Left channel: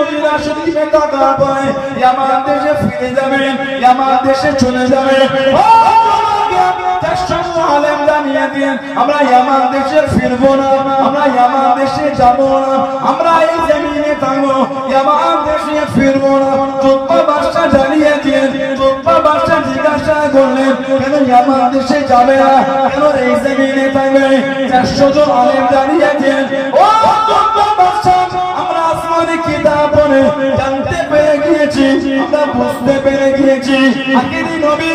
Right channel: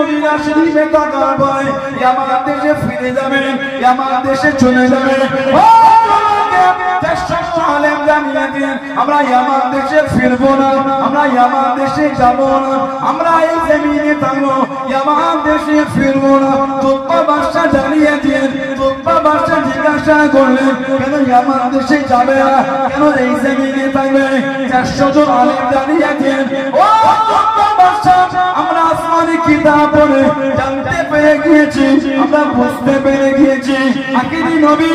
Medina শরীফে থাকার পরে ইয়ামান দেশে ফিরে যাবেন, ইয়ামান দেশে চলে যাবেন। আমরা ইয়ামান দেশে ফিরবো না, আমরা ইয়ামান দেশে যাবো না, আমরা এই জমিনে থাকবো, ইয়ামান দেশে ফিরবো না। চোদ্দ বাদশা জানিয়ে দিয়ে চোদ্দ বাদশা জিজ্ঞাসা করলেন কেন ইয়ামান দেশে যাবে না, কেন এই জমিনে থাকবে? 400 জন আলেম জানিয়ে দিয়ে ও চোদ্দ বাদশা, আমরা আসমানি কিতাব পড়ে জানতে পেরে গিয়েছি, আমরা বুঝতে পেরে গিয়েছি আখিরি নবী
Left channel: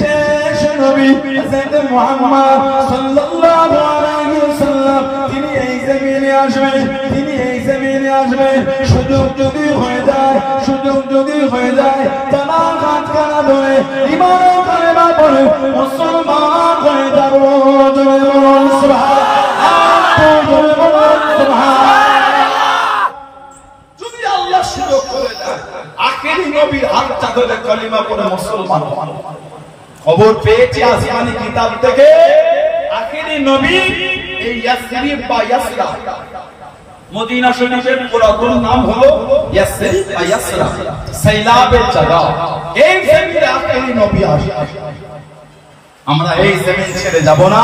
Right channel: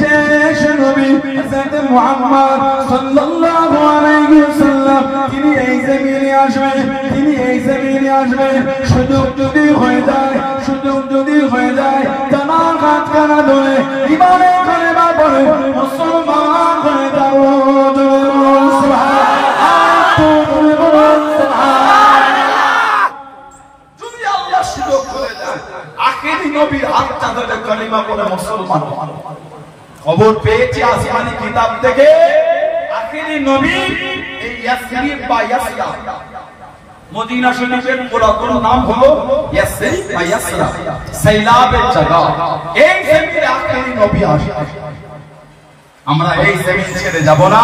শেষ নবী হযরত মুহাম্মদ সাল্লাল্লাহু আলাইহি ওয়াসাল্লাম তিনি এই জমিনে আসবেন, তিনি এই জমিনে আসবেন। সুযোগ যদি হয়ে যায়, সুযোগ যদি হয়ে যায় তারা হাত কানা ধরে ইমানে কালেমা পড়ে মুসলমান হয়ে যাও। যদি আল্লাহ সুযোগ করে দেয় আখিরি নবীর হাতটা ধরে কালেমা পড়ে মুসলমান হন। খবর পেয়েছি আসমানি কিতাব থেকে আখিরি নবী এই ইয়াসরিব বা ইয়াসরা, মদিনা শরীফের পুরাতন নাম হলো ইয়াসরিব বা ইয়াসরা, সাইলাবের জায়গা। এই জমিনে আখিরি নবী আসবে, আমরা এই জমিন ছেড়ে যাব না।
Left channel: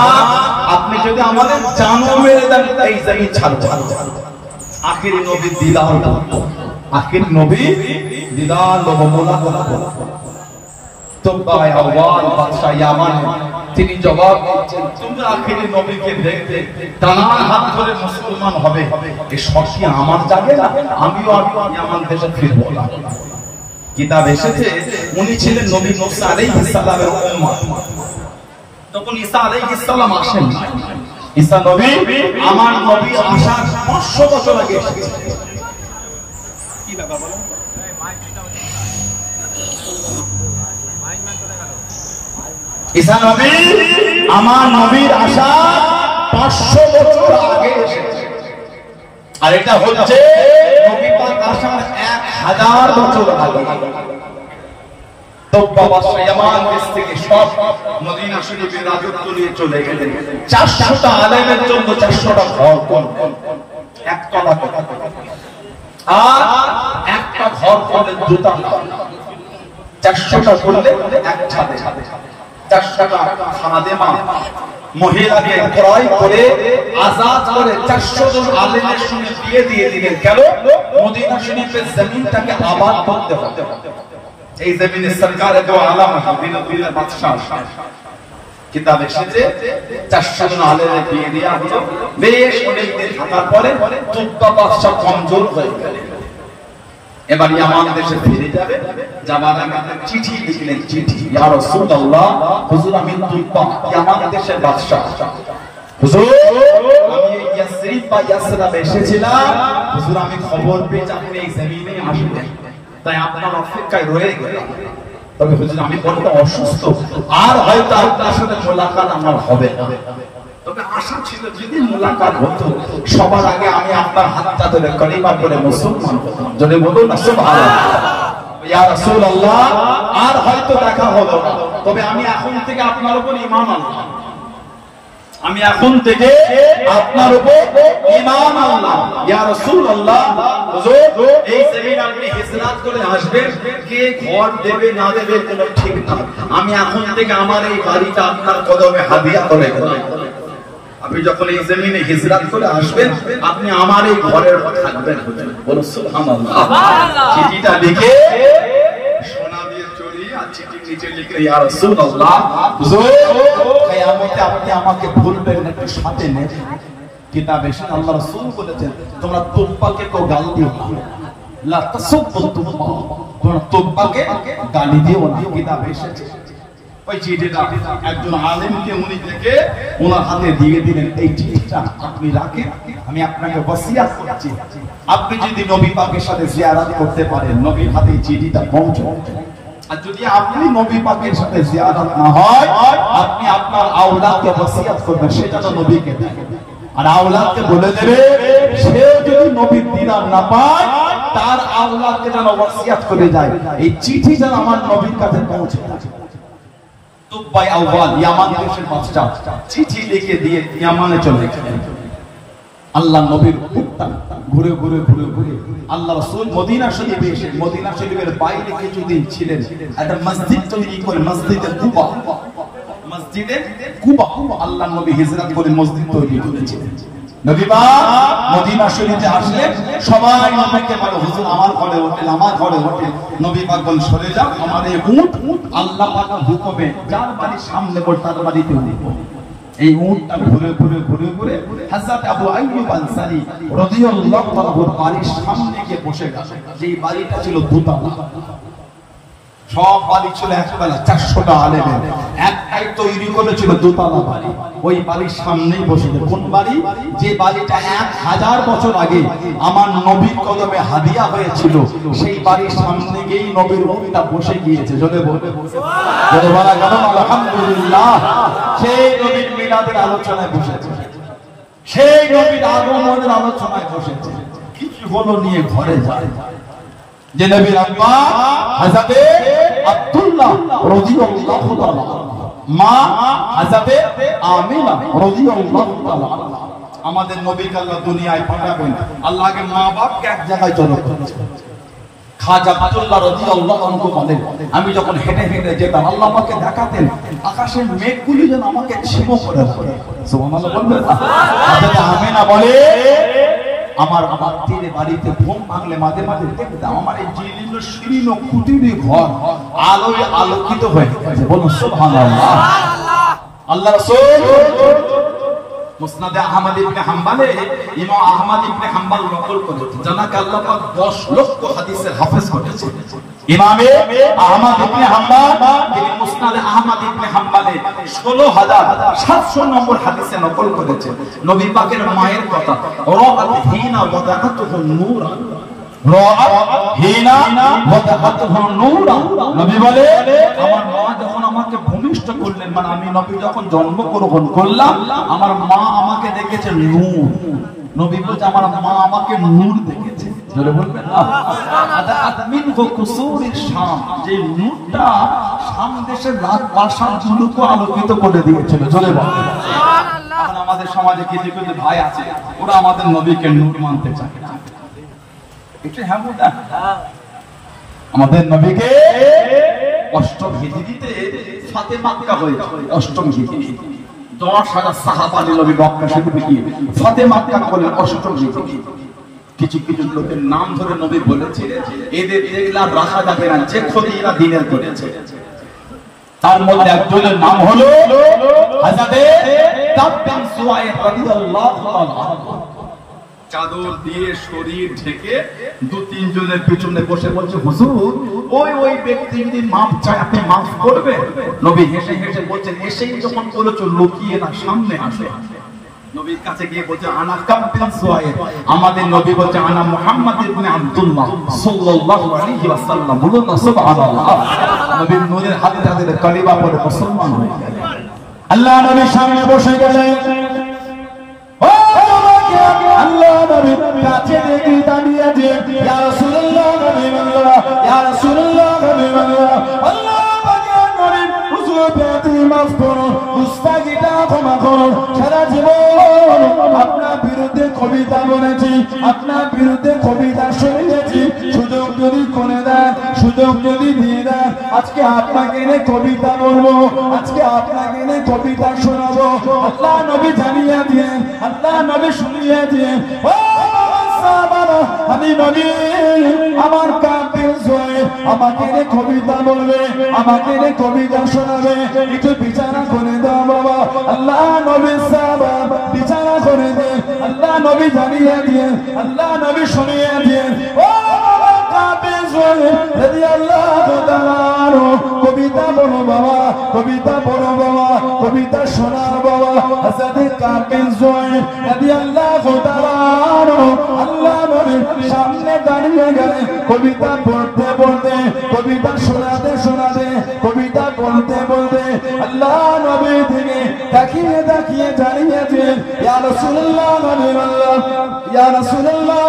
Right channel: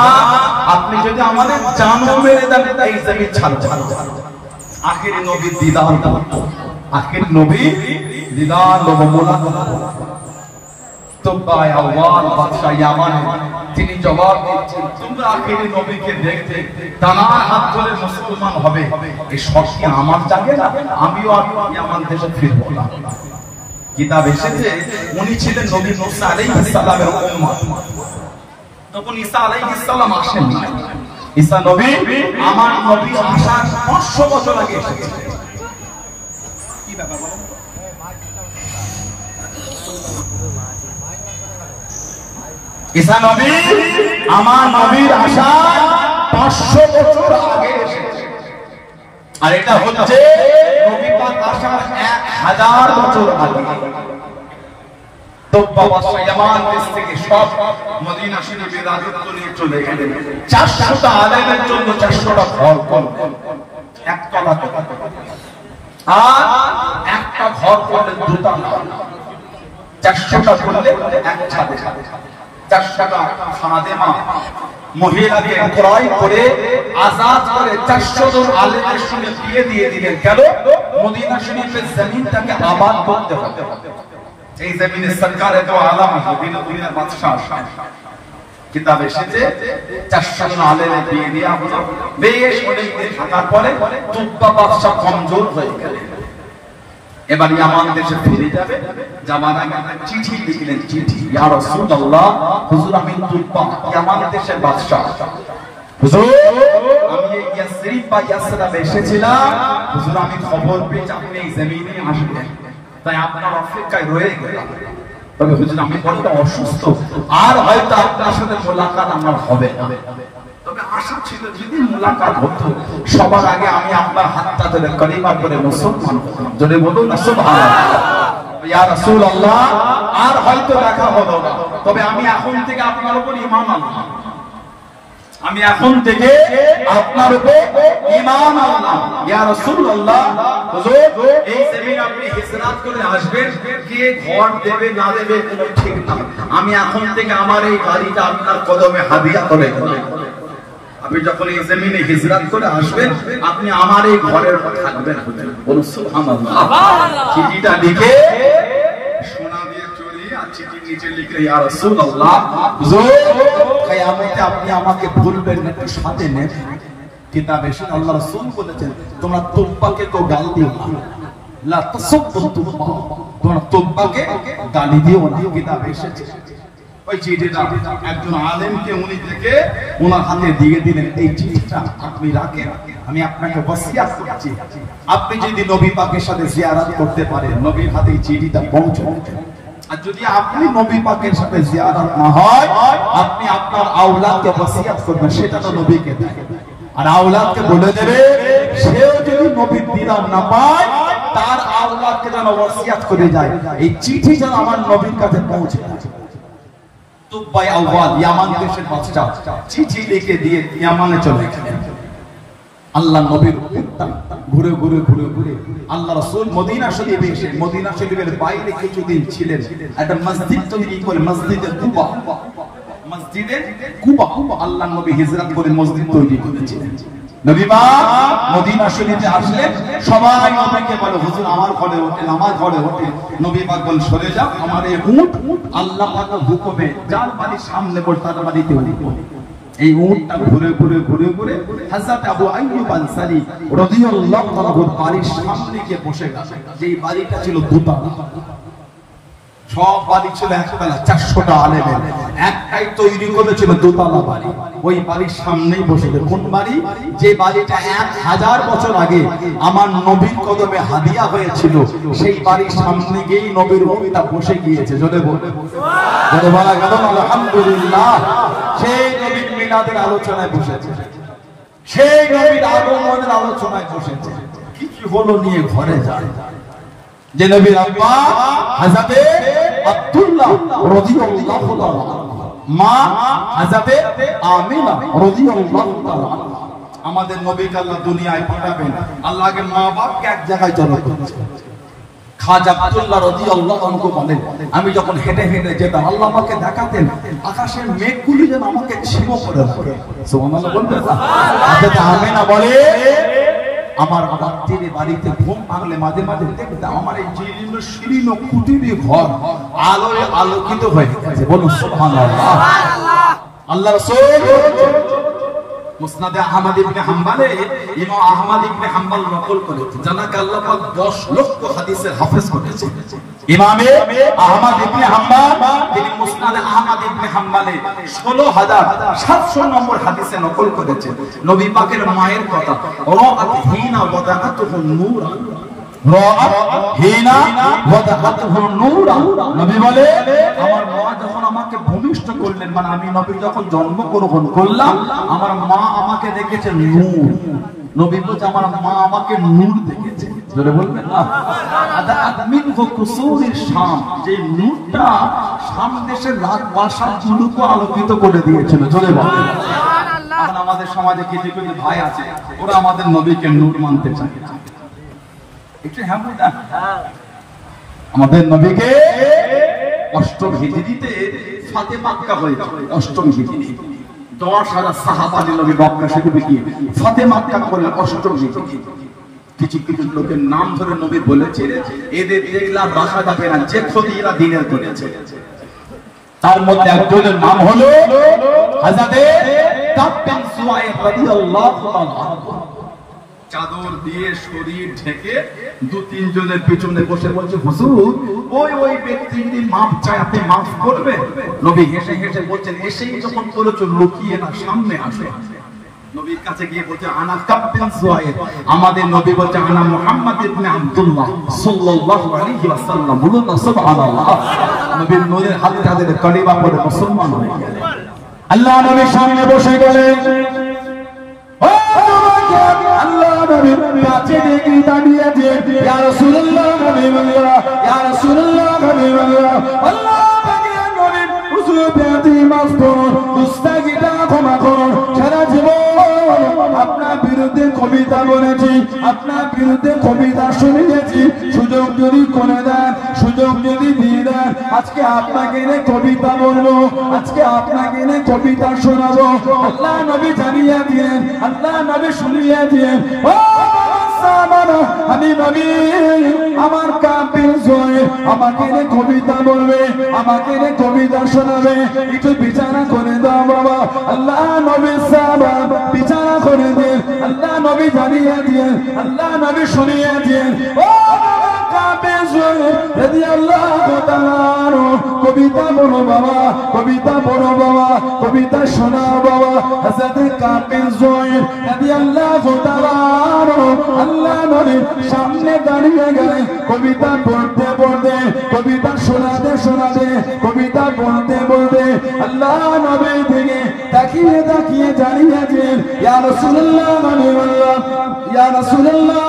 আপনি যদি আমাদের জানও মেরে দেন এই জমিন ছাড়ব না। আখিরি নবীর দিদার করব, আখিরি নবী দিদার লব মোলাকাত। তিনি জবাব দিচ্ছেন তোমরা আখিরি নবীকে দেখতে টানা হাত ধরে মুসলমান হবে, এ শর্তি আমার জাগে না, আমিও ইয়ামান দেশে ফিরবো না। কিতাব এসেছে উনি ছিলেন নবী মুসা আলাইহিস সালামের উম্মত। তখন ঈসা আলাইহিস সালাম আসেন, ঈসা নবী আমার নবী আসার 500 বছর আগে এসেছে। কি ব্যাপার বলেন তো? ঈসা নবী আমার নবীর আসার 500 বছর আগে এসেছে, আর এটা হচ্ছে নবী পাক আসার 1000 বছর আগে। তো বাবা ইয়ামান দেশ থেকে সব মদিনা শরীফের রাজত্ব নিয়ে চলে গেলেন। 400টা আলেমের জন্য 400টা ঘর করলেন, একতলা আর একটা ঘর করলেন দুতলা। 400টা করলেন এক ছাদে, 400টা খাদেমা মহিলাকে ক্রয় করে আজাদ করে 400 জন আলেমের সঙ্গে বিয়ে দিয়ে দিলেন। কেন? মদিনা শরীফের জমিনটাকে আবাদ করতে হবে। এই জমিনে সরকারে দো আলম দিনের বাদশাহ কিতাব এসেছে 400 জন আলেমের বিয়ে দেওয়া হলো। বেশ অনেকদিন থাকার পরে তুব্বা বাদশাহ কমজোর হয়ে গেলেন। এবার ইয়ামান দেশে ফিরে যাবে, যাবার আগে চিঠি লিখলেন, চিঠি ইয়া রাসূলুল্লাহ, হুজুর আমি তুব্বা ইয়ামান দেশের বাদশা, হুজুর আমি ইয়াসরিব বা ইয়াসরা এসেছিলাম, হুজুর আমি খবর পেয়েছি আপনি এই জমিনে আসবেন, তাই আপনার অপেক্ষায় রয়ে গেলাম। তবে হুজুর আমি বড় অসুস্থ, আর হয়তো আপনার সাথে মোলাকাত আমার হবে না। তবে আশা ছিল যদি মোলাকাত হতো সবার আগে আমি আপনার হাতটা ধরে কালিমা পড়ে মুসলমান হতাম। যদি বলুন না সুবহানাল্লাহ, ইয়া রাসূলুল্লাহ আর হয়তো দেখা হলো না, তবে আমি এখন থেকে আপনার উপর ঈমান আনলাম, আমি এখন থেকে আপনার উপর ঈমান আনলাম। ইয়া রাসূলুল্লাহ, হুজুর এই জমিনে আপনি হিজরত করে আসবেন, কে ঘর দেবে না দেবে কোনো ঠিক না, আমি এখন থেকে আমার এই বাড়িটা আপনার কদমে হাদিয়া করে দিলাম। আপনি যখন এই জমিনে হিজরত করে আসবেন আপনি আমার এই ঘরের থাকবেন। বলুন সুবহানাল্লাহ। চিঠিটা লিখে সোনা দিয়ে চড়িয়ে আর চিঠির নিচে লিখে ইয়া রাসূলুল্লাহ, হুজুর কিয়ামতে আপনি আমাকে ভুলবেন একটু সাথে নেবেন। কিতাবে এসে আল্লাহ রাসূল বলেছেন তোমরা তুব্বাকে তো গাল দিও না, লা তাসাব্বু তুব্বা, তোমরা তুব্বাকে গালি দিও না। কিতাবে এসেছে ওই চিঠিটা একজন আলেমকে উনি দেখে ওনার হাতে দিয়ে দিলেন, এই চিঠিটা আপনি রাখেন, আমি আপনাকে ওসিয়ত করছি আপনি যদি নবী পাকের সাথে জিয়ারত করতে পারেন নবীর হাতে এই চিঠিটা পৌঁছান, আর যদি আপনি নবী পাকের সাথে জিয়ারত না হয় আপনি আপনার আওলাদকে ওসিয়ত করবেন, সেটা তো নবীকে আর আওলাদকে বলে দেবে সে যদি নবীর দিদার না পায় তার আওলাদকে যেন ওসিয়ত করে যায়, এই চিঠি যেন আমার নবীর কাছে পৌঁছে যায়। তুব্বাই আউয়াল ইয়ামান দেশের বাদশা চিঠি লিখে দিয়ে ইয়ামানে চলে গেলেন। আল্লাহ নবীর উটটা ঘুরে ঘুরে ঘুরে ঘুরে আল্লাহ রাসূল মদিনা শরীফে এসে মদিনা শরীফের বাইরে কিছুদিন ছিলেন, একটা মসজিদ তৈরি করে মসজিদে কুবা, মসজিদে কুবা আল্লাহ নবী হিজরত করে মসজিদ তৈরি করেছিলেন। নবী পাক মদিনা শরীফে আসলে সবাই নবীকে বলে, হুজুর আমার ঘরে ওঠেন, আমার ঘরে ওঠেন। নবী পাক বলেন, সরে যাও, আমার এই উট আল্লাহ পাকের হুকুমে যার বাড়ির সামনে বসে তার বাড়িতে উঠব। এই উটটা ঘুরে ঘুরে ঘুরে ঘুরে হযরত আবু আইয়ুব আনসারী রাদিয়াল্লাহু তাআলার বাড়ির সামনে গিয়ে বসে গেছে। যেই বাড়িটা ছিল দোতলা, সব বাড়ি ছিল একতলা, 400টা আলেমের একটাই তৈরি করেছিল দোতলা বাড়ি। ওই বাড়ির সামনেই বসে গেছে। কোন বাড়ি? যে বাড়িটা 1000 বছর আগে আমার নবীর কদমে হাদিয়া হয়েছিল, সেই বাড়ির সামনে গিয়েই নবীর উটটা বসে গিয়েছে। জোরে বলবেন সুবহানাল্লাহ, জোরে বলা আলহামদুলিল্লাহ। সেই নবীর মিলাদের আলোচনায় বসেছে, সেই নবীর আগমনের আলোচনায় বসেছে। কিছু হলো নিয়ে ঘরে যায়। যে নবীর আব্বা হযরত আব্দুল্লাহ রাদিয়াল্লাহু তাআলা, মা হযরত আমিনা রাদিয়াল্লাহু তাআলা। আমাদের নবীকে আল্লাহ দুনিয়ায় পাঠাবেন, আল্লাহ আগে মা বাপকে এক জায়গায় জড়ো করেছে। খাজা আব্দুল্লাহ রাদিয়াল্লাহু আনহু বলেন, আমি যখন হেঁটে হেঁটে যেতাম আল্লাহ আমাকে দেখাতেন আকাশের মেঘগুলি যেন আমাকে ছিন্ন করে পড়ে। সুবহানাল্লাহ বলবেন। হযরত আমিনা বলে, আমার রাত্রিরে বাড়িতে ঘুম ভাঙলে মাঝে মাঝে দেখতাম আমার এই জীর্ণ শীর্ণ কুটিরে ঘর আলোয় আলোকিত হয়ে গেছে। বলুন সুবহানাল্লাহ। আল্লাহ রাসূল মুসনাদে আহমদ ইবনে হাম্বলে ইমাম আহমদ ইবনে হাম্বল নকল করেছেন, জানাকে আল্লাহ পাক 10 লক্ষ হাদিসের হাফেজ করেছেন। ইমামে আহমদ ইবনে হাম্বল তিনি মুসনাদে আহমদ ইবনে হাম্বলে 16700 নম্বর হাদিসে নকল করেছেন। নবী পাকের মায়ের কথা, রাআত হিনা ওয়াদাআতুহু নূরা, রাআত হিনা ওয়াদাআতুহু নূরা। নবী বলে, আমার মা যখন আমাকে ভূমিষ্ঠ করলেন, মানে আমি নবী যখন জন্মগ্রহণ করলাম, আমার মা আমাকে দেখেছে নূর। নবী বলছে আমার মা আমাকে নূর দেখেছে। জোরে বলবেন না। আদমিন কুসুরের শাম, যে নূরটা শাম দেশের রাত প্রাসাদগুলোকে আলোকিত করে দিয়েছিল। জোরে বলবেন। আর আমাদের সমাজে কিছু কিছু ভাই আছে, ওরা আমাদের নবীকে নূর মানতে চায়। একটু হ্যাঁ বলতে, আমাদের নবীকে অষ্টম হিজরিতে ফাতে মাক্কা হয়েছিল। অষ্টম হিজরি 10,000 সাহাবা নবী মক্কা শরীফে গিয়ে ফাতে মাক্কা করলেন অষ্টম হিজরি। কিছু কিছু লোকের নাম ধরে নবী বলেছিলেন, এদের দেখলা রাখা যাবে না, যে ক্ষতি এরা দিনের করেছে। তার মধ্যে একজনের নাম হলো হযরত কাব বিন সুয়াইদ রাদিয়াল্লাহু তাআলা। চাদর দিয়ে শরীর ঢেকে 2-3 জনের পিছনে বসে বলছে, হুজুর ওই ব্যক্তি যদি মাফ চায় আপনি মাফ করবেন? নবী হেসে হেসে বলছেন, এসেই যখন বলেছো লুকিয়ে না, সামনে আসে। নবীর কাছে গিয়ে বলছে, আনা কাব বিন সুয়াইদ। আমাদের নবী বলছে, আনা মুহাম্মদ ইবনে আব্দুল্লাহ সাল্লাল্লাহু আলাইহি ওয়াসাল্লাম। বলুন না সুবহানাল্লাহ। নবীর নূরের হাতে তাদের কালিমা পড়ে মুসলমান হয়ে গেলেন। আল্লাহ নবীর সামনে বসে গেলেন। কাছে দেখি দাঁড়িয়ে যে ইয়া রাসূলুল্লাহ, নবী বললেন, ইয়া রাসূলুল্লাহ, নবী বললেন, আল্লাহ পাকের নবী হুজুর বেয়াদবি মাফ করুন, মুস্তাগিটা ক্ষমা করুন। সারা জীবন আপনার বিরুদ্ধে কবিতা বলেছি, আপনার বিরুদ্ধে কবিতা শুনিয়েছি। সুযোগ যদি করে দেন, সুযোগ যদি দিয়ে দেন, আজকে আপনাকে এনে কবিতা বলবো, আজকে আপনাকে এনে কবিতা শোনাবো। আল্লাহ নবী জানিয়ে দিয়েন, আল্লাহ নবী শুনিয়ে দিয়েন, আমি নবী আমার কাবিল জয় আমাকে রে কবিতা বলবে, আমাকে রে কবিতা শোনাবে। একটু বিচারা করে দাও বাবা। আল্লাহ নবী সাহাবা বিচারা করে দেন, আল্লাহ নবী জানিয়ে দিয়েন, আল্লাহ নবী শুনিয়ে দিয়েন। ও বাবা কাবিল জয় রাদিয়াল্লাহু তাআলা, কবিতা বলো বাবা, কবিতা বলো বাবা, কবিতা শোনাও বাবা। হযরত কাবিল জয় রাদিয়াল্লাহু তাআলা আল্লাহ নবীর সামনে দাঁড়িয়ে গেলেন। কবিতা পড়তে পড়তে, কবিতা শোনাতে শোনাতে, কবিতা বলতে বলতে আল্লাহ নবী থেকে তাকিয়ে তাকিয়ে জানিয়েছেন, ইয়া রাসূলুল্লাহ, ইয়া রাসূলুল্লাহ,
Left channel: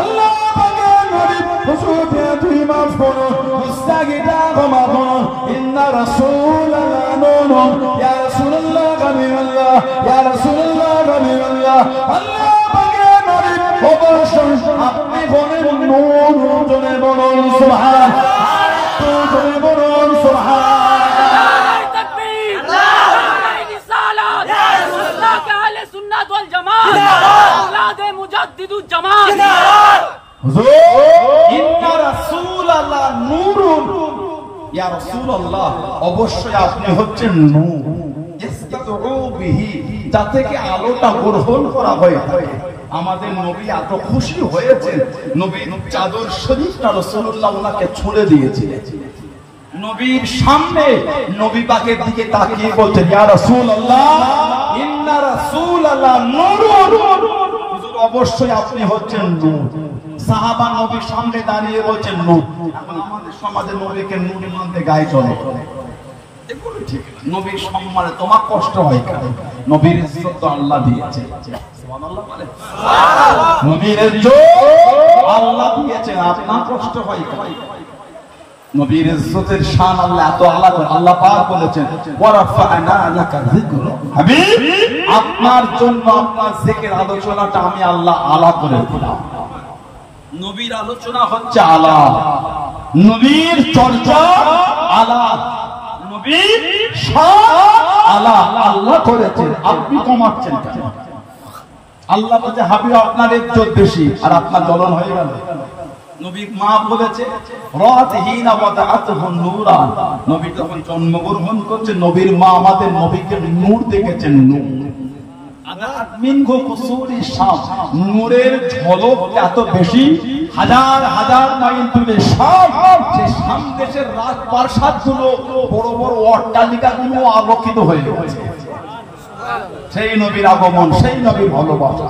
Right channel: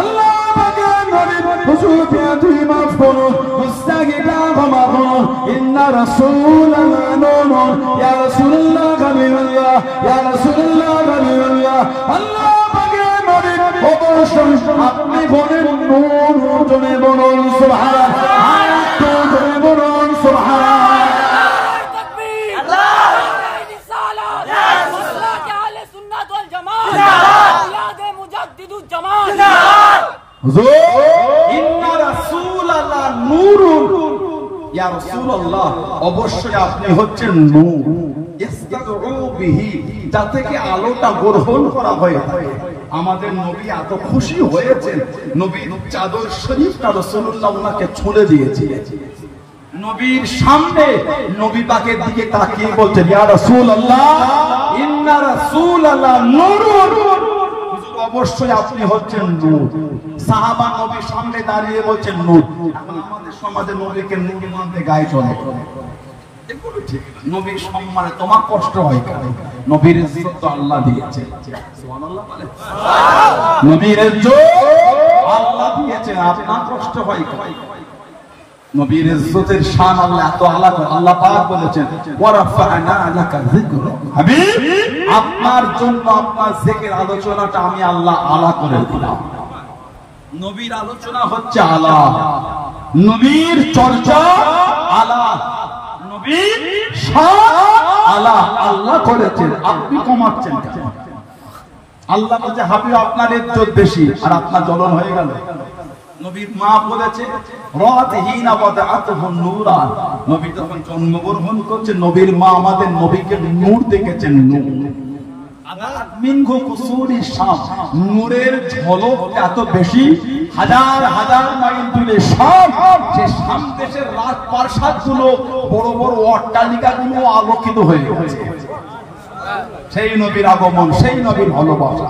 আল্লাহ পাকের নবী হুজুর বেয়াদবি মাফ করুন, মুস্তাগিটা ক্ষমা করুন। ইন্না রাসূলাল্লাহ নূরুন, ইয়া রাসূলুল্লাহ, ইয়া রাসূলুল্লাহ, আল্লাহ হুজুর ইন্না রাসূলাল্লাহ নূরুন, ইয়া রাসূলুল্লাহ অবশ্যই আপনি হচ্ছেন নূর, ইস্তাদউ বিহি, যা থেকে আলোটা গ্রহণ করা হয়ে থাকে। আমাদের নবী এত খুশি হয়েছেন, নবীর চাদর শরীফটা রাসূলুল্লাহ ওনাকে ছুঁড়ে দিয়েছে। নবীর সামনে নবী পাকের দিকে তাকিয়ে বলছেন, ইয়া রাসূলুল্লাহ ইন্না রাসূলাল্লাহ নূরুন, হুজুর অবশ্যই আপনি হচ্ছেন নূর। সাহাবা নবীর সামনে দাঁড়িয়ে বলছেন নূর। আমাদের সমাজে নবীকে নূর মানতে গায়ে চলে, এগুলো ঠিক না। নবীর সম্মানে তোমার কষ্ট হয় কেন? নবীর ইজ্জত তো আল্লাহ দিয়েছে, সুবহানাল্লাহ বলেন। নবীর ইজ্জত আল্লাহ দিয়েছেন, আপনার কষ্ট হয় কেন? নবীর ইজ্জতের শান আল্লাহ এত আলাদা। আল্লাহ পাক বলেছেন ওয়া রাফা'না লাকা যিকরা, হাবিব আপনার জন্য আপনার জিকির আলোচনাটা আমি আল্লাহ আলা করে দিলাম। নবীর আলোচনা হচ্ছে আলা, নবীর চর্চা আলা, নবীর শান আলা। আল্লাহ করেছেন, আপনি কমাচ্ছেন কেন? আল্লাহ বলছে হাবিব আপনার ইজ্জত বেশি আর আপনার জ্বলন হয়ে গেল। নবীর মা বলেছে রাতিহিনা ওয়াদাতুহু নূরা, নবী যখন জন্মগ্রহণ করছে নবীর মা আমাদের নবীকে নূর দেখেছেন, নূর। আদাত মিনহু কুসুরি শাম, নূরের ঝলক এত বেশি, হাজার হাজার মাইল দূরে শাম, সেই শাম দেশের রাজপ্রাসাদগুলো, বড় বড় অট্টালিকাগুলো আলোকিত হয়ে গেছে। সেই নবীর আগমন, সেই নবীর ভালোবাসা।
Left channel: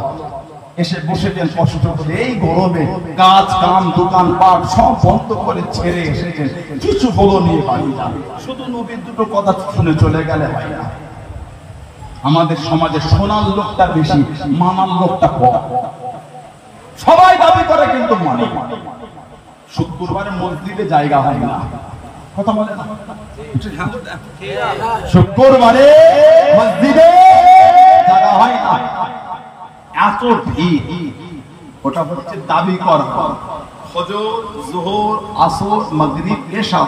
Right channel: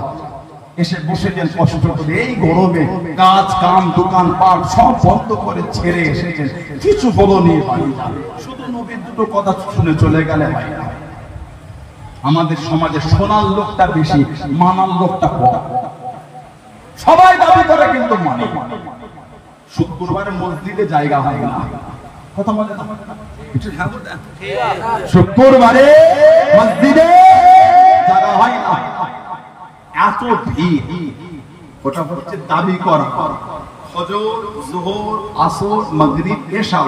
এসে বসেছেন কষ্ট করে, এই গরমে কাজ কাম দোকান পাট সব বন্ধ করে ছেড়ে এসেছেন, কিছু বলনি বাড়ি যান, শুধু নবীর দুটো কথা শুনে চলে গেলেন। আমাদের সমাজে শোনার লোকটা বেশি, মানার লোকটা কম। সবাই দাবি করে কিন্তু মানে। শুক্রবারে মসজিদে জায়গা হয় না, কথা বলে না, শুক্রবারে মসজিদে জায়গা হয় না, এত ভিড়। ওটা হচ্ছে দাবি করা। ফজর, যোহর, আসর, মাগরিব, এশা,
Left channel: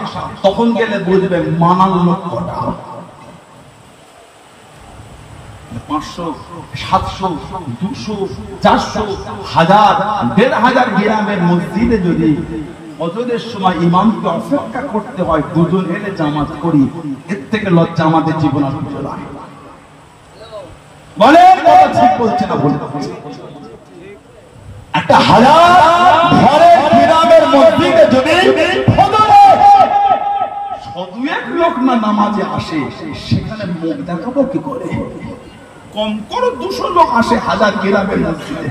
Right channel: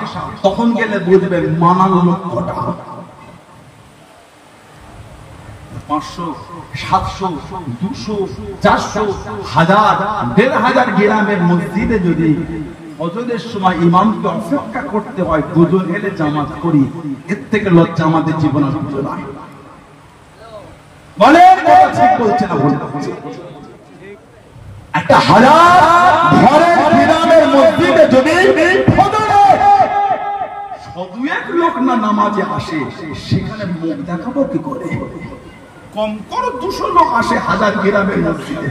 তখন গেলে বুঝবেন মানার লোক কটা। 500, 700, 200, 400, 1000, 1500 গ্রামের মসজিদে যদি ফজরের সময় ইমামকে অপেক্ষা করতে হয়, দুজন এলে জামাত করি, এর থেকে লজ্জা আমাদের জীবন আর কিছু নাই। বলেন কথা ঠিক বলছে না? একটা হাজার ঘরের গ্রামের মসজিদে যদি ফজরে 100-2 লোক না নামাজে আসে, সেখানে মুখ দেখাবো কি করে? কম করে 200 লোক আসে হাজার গ্রামের মসজিদে।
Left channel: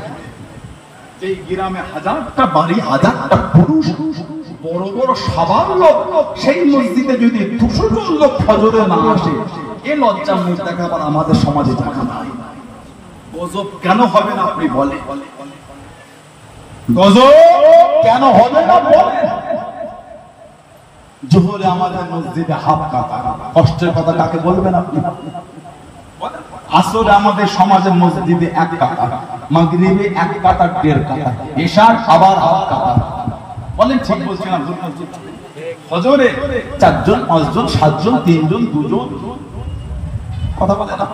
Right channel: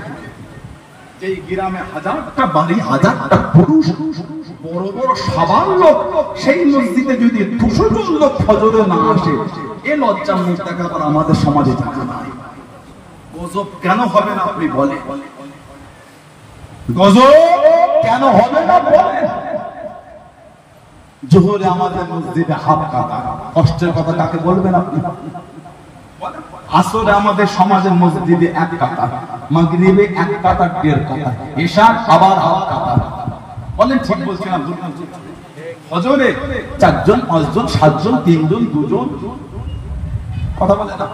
এই গ্রামে 1000টা বাড়ি, 1000টা পুরুষ, বড় বড় সবার লোক, সেই মসজিদে যদি 200 জন লোক ফজরে না আসে, এ লজ্জার মুখ দেখাবার আমাদের সমাজে জায়গা নাই। গজব কেন হবে না আপনি বলেন? গজব কেন হবে না বলেন? জোহরে আমাদের মসজিদে হাফ কাতা, কষ্টের কথা কাকে বলবেন আপনি? আসরে আমাদের সমাজের মসজিদে 1 কাতা, মাগরিবে 1 কাতা 1.5 কাতা, এশা আবার হাফ কাতা। বলেন ঠিক বলছি না ভুল বলছি? ফজরে 4 জন 5 জন 7 জন 3 জন 2 জন, কথা বলে না?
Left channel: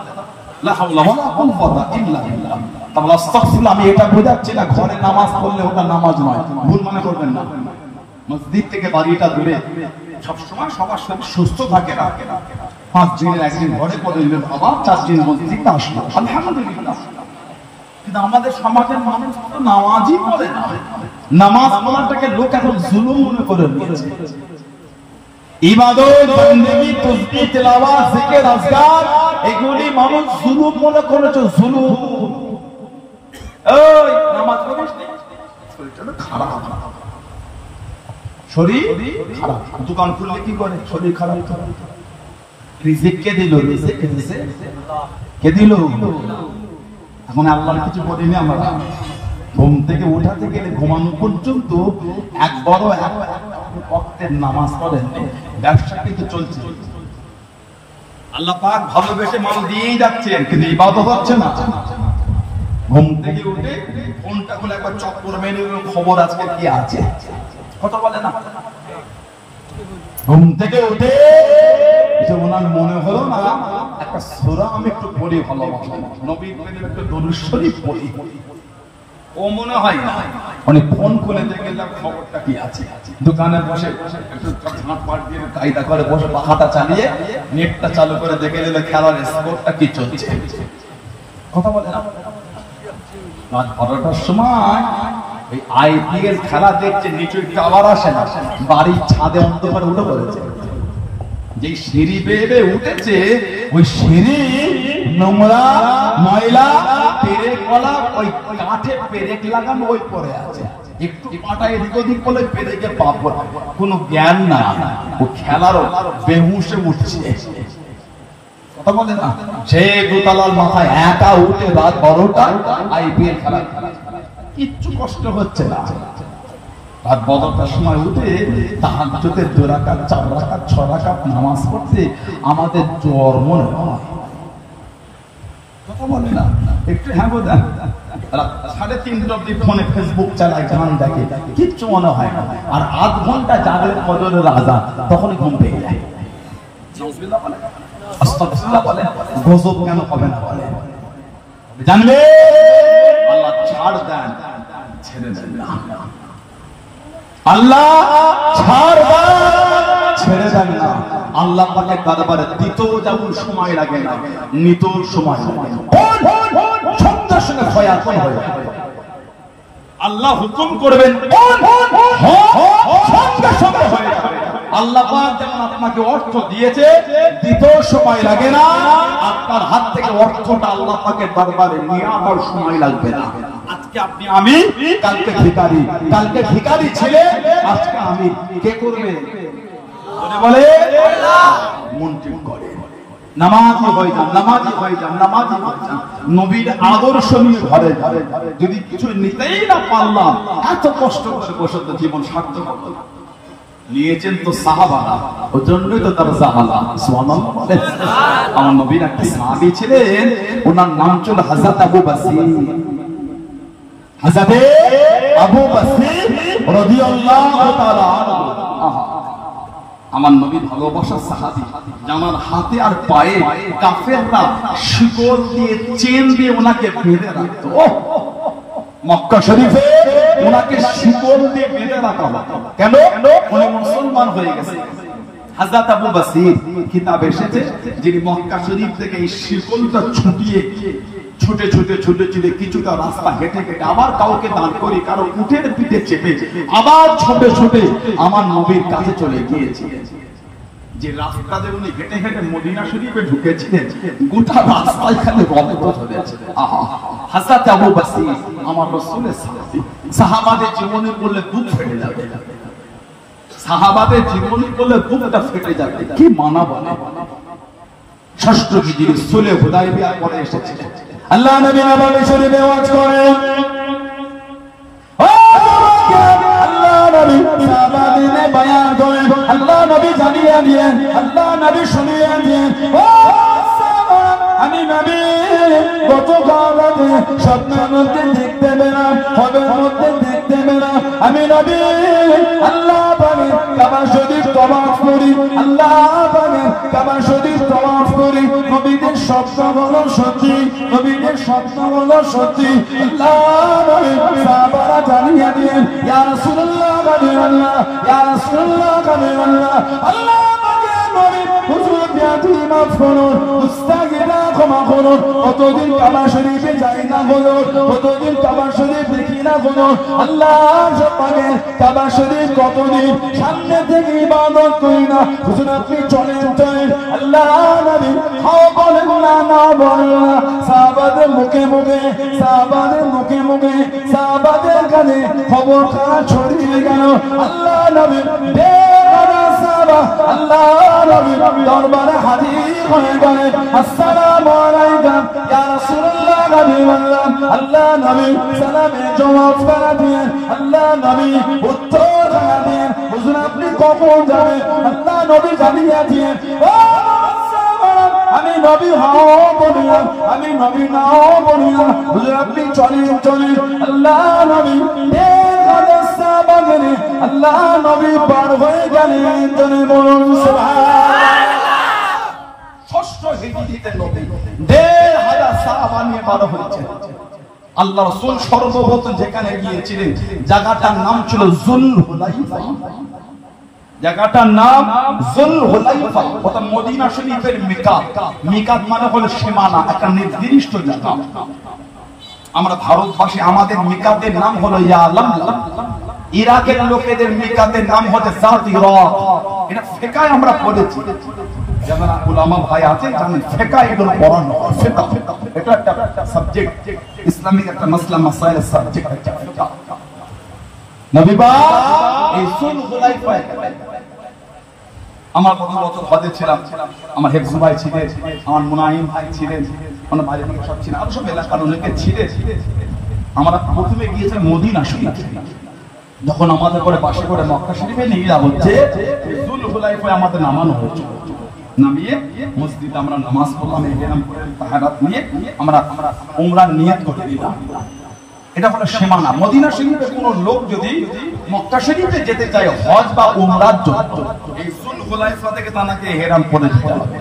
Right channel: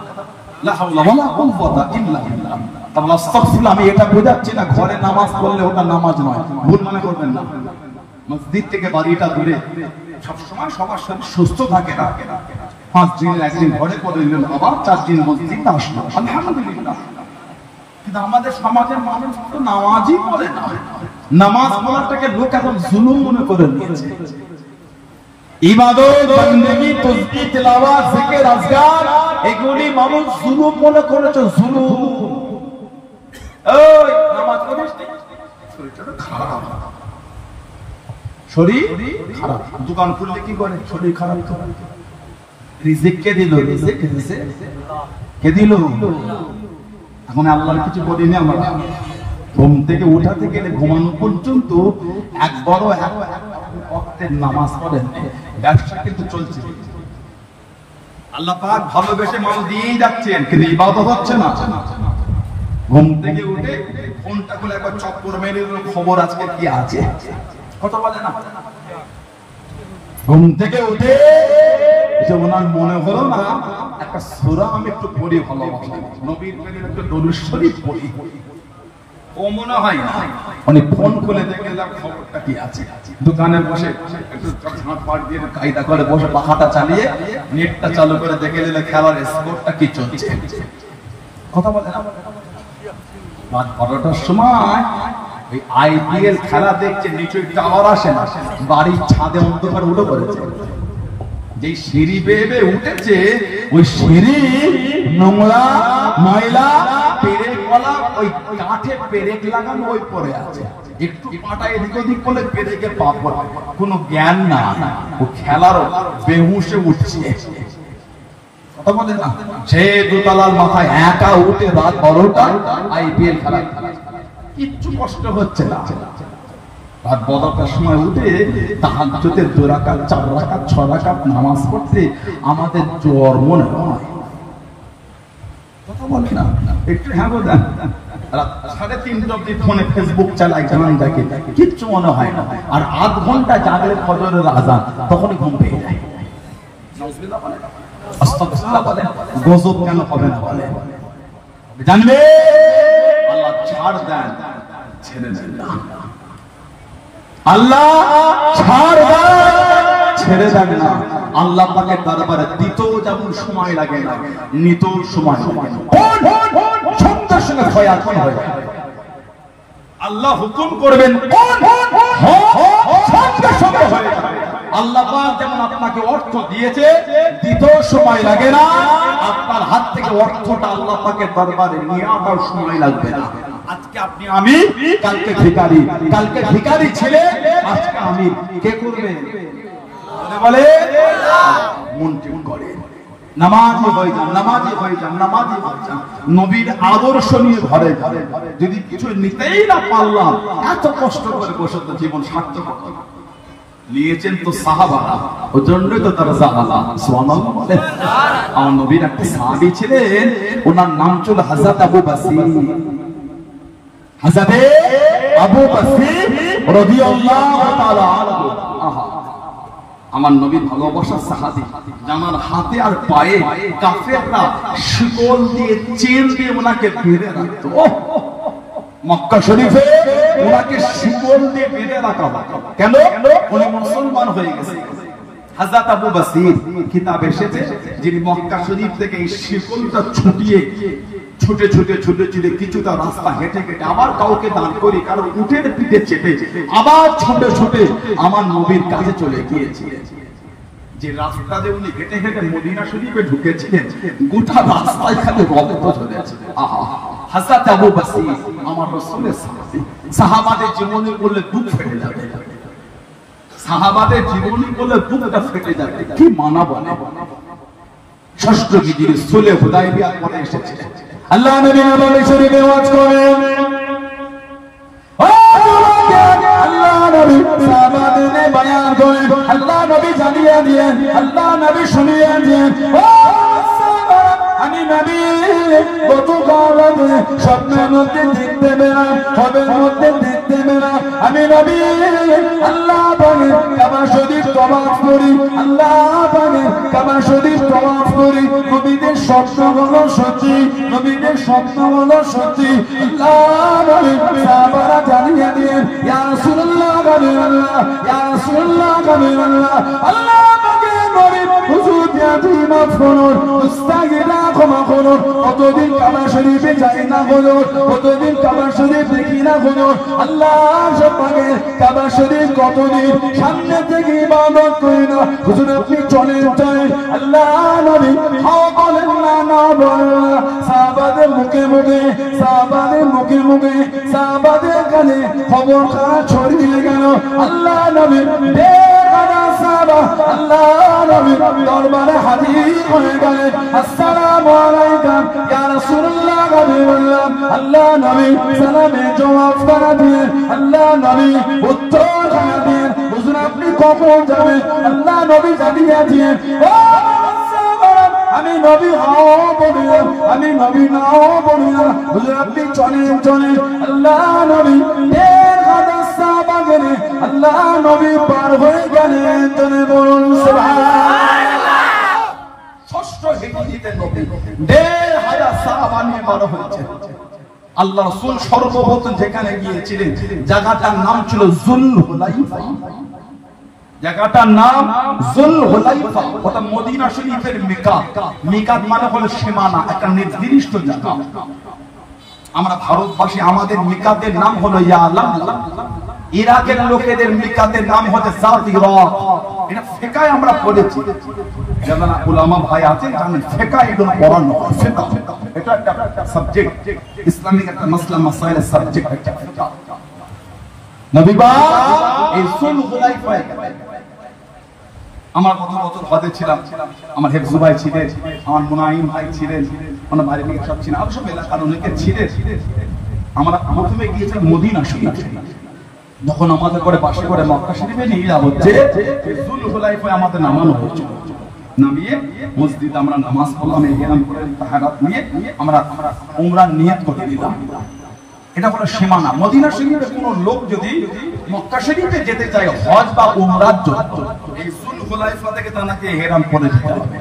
লা হাওলা ওয়ালা কুওয়াতা ইল্লা বিল্লাহ। তাহলে আস্তাগফিরুল্লাহ, আমি এটা বোঝাচ্ছি না ঘরে নামাজ পড়লে ওটা নামাজ নয়, ভুল মনে করবেন না। মসজিদ থেকে বাড়িটা দূরে, সব সময় সবার শরীর সুস্থ থাকে না। 5 দিনের একদিন ঘরে করে নিলেন, আবার 4 দিন মসজিদে আসলো, আলহামদুলিল্লাহ। কিন্তু আমাদের সমাজের মানুষ তো নামাজই পড়ে না। নামাজ পড়াটাকে লোক এখন জুলুম মনে করে নিয়েছে। ইবাদত, বন্দেগী, তাসবিহ, তেলাওয়াত, জিকির, আজকার, এগুলি মানুষ জুলুম মনে করেছে, জুলুম। ওই নামাজ পড়িস নি, শরীরটা খারাপ, শরীর খারাপ। দোকান খুললে কি করে? শরীর খারাপ। রিজিক কে দিল? রিজিক কে দিছে? কে দিল? এখন আল্লাহর কিছু বলিনি আমরা। ঘুম থেকে ওঠা থেকে ঘুমানো পর্যন্ত একবারও ওয়াক্তের নামাজ পড়েন, ব্যবসা কিন্তু চলছে। আল্লাহ পাক ভালোবেসে মাল দিয়েই যাচ্ছেন, কিন্তু ইবাদত হচ্ছে না। ঘুম থেকে উঠে ফোনটা খুলে একবার চক্কর মেরে খবর আজকে কি আছে, কথা বলে না? ঘুম থেকে উঠে যে ওনার মনে হলো না একটা সূরা আমি একটু পড়ি, ভালোবাসি নবীর প্রেমে একটু দরুদ শরীফ পড়ি, ও মনে হয় না। উনি ফোন করে দেখলাম খবরটা কি আছে, দোকানে বসে একটু ঝাঁটপাট দিয়ে কায়দা করে বসে পাখাটা চালিয়ে নেটটা চালু করে দেখে নিলে খেলার স্কোরটা কি চলছে। কথা বলে না, রাত 12টার সময় এই আইপিএল খেলা দেখছে, নিচুই টাওয়ার আসে না, বাড়ির ছাদে অন্ধকার উঠে পড়েছে। যে সিঁড়ি বেয়ে উঠেছে, ওই সিঁড়ি নোংরা ময়লা পেরেক কলা, ওই কাঠে পেরেক লাগানো ওই পরে আছে, একটু পাটা এদিক ওদিক করলে পেরেকে পাপ হয়, কোনো জ্ঞান না, ও খেলার বেহুশে উঠছে। সে দোতলার মাথায় একা উঠে রাত 12টা আইপিএল খেলা, কিচ্ছু কষ্ট হচ্ছে না। রাত 12টার সময় উঠে তাহাজ্জুদের 2 রাকাত 4 রাকাত 6 রাকাত নামাজ পড়তে আমাদের জ্বর মনে হয়। কথা বলে না, একটু হ্যাঁ বলেন। 3:30 অব্দি ফোনে ফেসবুক চালায়, গান দেখে, কিচ্ছু মনে হয় না। আর আধ ঘন্টা জাগলে ফজরের আযান, তখনই ঘুম পেয়ে যায়। নাউজুবিল্লাহ বলেন, আস্তাগফিরুল্লাহ বলেন, গজব কেন হবে না বলেন। জানবে আল্লাহ ছাড় দেন, ছেড়ে দেন না। আল্লাহ ছাড় দেন, ছেড়ে দেন না। আল্লাহ পাকের দরবারে দিতেও যেমন সময় লাগে না, নিতেও সময় লাগে না। সঙ্গে সঙ্গে খয়াল হয়ে যাবে। আল্লাহ হুকুম করবেন, সঙ্গে সঙ্গে হয়ে যাবে। আল্লাহ পাক যেমন আপনাকে অর্থ দিয়েছে, দিতেও সময় লাগে না, আপনার হাত থেকে অর্থটা আল্লাহ পাকের দরবারে নিয়ে আসার সময় লাগবে না। আজকে আপনি আমি, কালকে ভিখারি, কালকে ভিখারি ছিলে, আজকে আমি, কে করবে? বলে মন ঠিক করে নামাজি হয়ে যান, নামাজি হয়ে যান, নামাজি হয়ে যান। নবীর আদর্শ নিয়ে ঘরে ঘরে যদি কিছু নিতেই না পারলাম, এত কষ্ট করে বসে তো জীবন সার্থক নিয়েছেন তো সাহাবা, ওই জন্যই তো তারা সাহাবা। সুবহানাল্লাহ। আমার নবীর একটা সাহাবী ছিলেন, ওনার নাম ছিল হযরত আবু বসির। হযরত আবু বসির রাদিয়াল্লাহু তাআলা আনহু, আমার নবীর ভালোবাসার সাহাবী, জানার হাতে আর পায়ে কাফেররা শিকল দিয়ে, চেন দিয়ে ওনাকে বেঁধে রাখতো। মক্কা শরীফে ওনাকে শিকল দিয়ে বেঁধে রাখা হতো। কেন? উনি মুসলমান হয়ে গেছে। হযরত আবু বসির কিতাব এসেছে, যিনি মক্কা শরীফ থেকে এই শিকলটা ছুটিয়ে ছুটে ছুটে ছুটে ছুটে কিছুটা রাস্তা হেঁটে হেঁটে আবার কাউকে দাঁড় করি, কারো উঠের পিঠে চেপে আবার ছুটে ছুটে আমার নবীর কাছে চলে গিয়েছিলেন। যে রাস্তা দিয়ে উনি হেঁটে হেঁটে মদিনা শরীফে ঢুকেছিলেন, গোটা রাস্তায় খালি রক্ত ঝরেছে। হযরত আবু বসির আমার রাসূলের সাহাবী, সাহাবাদের জীবনী বললে বুক ফেটে যাবে, সাহাবাদের জীবনী বললে বুকটা ফেটে যাবে। কি মানা বলে। ষষ্ঠ হিজরি সুলহ হুদায়বিয়ার পরে এসেছে। আল্লাহ নবী নবী শরীফে ওয়াজ করেন, আল্লাহ নবী সাহাবাদের বয়ান করেন, আল্লাহ নবী জানিয়ে দিয়েন, আল্লাহ নবী শুনিয়ে দিয়েন, আমি নবী গতকাল স্বপ্নের মধ্যে দেখতে পেলাম, খবরের মধ্যে দেখতে পেলাম, আমি নবী আল্লাহ পাকের কাবা শরীফ তওয়াফ করি, আল্লাহ পাকের কাবা শরীফ তওয়াফ করি। নবীদের স্বপ্ন হলো সত্যি, নবীদের স্বপ্ন হলো সত্যি। আল্লাহ নবী সাহাবারা জানিয়ে দিলেন, ইয়া রাসূলুল্লাহ কাবিরাল্লাহ, ইয়া রাসূলুল্লাহ কাবিরাল্লাহ, আল্লাহ পাকের নবী হুজুর বিয়াতি মাফ করুন, মুস্তাগফিরা ক্ষমা করুন। কতদিন কাবা শরীফে যাই না করুন, কতদিন কাবা শরীফ দেখি না করুন। আল্লাহ পাকের কাবা শরীফ কতদিন সামনে থেকে ইবাদত করি না। হুজুর আপনি চলেন চলেন, আল্লাহ নবী হাও বলেন না, না বলেন না। সাহাবাদের মুখে মুখে, সাহাবাদের মুখে মুখে, সাহাবাদের কানে খবর খানা ছড়িয়ে গেল। আল্লাহ নবী আল্লাহ নবী দরবারে হাজির হয়ে গেলেন। আসসালামু আলাইকুম ইয়া রাসূলুল্লাহ কাবিরাল্লাহ। আল্লাহ নবী সালামের জবাব করা দিলেন, আল্লাহ নবী উত্তর করা দিলেন, হুজুর আপনি কখন যাবেন? আল্লাহ নবী জানিয়ে দিলেন, আমি নবী হাও বলিলাম, আমি নবী নাও বলিলাম, হুজুর আপনি চলেন চলেন। আল্লাহ নবী আল্লাহ নবী পার হয়ে গেলেন। ষষ্ঠ হিজরিতে নবী 1500 সাহাবা নিয়ে পার হয়েছে। আল্লাহ রাসূল সর্বপ্রথম যেখানে গিয়েছিলেন জায়গাটার নাম ছিল যুলহুলাইফা। জায়গাটার নাম যুলহুলাইফা, ওটা মদিনা শরীফের মিকাত। মিকাত মানে হলো সীমানা, একটা নির্দিষ্ট জায়গা। আমরা ভারতবাসী আমাদের মিকাতের নাম হলো ইয়ালাম। ইরাকের লোকেদের মিকাতের নাম হলো জাতিরা। এটা ফিকায় আমরা পড়েছি, যেমন উলামা ভাই আছে জানেন ফিকায় এগুলো পড়ানো হয়। ফিকা এটা একটা সাবজেক্ট, ইসলামিক একটা মাসলা মাসাইলের সাবজেক্ট একটা ফিকা। নবী পাক এই যুলহুলাইফায় আমার কত বছর হজে ছিলাম, আমার হেফজু ভাই ছিলেন, আমার মুনাইম ভাই ছিলেন, আমার ভাই সব ছিলেন, আর সব এলাকার অনেকে ছিলেন। আমরা প্রথমে গিয়েছিলাম মদিনা শরীফ। যখন আমাদের করে পাশে করে মক্কা শরীফে নিয়ে যাওয়া হচ্ছে, যুলহুলাইফায় আমাদের নামানো হয়েছিল। নামিয়ে মসজিদে আমরা নামাজ পড়লাম, ইহরাম করে তাহারাত নিয়ে আমরা উমরার নিয়ত করে দিলাম। এটা হলো সীমানা। মদিনা শরীফে কোন লোক যদি মক্কা শরীফে যেতে চায় হজ বা উমরার জন্য, এই যুলহুলাইফা থেকে তাকে ইহরাম করে যেতে হবে।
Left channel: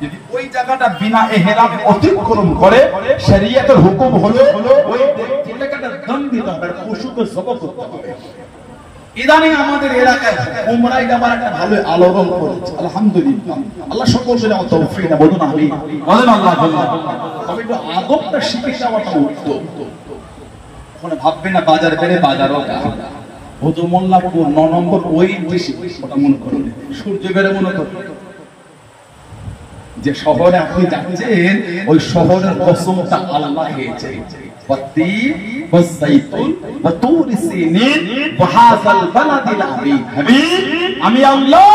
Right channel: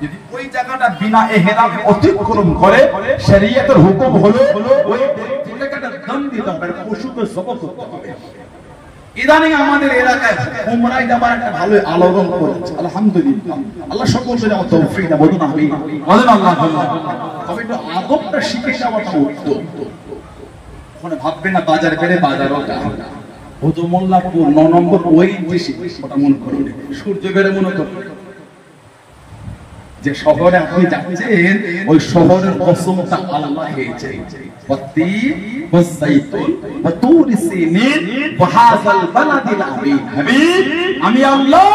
যদি ওই জায়গাটা বিনা ইহরামে অতিক্রম করে, শরীয়তের হুকুম হলো ওই জায়গাটা দাম দিতে হবে, পশুকে জবাই করতে হবে। ইদানিং আমাদের এলাকায় উমরায় যাবার একটা ভালো আলোড়ন করেছে, আলহামদুলিল্লাহ। আল্লাহ সকলকে যেন তৌফিক দেন, বলুন আমিন। বলুন আল্লাহ। তবে একটু আদবটা শিখে যাওয়াটা উত্তম। ওখানে ভাববে না বাজার বেড়ে বাজারও হতো মোল্লাপুর 9 নম্বর ওই বেশি মনে করুন, সূর্য বেড়ে মনে করুন যে শহরে আপনি যাচ্ছেন, ওই শহরের কসমটা আল্লাহ খেয়েছে। আমি আল্লাহ,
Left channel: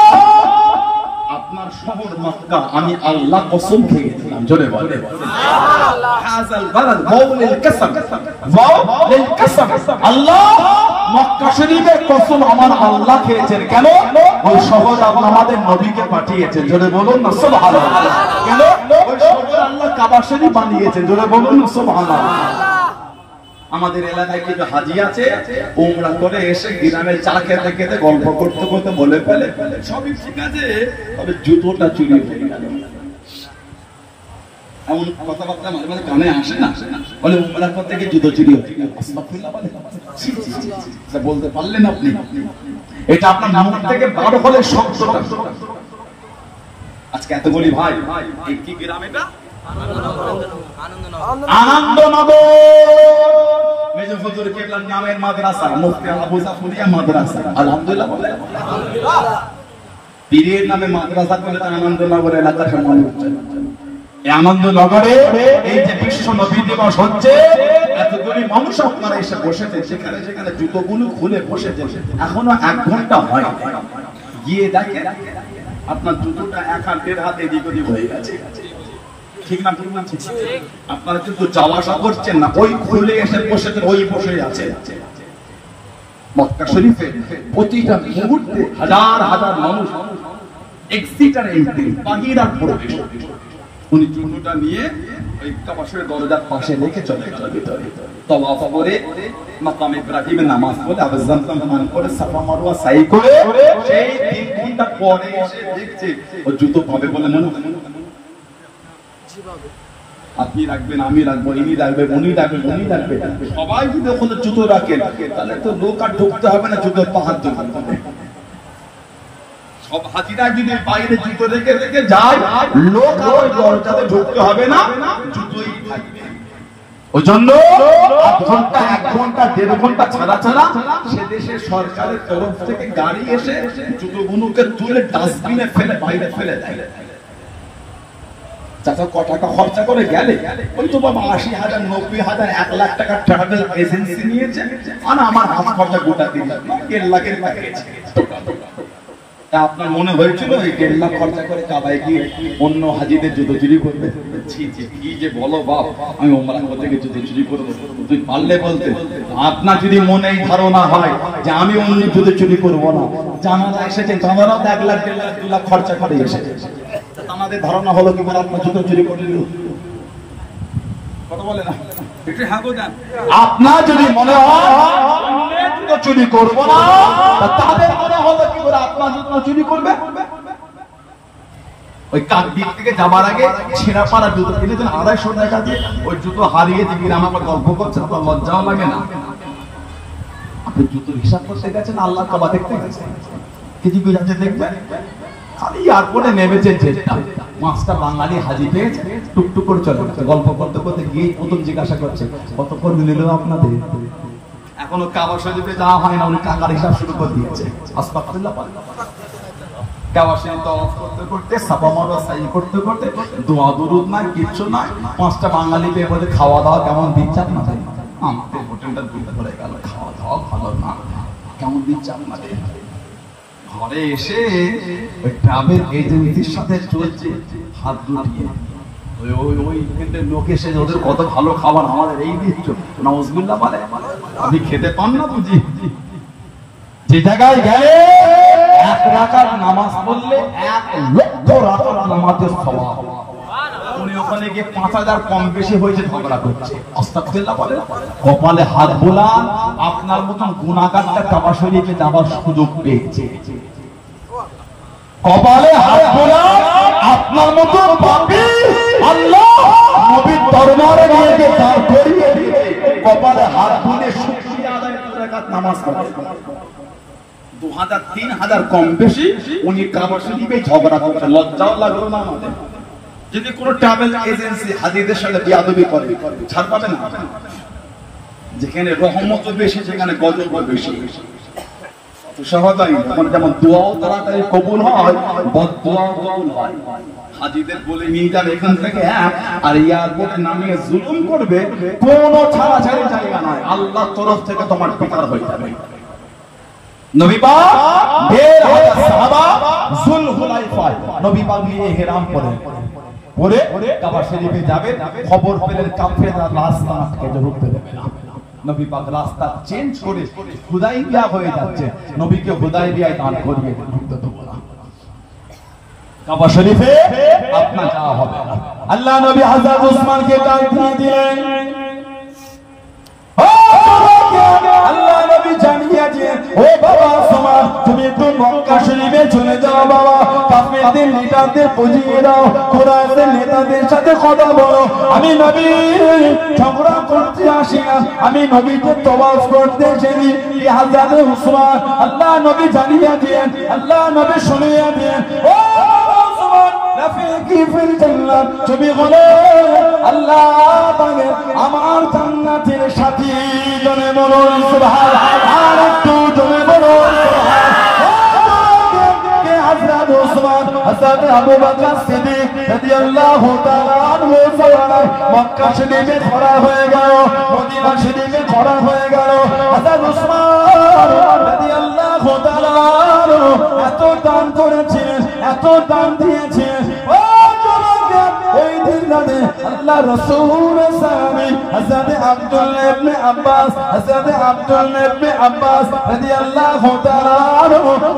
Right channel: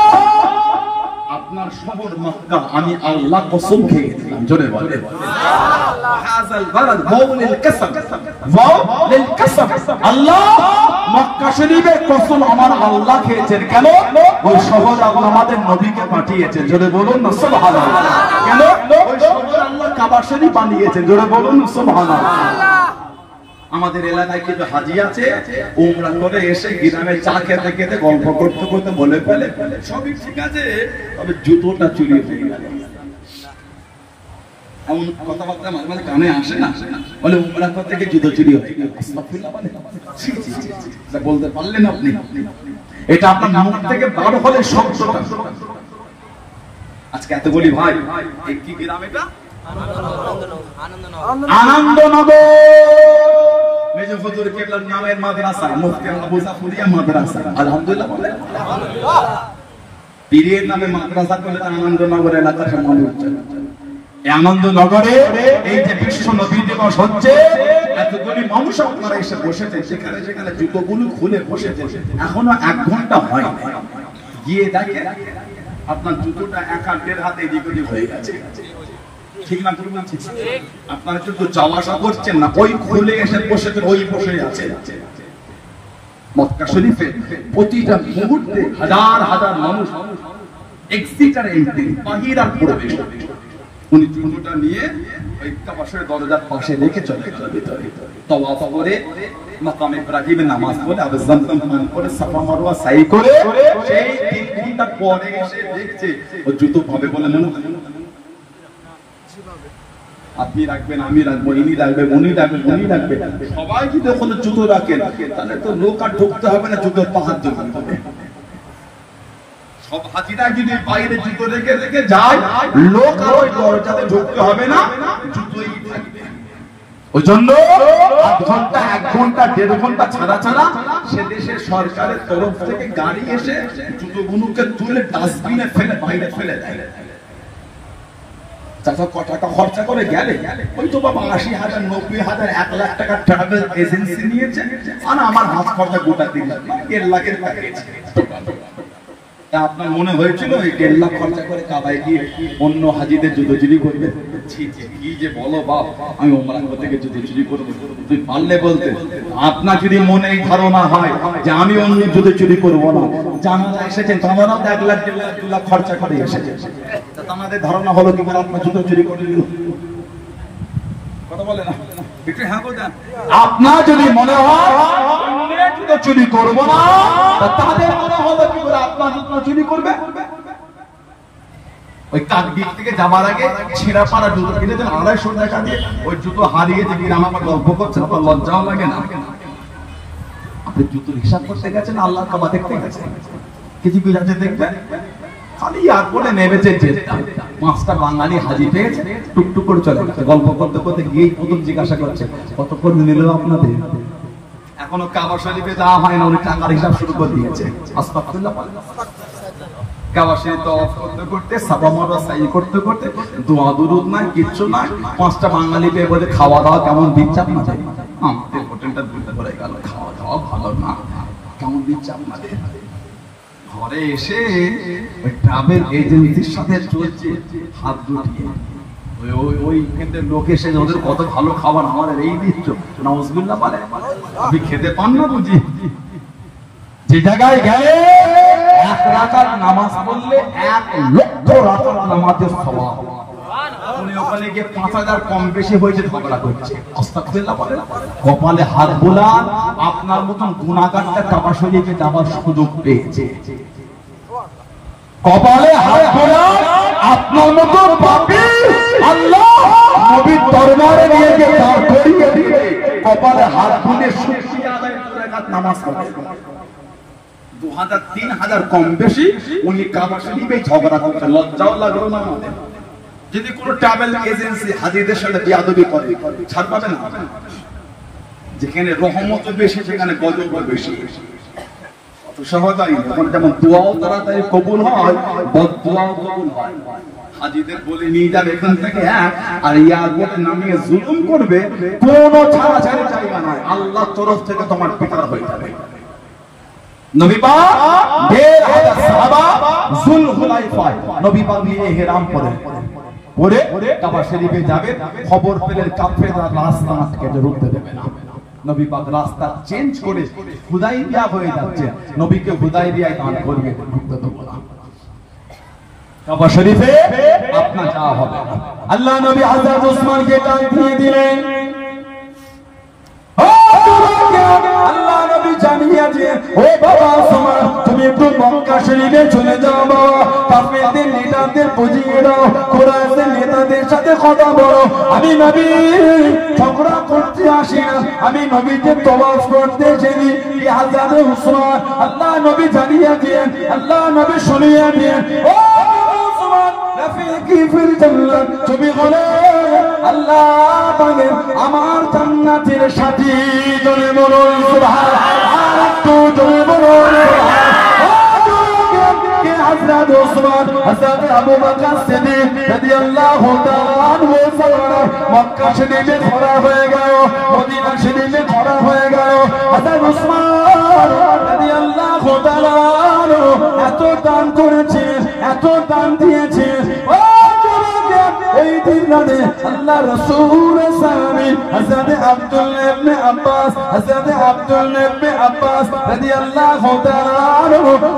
আপনার শহর মক্কা আমি আল্লাহ কসম খেয়েছিলাম। জোরে বলে আল্লাহ, মক্কা শরীফের কসম আমার আল্লাহ খেয়েছেন। কেন? ওই শহর আল্লাহ আমাদের নবীকে পাঠিয়েছেন। জোরে বলুন না সুবহানাল্লাহ। কেন? ওই শহর আল্লাহ কাবা শরীফ বানিয়েছেন। জোরে বলুন না সুবহানাল্লাহ। আমাদের এলাকায় কিন্তু হাজি আছে, উমরা করে এসে গ্রামে চা খেতে খেতে গল্প করতে করতে বলে ফেলে সবই ঠিক আছে, তবে জুতোটা চুরি হয়ে গেল। এমন কথাবার্তা মাঝে মাঝে কানে আসে না, বলে উমরা থেকে জুতো চুরি হয়ে গেল। বলতে পারলেন আপনি? এটা আপনার মুখ থেকে বড় হলে শব্দটা। আজকে এত বলি ভাই, এই কি গ্রাম এটা? আনন্দনগর। মেজর হুজুর কেবলার নামের মাদ্রাসা, মুফতি আবু জাফরিয়া মাদ্রাসা। আলহামদুলিল্লাহ। পীরের নামে মাদ্রাসা করে আনন্দনগর এলাকার সম্মান হচ্ছে। এই আনন্দনগরে এই যে বিশ্ব নবী দিবস হচ্ছে, এতগুলি মানুষ আপনারা এসে বসেছে, সেখানে সেখানে জুতোগুলো খুলে বসেছে, এখনো 1 ঘন্টা হয়। গিয়ে দেখেন আপনার জুতোটা 1 হাত 1.5 হাত এদিক ওদিক হয়ে গেছে। ঠিক না? ঠিক বলছি? আপনারা কিন্তু যাওয়া আসা করছেন না, ওই খুলে এসে বসেছে, ওই বসে আছেন। মক্কা শরীফে প্রতিটা মুহূর্তে হাজার হাজার মানুষ এক্সিট আর এন্ট্রি, বাহির আর প্রবেশ। উনি চিহ্নটা নিয়ে ওই কাবা শরীফের দরজার পাশে রেখে চলে গেল ভিতরে। তাওয়াফ করে মাকাম ইব্রাহিমে নামাজ পড়ে, আবার জামজাম পান করে, সাফা মারওয়া সাই করে, সেই 3 ঘন্টা পরে এসে দেখছে ও জুতো পাবে বলে মনে হয়। আপনি রাখবেন, আমি রাখবো, ইনি রাখবেন, উনি রাখবেন, উনি রাখবেন, সবাই যদি ওখানে জুতো রাখেন তাহলে তো লোক আর ঢুকতে হবে না জুতোর পাহাড় জন্য। সব হাজিরা যদি বাইরে জুতো রেখে রেখে যায়, লোক আর ওই দরজাতে ঢুকতে হবে না, জুতোই থাকবে। ওই জন্য 1 ঘন্টা 1 ঘন্টা 1.5 ঘন্টা ছাড়া ছাড়া সে দেশের সরকারের তরফ থেকে গাড়ি এসে জুতোগুলোকে তুলে ডাস্টবিনে ফেলে বাইরে ফেলে দেয়। টাকা খরচা করে গেলে ওই তো বাবা 80,000 90,000 1 লাখ টাকার ট্রাভেল এজেন্সি নিয়েছে, আর আমার হাত খরচা গোটা দিন 1.5 লাখের প্যাকেজ। আপনার মনে হয়েছিল এই 1.5 লাখ খরচা করে কাবায় গিয়ে অন্য হাজিদের জুতো চুরি করবে? কি যে বলো বাপ, আমি ওমরাহ থেকে জুতো চুরি করবো? তুই পারলে বলতে। আপনার যদি মনে ধারণা হয় যে আমি অন্য জুতো চুরি করবো না, জামানা এসেছেন তারা 1 লাখ 1.5 লাখ 2 লাখ খরচা করে এসেছে, আমাদের ধারণা হলো কি আপনার জুতো চুরি করে দিল? কথা বলে না একটু হ্যাঁ গো দেন। আপনার যদি মনে হয় জুতো চুরি করবো না, তাদের মনে হলো কি করে আপনার জুতো চুরি করবে? ওই কাকদ্বীপ থেকে যাবার আগে ছেঁড়া পাড়া জুতো কিনেছেন 250 টাকা দিয়ে, ওই জুতো হারিয়েছে কিনা আমাকে গল্প করছে, তো লজ্জাও লাগে না? আপনি জুতোর হিসাব করতে গেছেন, আল্লাহ কাবা দেখতে গেছেন, কিছু যাচ্ছে দেখবেন খালি এয়ারপোর্টে নেমেছে, যেটা 5টা বাঙালি হাজি পেয়েছে, টুকটুক করে চলে গেছে। গল্প করতে করতে গিয়ে প্রথম জিজ্ঞাসা করছে কতক্ষণ নিল আপনাদের? এখনো কাবা শরীফে যাওয়া হয় না, উনি টাকার হিসাব শুরু করে দিয়েছে। আস্তাগফিরুল্লাহ। কাবা শরীফ তওয়াফ করতে করতে, সাফা মারওয়া সাই করতে করতে, দোয়া দুরুদ নাই, কিচ্ছু নাই, 5টা বাঙালি পেয়ে বলে খাওয়া দাওয়া কেমন দিচ্ছে আপনাদের? আমাদের হোটেলটা 2টা করে গেল, খাওয়া দাওয়া ভালো না, কেমন দিচ্ছে আপনাদের? ঘরে এসে ট্রাভেল এজেন্সির সাথে চলছে হাত জুটিয়ে, ওই কেন্দ্রের লোক এসে ওদের কত ভালো খাবার, আমাদের এই দিচ্ছ নাউজুবিল্লাহ পারে। আমি খেতে পান না বুঝি? যে জায়গায় গেলে 1 রাকাত নামাজ পড়লে 1 লক্ষ রাকাত নামাজের সওয়াব, উনি ওখানে গিয়ে 5000 কম বেশি হয়েছে ঝগড়া করছে। আস্তাগফিরুল্লাহ বলেন। কপালে হাত বোলান, আপনার মতন গুনাহগারটা কাবা শরীফে যাওয়ার সুযোগ পেয়েছে। কপালে হাত বোলান, আপনার মতন পাপী আল্লাহ নবীর দরবারে নিয়ে গিয়ে দাঁড় করিয়ে দিয়ে কপালে হাত বুলে শুকরিয়া আদায় 2 রাকাত নামাজ পড়ে। 2000 3000 কম বেশি উনি কাবা শরীফে ঝগড়া করতে, লজ্জাও লাগলো না আমাদের? যদি কোন ট্রাভেল এজেন্সি হাজিদের সাথে বিয়াদবি করে, ছাড় পাবে না? যেখানে রহমত বেশি সেখানে গজব বেশি। তো সহজাই যেমন দোয়াও তাড়াতাড়ি কবুল হয়, বদদোয়াও কবুল হয়। হাজিদের বলে নিয়ে যাবে এখান থেকে, আর এয়ারপোর্টে নামিয়ে জুলুম করবে, কোনো ছাড়াছাড়ি জায়গা নাই, আল্লাহর তরফ থেকে তোমার পিতার হয়ে যাবে। নবী পাক 1500 সাহাবা যুলহুলাইফায় নবী পাক নিয়ে ইহরাম পরে কাবা শরীফে যাবে, খবর পেলেন কাফেররা রাস্তা আটকে ঢুকতে দেবে না। নবী পাক রাস্তা চেঞ্জ করে হুদাইবিয়া হয়ে যাচ্ছে, নবীকে হুদাইবিয়ায় দান করবে, ঢুকতে দেব না। কাবা শরীফে আপনার যাওয়া হবে না। আল্লাহ নবী হযরত উসমানকে ডাক দিয়ে দিলেন, আল্লাহ নবী জানিয়ে দিয়ে, ও বাবা উসমান, তুমি একটু মক্কা শরীফে চলে যাও বাবা, কাফেরদের লিডারদের বুঝিয়ে দাও, কুরাইশদের নেতাদের সাথে কথা বলো, আমি নবী ঝগড়া করতে আসি না, আমি নবীকে তওয়াফ করতে এসেছি। হযরত উসমান আল্লাহ নবী জানিয়ে দিয়ে, আল্লাহ নবী শুনিয়ে দিয়ে, ও বাবা উসমান, রাফিকি ফিল জান্নাত, তুমি বলে আল্লাহ পাকের আমার জান্নাতের সাথী, জনে বলুন সুবহানাল্লাহ, আর একটু জনে বলুন। হযরত উসমান, হযরত আবু বকর সিদ্দিক রাদিয়াল্লাহু তাআলা আনহু মক্কা শরীফে ধরা হয়ে গেল, মদিনা শরীফে ধরা হয়ে গেল। হযরত উসমান রাদিয়াল্লাহু তাআলা এত দান করেছেন, এত দান দিয়েছেন, ও যুবক, এই দিন রাতে আল্লাহ রাসূল সাহাবী হযরত আব্দুল্লাহ ইবনে আব্বাস, হযরত আব্দুল্লাহ ইবনে আব্বাস রাদিয়াল্লাহু তাআলা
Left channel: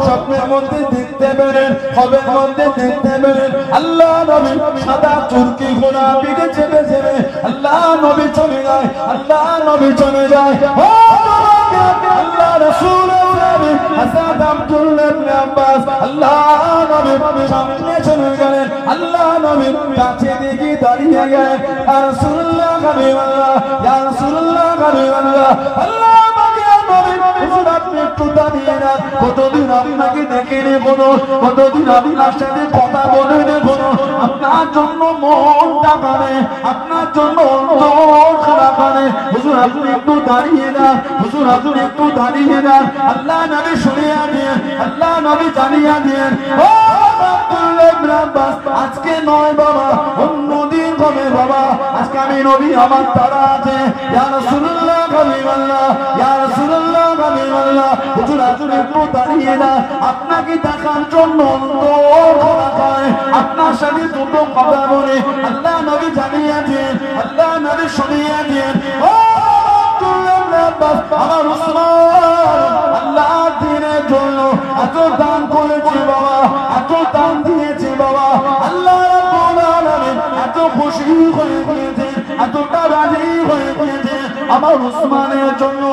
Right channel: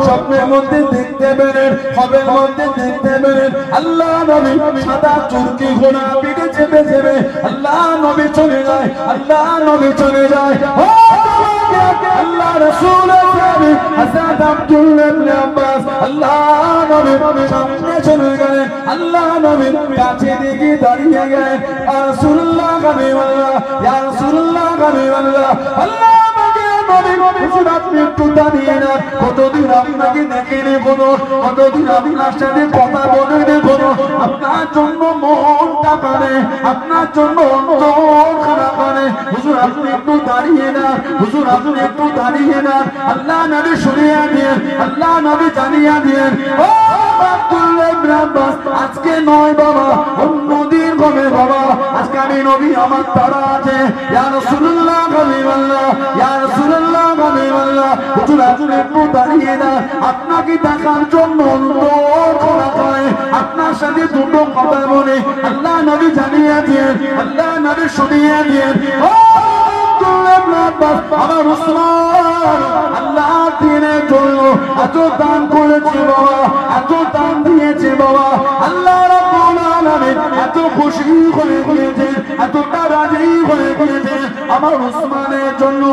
স্বপ্নের মধ্যে দেখতে পেলেন, খবরের মধ্যে দেখতে পেলেন, আল্লাহ নবী সাদা তুর্কি ঘোড়া পিঠে চেপে চেপে আল্লাহ নবী চলে যায়, আল্লাহ নবী চলে যায়। আল্লাহ রাসূল সাহাবী হযরত আব্দুল্লাহ ইবনে আব্বাস আল্লাহ নবী সামনে চলে গেলেন, আল্লাহ নবী কাছে দিকে দাঁড়িয়ে গেলেন, ইয়া রাসূলুল্লাহ হাবিবাল্লাহ, ইয়া রাসূলুল্লাহ হাবিবাল্লাহ, আল্লাহ পাকের নবী হুজুর আপনি একটু দাঁড়িয়ে না, কতদিন আপনাকে দেখিনি, কতদিন আপনার সাথে কথা বলিনি, আপনার জন্য মনটা কাঁদে, আপনার জন্য অন্তর খারাপ কাঁদে, হুজুর আপনি একটু দাঁড়িয়ে না, হুজুর আপনি একটু দাঁড়িয়ে না। আল্লাহ নবী শুনিয়ে দিন, আল্লাহ নবী জানিয়ে দিন, ও আব্দুল্লাহ ইবনে আব্বাস, আজকে নয় বাবা, অন্যদিন হবে বাবা, আজকে আমি নবী আমার তারা আছে, ইয়া রাসূলুল্লাহ হাবিবাল্লাহ, ইয়া রাসূলুল্লাহ হাবিবাল্লাহ, হুজুর আপনি একটু দাঁড়িয়ে না, আপনাকে দেখার জন্য অন্তর খারাপ হয়, আপনার সাথে দুটো কথা বলে, আল্লাহ নবী জানিয়ে দিন, আল্লাহ নবী শুনিয়ে দিন, ও আব্দুল্লাহ ইবনে আব্বাস, আমার উসমান আল্লাহ দ্বীনের জন্য এত দান করেছে বাবা, এত দান দিয়েছে বাবা, আল্লাহ রাব্বুল আলামিন এত খুশি হয়ে গিয়েছে, এতটা রাজি হয়ে গিয়েছে আমার উসমানের জন্য।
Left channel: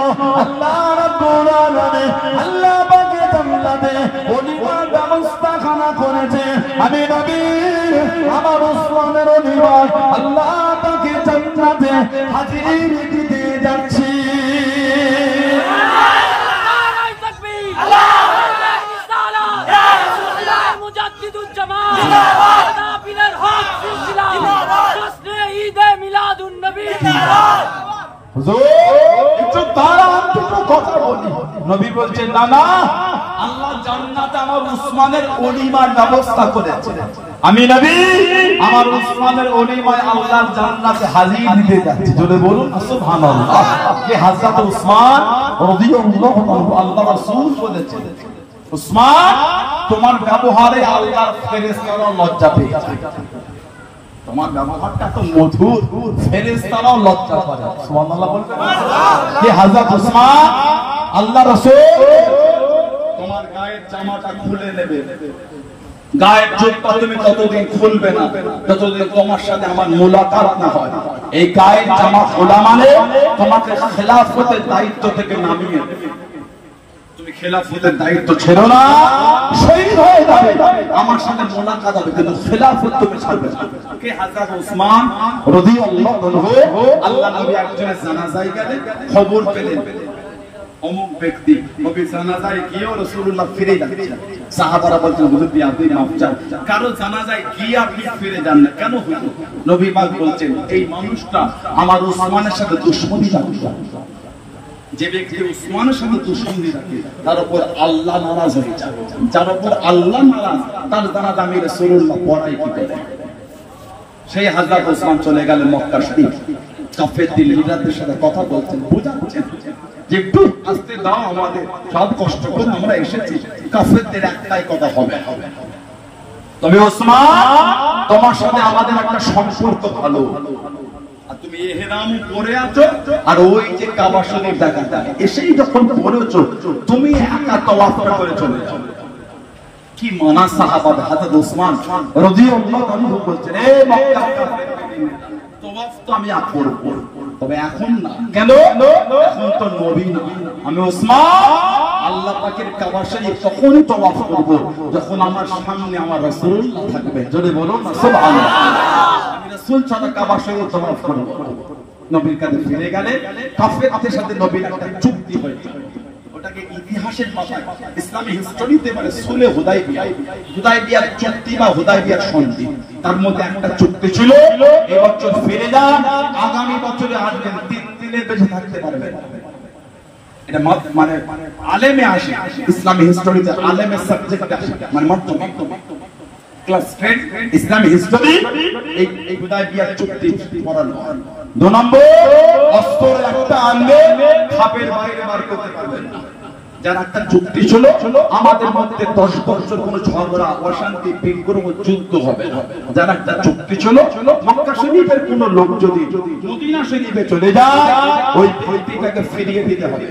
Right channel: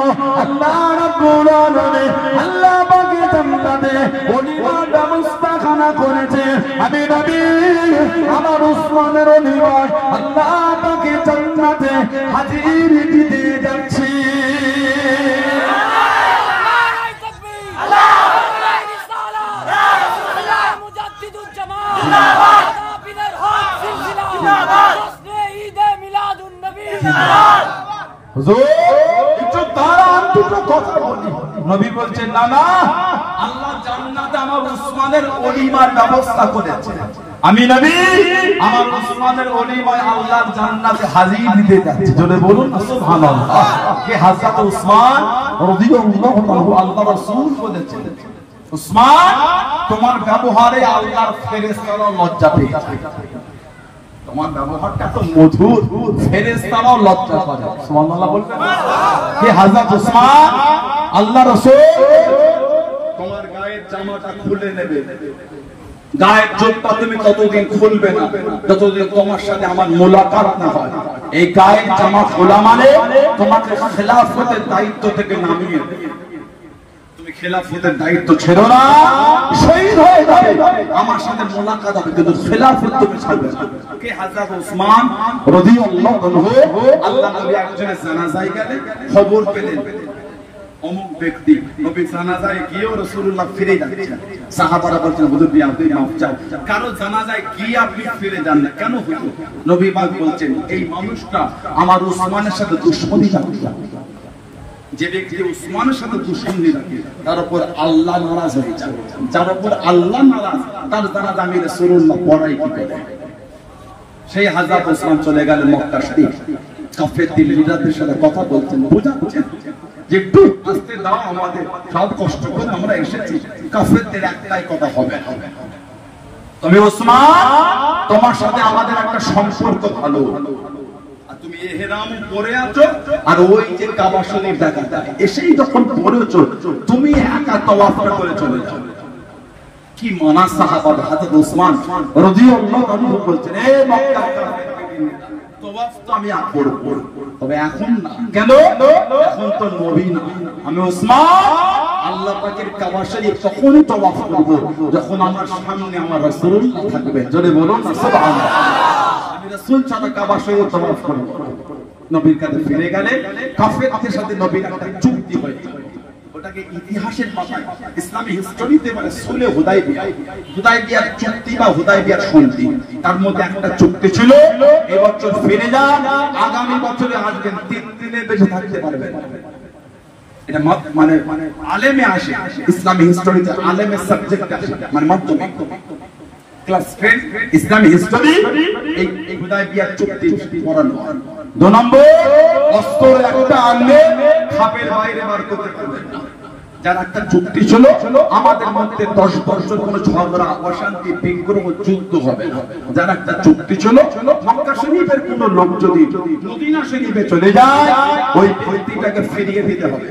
আল্লাহ রাব্বুল আলামিন আল্লাহ পাকের জান্নাতে ওলিমার ব্যবস্থাখানা করেছে। আমি নবী নবী বলছেন না না, আল্লাহ জান্নাতে আমার উসমানের ওলিমার ব্যবস্থা করেছে। আমি নবী আমার উসমানের ওলিমায় আল্লাহর জান্নাতে হাজির দিতে যাচ্ছি। জোরে বলুন সুবহানাল্লাহ। কে হযরত উসমান রাদিয়াল্লাহু আনহু, আল্লাহ রাসূল বলেছেন উসমান তোমার ব্যবহারে আল্লাহর ফেরেশতারা লজ্জা পেয়ে যায়। তোমার ব্যবহারটা তো মধুর, ফেরেশতারাও লজ্জা করে। সুবহানাল্লাহ বলতে কে হযরত উসমান আল্লাহ রাসূল তোমার গায়ের জামাটা খুলে নেবে, গায়ের চোখটা তুমি ততদিন খুলবে না যতদিন তোমার সাথে আমার মোলাকাত না হয়। এই গায়ের জামা খোলা মানে তোমাকে খেলাফতের দায়িত্ব থেকে নামিয়ে, তুমি খেলাফতের দায়িত্ব ছেড়ো না, শহীদ হয়ে যাবে, আমার সাথে মোলাকাত হবে, কিন্তু খেলাফত তুমি ছাড়বে না। কে হযরত উসমান রাদিয়াল্লাহু আনহু, আল্লাহ নবী একজনের জানাজায় গেলেন, খবর পেলেন অমুক ব্যক্তি নবী জানাজায় গিয়েও রাসূলুল্লাহ ফিরে যাচ্ছেন। সাহাবারা বলছেন হুজুর আপনি মাফ চান, কারো জানাজায় গিয়ে আপনি ফিরে যান না কেন হুজুর? নবী পাক বলছেন এই মানুষটা আমার উসমানের সাথে দুশমনি রাখে। যে ব্যক্তি উসমানের সাথে দুশমনি রাখে তার উপর আল্লাহ নারাজ হয়ে যায়। যার উপর আল্লাহ নারাজ তার জানাজা আমি রাসূলুল্লাহ পড়াই কি করে। সেই হযরত উসমান চলে গেলেন মক্কা শরীফ, কাফেরদের লিডারদের সাথে কথা বলছেন, বোঝাচ্ছেন যে একটু আস্তে দাও, আমাদের সব কষ্ট করে আমরা এসেছি, কাফেরদের একটাই কথা হবে, তবে ওসমান তোমার সাথে আমাদের একটা সম্পর্ক ভালো, আর তুমি ইহরাম পরে আছো আর ওই যে কাবা শরীফ দেখা এসেই যখন পড়েছো তুমি একা তাওয়াফটা করে চলে যাও। কি মানা সাহাবা হযরত ওসমান রাদিয়াল্লাহু আনহু বলছেন এ মক্কার কাফেররা তওয়াফ তো আমি করব, তবে এখন না। কেন? এখন তো নবী না, আমি ওসমান আল্লাহ পাকের কাবা শরীফ তখনই তওয়াফ করব যখন আমার সামনে আমার রাসূলুল্লাহ থাকবে। জোরে বলুন না সুবহানাল্লাহ। আমি রাসূল ছাড়া কাবা শরীফ তওয়াফ করব। নবীর কাছে ফিরে গেলে কাফেরদের সাথে নবীর একটা চুক্তি হয়েছে, ওটাকে ইতিহাসের পাতায় ইসলামী হিস্টরিতে মানে সুলে হুদাইবিয়া, হুদাইবিয়ার চুক্তি বা হুদাইবিয়ার সন্ধি, তার মধ্যে একটা চুক্তি ছিল এই বছর ফিরে যান, আগামী বছরে আসবেন, 3 দিনে বেঁচে থাকতে পারবেন। এটা মানে আলেমে আসে, ইসলামী হিস্টরিতে আলেমের সাবজেক্ট আসে, মানে মাধ্যমিক ক্লাস 10 ইসলামী হিস্টরি এই হুদাইবিয়ার চুক্তি পড়ানো। 2 নম্বর অস্ত্র একটা আনলে খাপের বাইরে বার করতে পারবেন না। যার একটা চুক্তি ছিল আমাদের মধ্যে 10 বছর কোনো ঝগড়া অশান্তি বিগ্রহ যুদ্ধ হবে না। যার একটা চুক্তি ছিল মক্কা শরীফের কোনো লোক যদি মদিনা শরীফে চলে যায় ওই ব্যক্তিটাকে ফিরিয়ে দিতে হবে,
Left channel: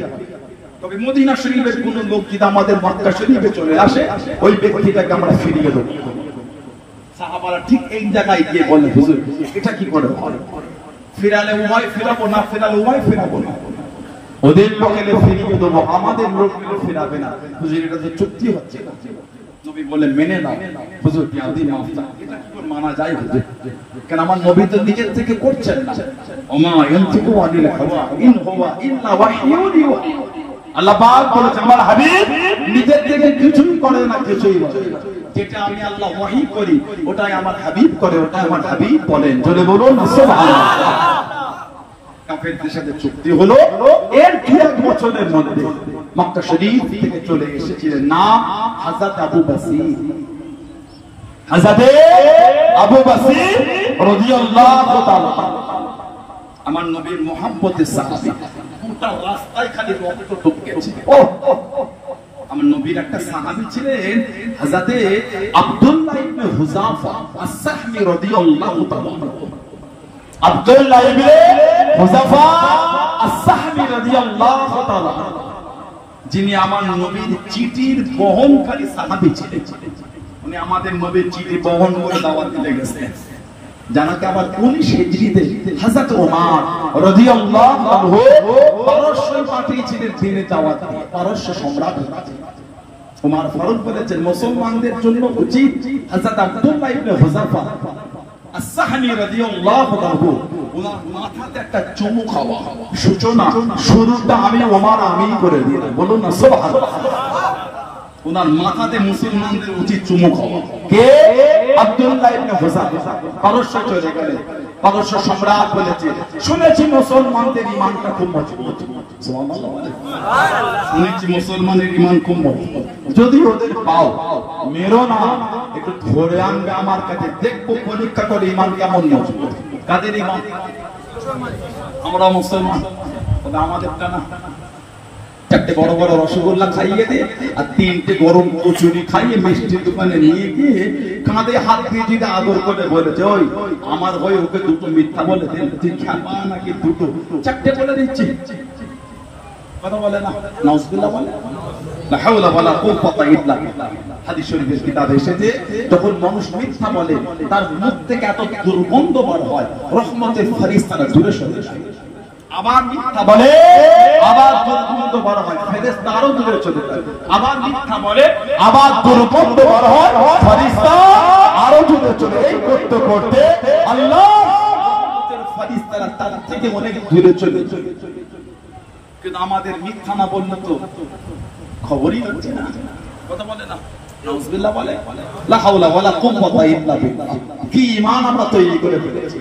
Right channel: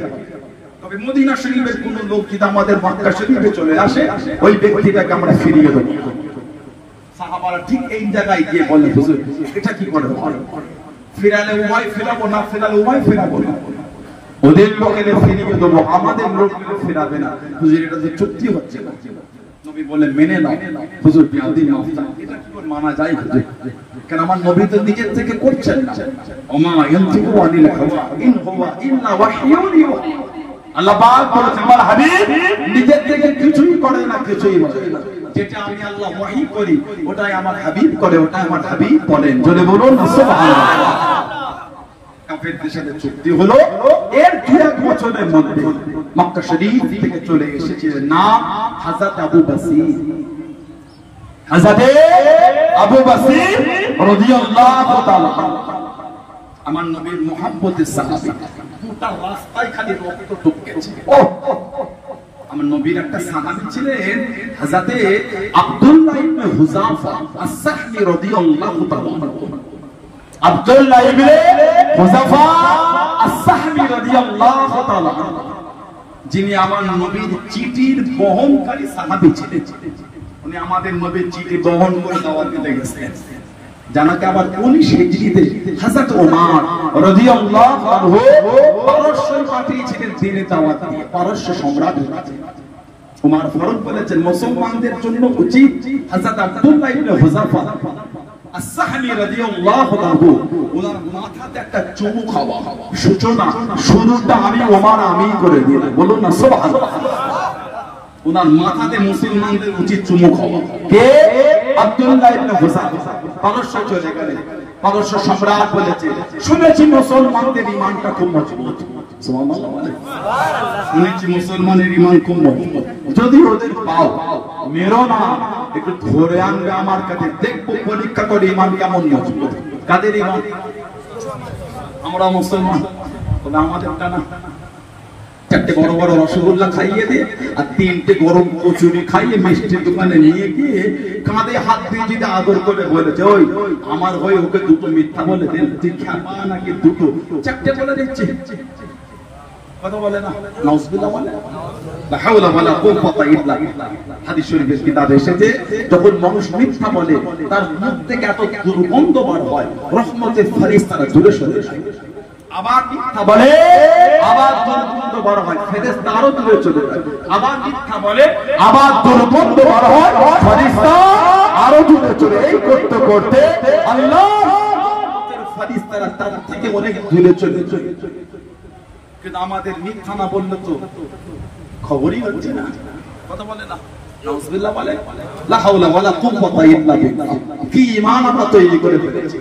তবে মদিনা শরীফের কোনো লোক যদি আমাদের মক্কা শরীফে চলে আসে ওই ব্যক্তিটাকে আমরা ফিরিয়ে দেব। সাহাবারা ঠিক এই জায়গায় গিয়ে বললেন হুজুর এটা কি করে হয়? ফিরালে উভয় ফিরাবো না, ফিরালে উভয় ফিরাবো না, ওদের লোকেদের ফিরিয়ে দেবো, আমাদের লোকগুলো ফিরাবে না। হুজুর এটা যে চুক্তি হচ্ছে না। নবী বললেন মেনে নাও। হুজুর বিয়াদি মাফ চান, এটা কি করে মানা যায় হুজুর? কারণ আমার নবী তো নিজের থেকে করছেন না। ওমা ইয়ানতিকু আনিল হাওয়া ইন হুয়া ইল্লা ওয়াহয়ুন ইউহা। আল্লাহ পাক বলেছেন আমার হাবিব নিজের থেকে কিছুই করে না, কিছুই বলে না। যেটা আমি আল্লাহ ওয়াহী করি ওটাই আমার হাবিব করে, ওটাই আমার হাবিব বলেন। জোরে বলুন সুবহানাল্লাহ। কাফেরদের সাথে চুক্তি হলো, এর 2 বছরের মধ্যে মক্কা শরীফ থেকে চলে এসেছিলেন নাম হযরত আবু বসির। হযরত আবু বসির রাদিয়াল্লাহু তাআলা আমার নবীর মুহাব্বতের সাহাবী, গোটা রাস্তায় খালি রক্ত টপকেছে। আমার নবীর একটা সাহাবী ছিলেন হযরত আব্দুল্লাহ ইবনে হুযাফা আস-সাহমি রাদিয়াল্লাহু তাআলা। আব্দুল্লাহ ইবনে হুযাফা আস-সাহমি রাদিয়াল্লাহু তাআলা যিনি আমার নবীর চিঠির বহনকারী সাহাবী ছিলেন। উনি আমাদের নবীর চিঠি বহন করে দাওয়াত দিতে গেছেন। জানাতে আবার 19 হিজরিতে হযরত ওমর রাদিয়াল্লাহু আনহু পারস্যে পাঠিয়েছিলেন দিনে দাওয়াত দিয়ে। পারস্য সম্রাট ওমর ফরজ করেছেন মুসলমানদের জন্য উচিত হযরত আব্দুল্লাহ ইবনে হুযাফা আস-সাহমি রাদিয়াল্লাহু আনহু ওনার মাথাতে একটা চুমু খাওয়া, সূচনা শুরুটা আমি ওমর আমি করে দিলাম। বলুন না সুবহানাল্লাহ। ওনার মাথাতে মুসলমানদের উচিত চুমু খাওয়া। কে? আব্দুল্লাহ ইবনে হুযাফা পারস্য চলে গেলেন। পারস্য সম্রাট বলেছে, শুনেছি মুসলমানদের ঈমানটা খুব মজবুত। সুবহানাল্লাহ বলে, শুনেছি মুসলমানের ঈমান খুব মজবুত, যদি ওদের পাও মেরো না, একটু ধরে আনবে আমার কাছে, দেখবো পরীক্ষা করে ঈমান কেমন মজবুত। কাদের ঈমান? আমরা মুসলমান, আমাদেরটা না। চারটে বড় বড় রসগোল্লা খাইয়ে দিয়ে আর তিনটে গরম কচুরি খাইয়ে মিষ্টির দোকানে নিয়ে গিয়ে কাঁধে হাত দিয়ে যদি আদর করে বলেছে, ওই আমার হয়ে ওকে দুটো মিথ্যা বলে দেন, তুই খাবা নাকি দুটো, চারটে বলে দিচ্ছে, কথা বলে না, নাউজুবিল্লাহ বলে, লা হাওলা ওয়ালা কুওয়াতা ইল্লা বিল্লাহ। হাদিস শরীফের কিতাবে এসেছে, যখন মানুষ মিথ্যা বলে তার মুখ থেকে এত দুর্গন্ধ বার হয়, রহমতের ফেরেশতারা দূরে সরে যায়। আবার মিথ্যা বলে, আবার দুর্গন্ধ বার হয়, ফেরেশতা আরো দূরে চলে যায়। আবার মিথ্যা বলে, আবার দুর্গন্ধ বার হয়, ফেরেশতা আরো দূরে চলে। এই করতে করতে আল্লাহর ফেরেশতারা তার থেকে অনেক দূরে চলে যায়। কিন্তু আমাদের মিথ্যা না বললে তো খবরই হচ্ছে না, কথা বলে না, নাউজুবিল্লাহ বলে, লা হাওলা ওয়ালা কুওয়াতা ইল্লা বিল্লাহ। কি ঈমান আমরা তৈরি করে ফেলেছি।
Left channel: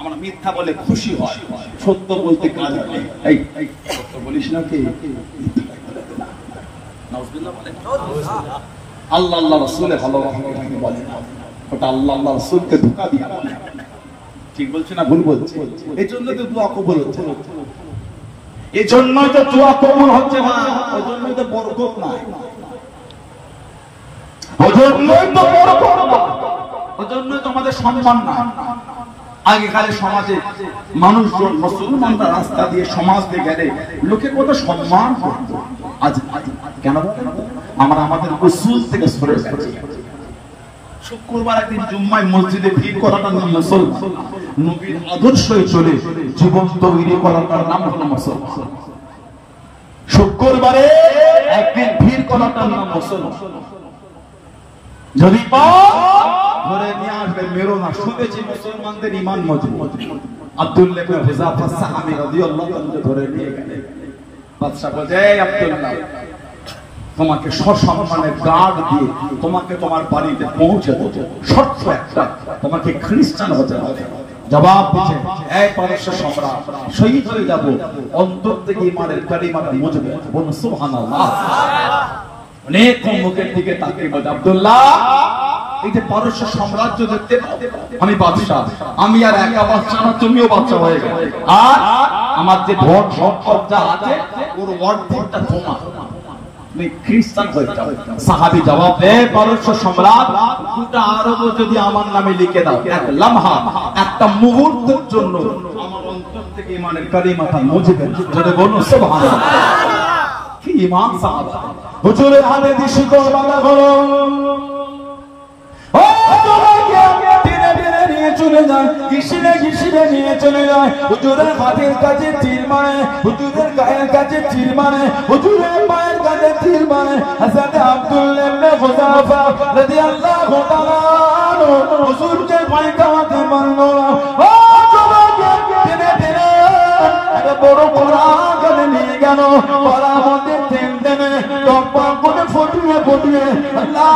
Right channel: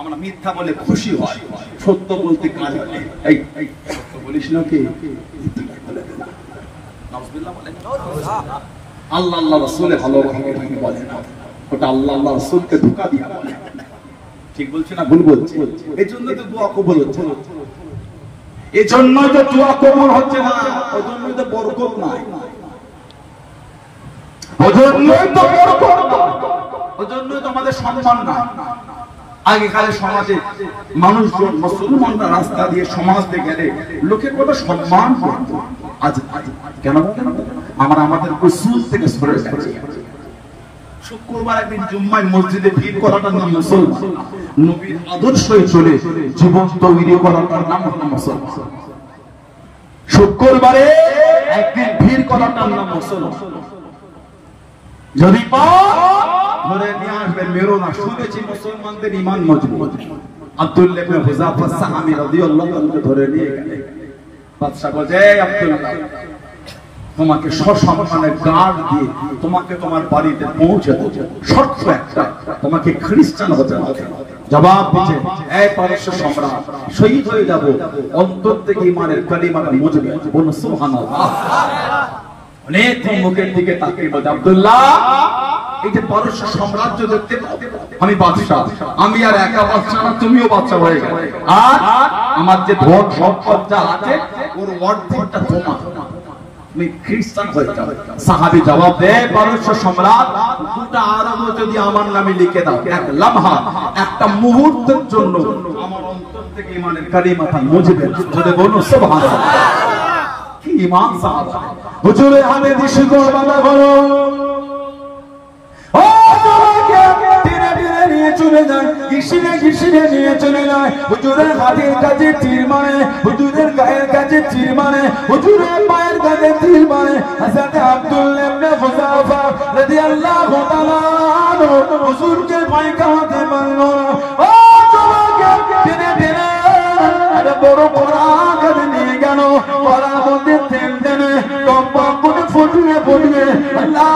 আমরা মিথ্যা বলে খুশি হয়, সত্য বলতে কাজ নেই। এই সত্য বলিস না কি, নাউজুবিল্লাহ বলে। আল্লাহ আল্লাহ রাসূলের ভালোবাসা বলে না, ওটা আল্লাহ আল্লাহ রাসূলকে ধোঁকা দিয়া বলে। ঠিক বলছি না ভুল বলছি? এই জন্য তো দোয়া কবুল হচ্ছে না, এই জন্যই তো দোয়া কবুল হচ্ছে না, ওই জন্যই তো বরকত নাই, ওই জন্যই তো বরকত, ওই জন্যই তো আমাদের সম্মান নাই। আগেকার সমাজে মানুষজন মুসলমানরা রাস্তা দিয়ে সমাজ দিয়ে গেলে লোকে কত সম্মান করত, আজ কেন আমরা আমাদের উসুল থেকে সরে গেছি। শুক্রবার একদিন জুম্মায় মসজিদে ভিড় করাটার নাম মুসলমান, নবীর আদর্শে চলে জীবন তৈরি করাটার নাম হলো মুসলমান। শুক্রবারে একদিন ভিড় করাটার নাম মুসলমান। যদি ধরে নিয়ে আসবে মেরো না, শুনেছি মুসলমানদের ঈমান মজবুত। আব্দুল্লাহ ইবনে হুযাফা সাহাবী রাদিয়াল্লাহু আনহু ধরে নিয়ে গেলেন। বাদশা বলে, আব্দুল্লাহ তোমাকে সসম্মানে গার্ড দিয়ে তোমাকে তোমার বাড়িতে পৌঁছে দেব, শর্ত একটা, তোমাকে খ্রিস্টান হতে হবে। জবাব দিচ্ছে, এই পারস্য সম্রাট, শহীদ হয়ে যাব, অন্তর থেকে ঈমানের কালিমাটা মুজবে, বলুন সুবহানাল্লাহ। অনেক মুখের দিকে তাকিয়ে বলে, আব্দুল্লাহ এই যে পারস্য সাম্রাজ্য দেখতে, আমি বাদশা, আমি আর একা বাদশা না, তুমিও বাদশা হয়ে গেলে, আর আমার যে ধন সম্পদ যা আছে ওর অর্ধেকটা তোমার, তুমি খ্রিস্টান হয়ে যাও। সাহাবী জবাব দেয়, পারস্য সম্রাট গোটা আরব যদি আমার নামে লিখে দাও, এক লামহা, একটা মুহূর্তের জন্য আমার অন্তর থেকে ঈমানের কালিমাটা মুজবে, যদি বলুন সুবহানাল্লাহ। কি ঈমান সাহাবা, হুজুরের হাতে দিয়ে শিকল বাঁধা হলো, হুজুরের হাতের কাছে তীর মারে, হুজুরের গায়ের কাছে তীর মারে, হুজুরের পায়ের কাছে তীর মারে। হযরত আব্দুল্লাহ ইবনে হুযাফা রাদিয়াল্লাহু তাআলা হুজুরকে ভয় কামাতে পারল না। ও তোমাকে টেনে টেনে একটা বড় কড়া করে নিয়ে গেল, কড়ার মধ্যে তেল টেনে টকবক করে ফুটিয়ে ফুটিয়ে আল্লাহ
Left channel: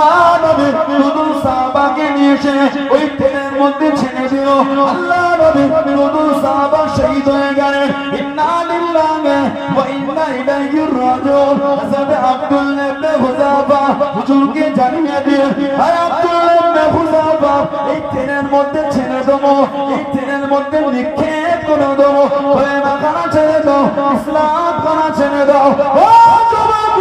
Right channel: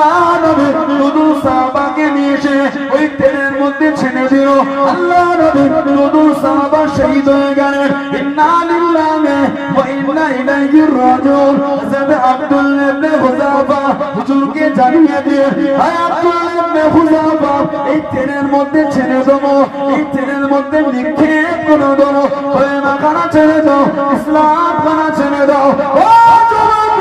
নবী শুধু সাহাবাকে নিয়ে এসে ওই তেলের মধ্যে ছেড়ে দিল। আল্লাহ নবী শুধু সাহাবা শহীদ হয়ে গেলেন। ইন্না লিল্লাহি ওয়া ইন্না ইলাইহি রাজিউন। হযরত আব্দুল্লাহ ইবনে হুযাফা হুজুরকে জানিয়ে দিয়ে, হে আব্দুল্লাহ ইবনে হুযাফা, এই তেলের মধ্যে ছেড়ে দেবো, এই তেলের মধ্যে নিক্ষেপ করে দেবো, কলেমা খানা ছেড়ে দাও, ইসলাম খানা ছেড়ে দাও। ও যুবক,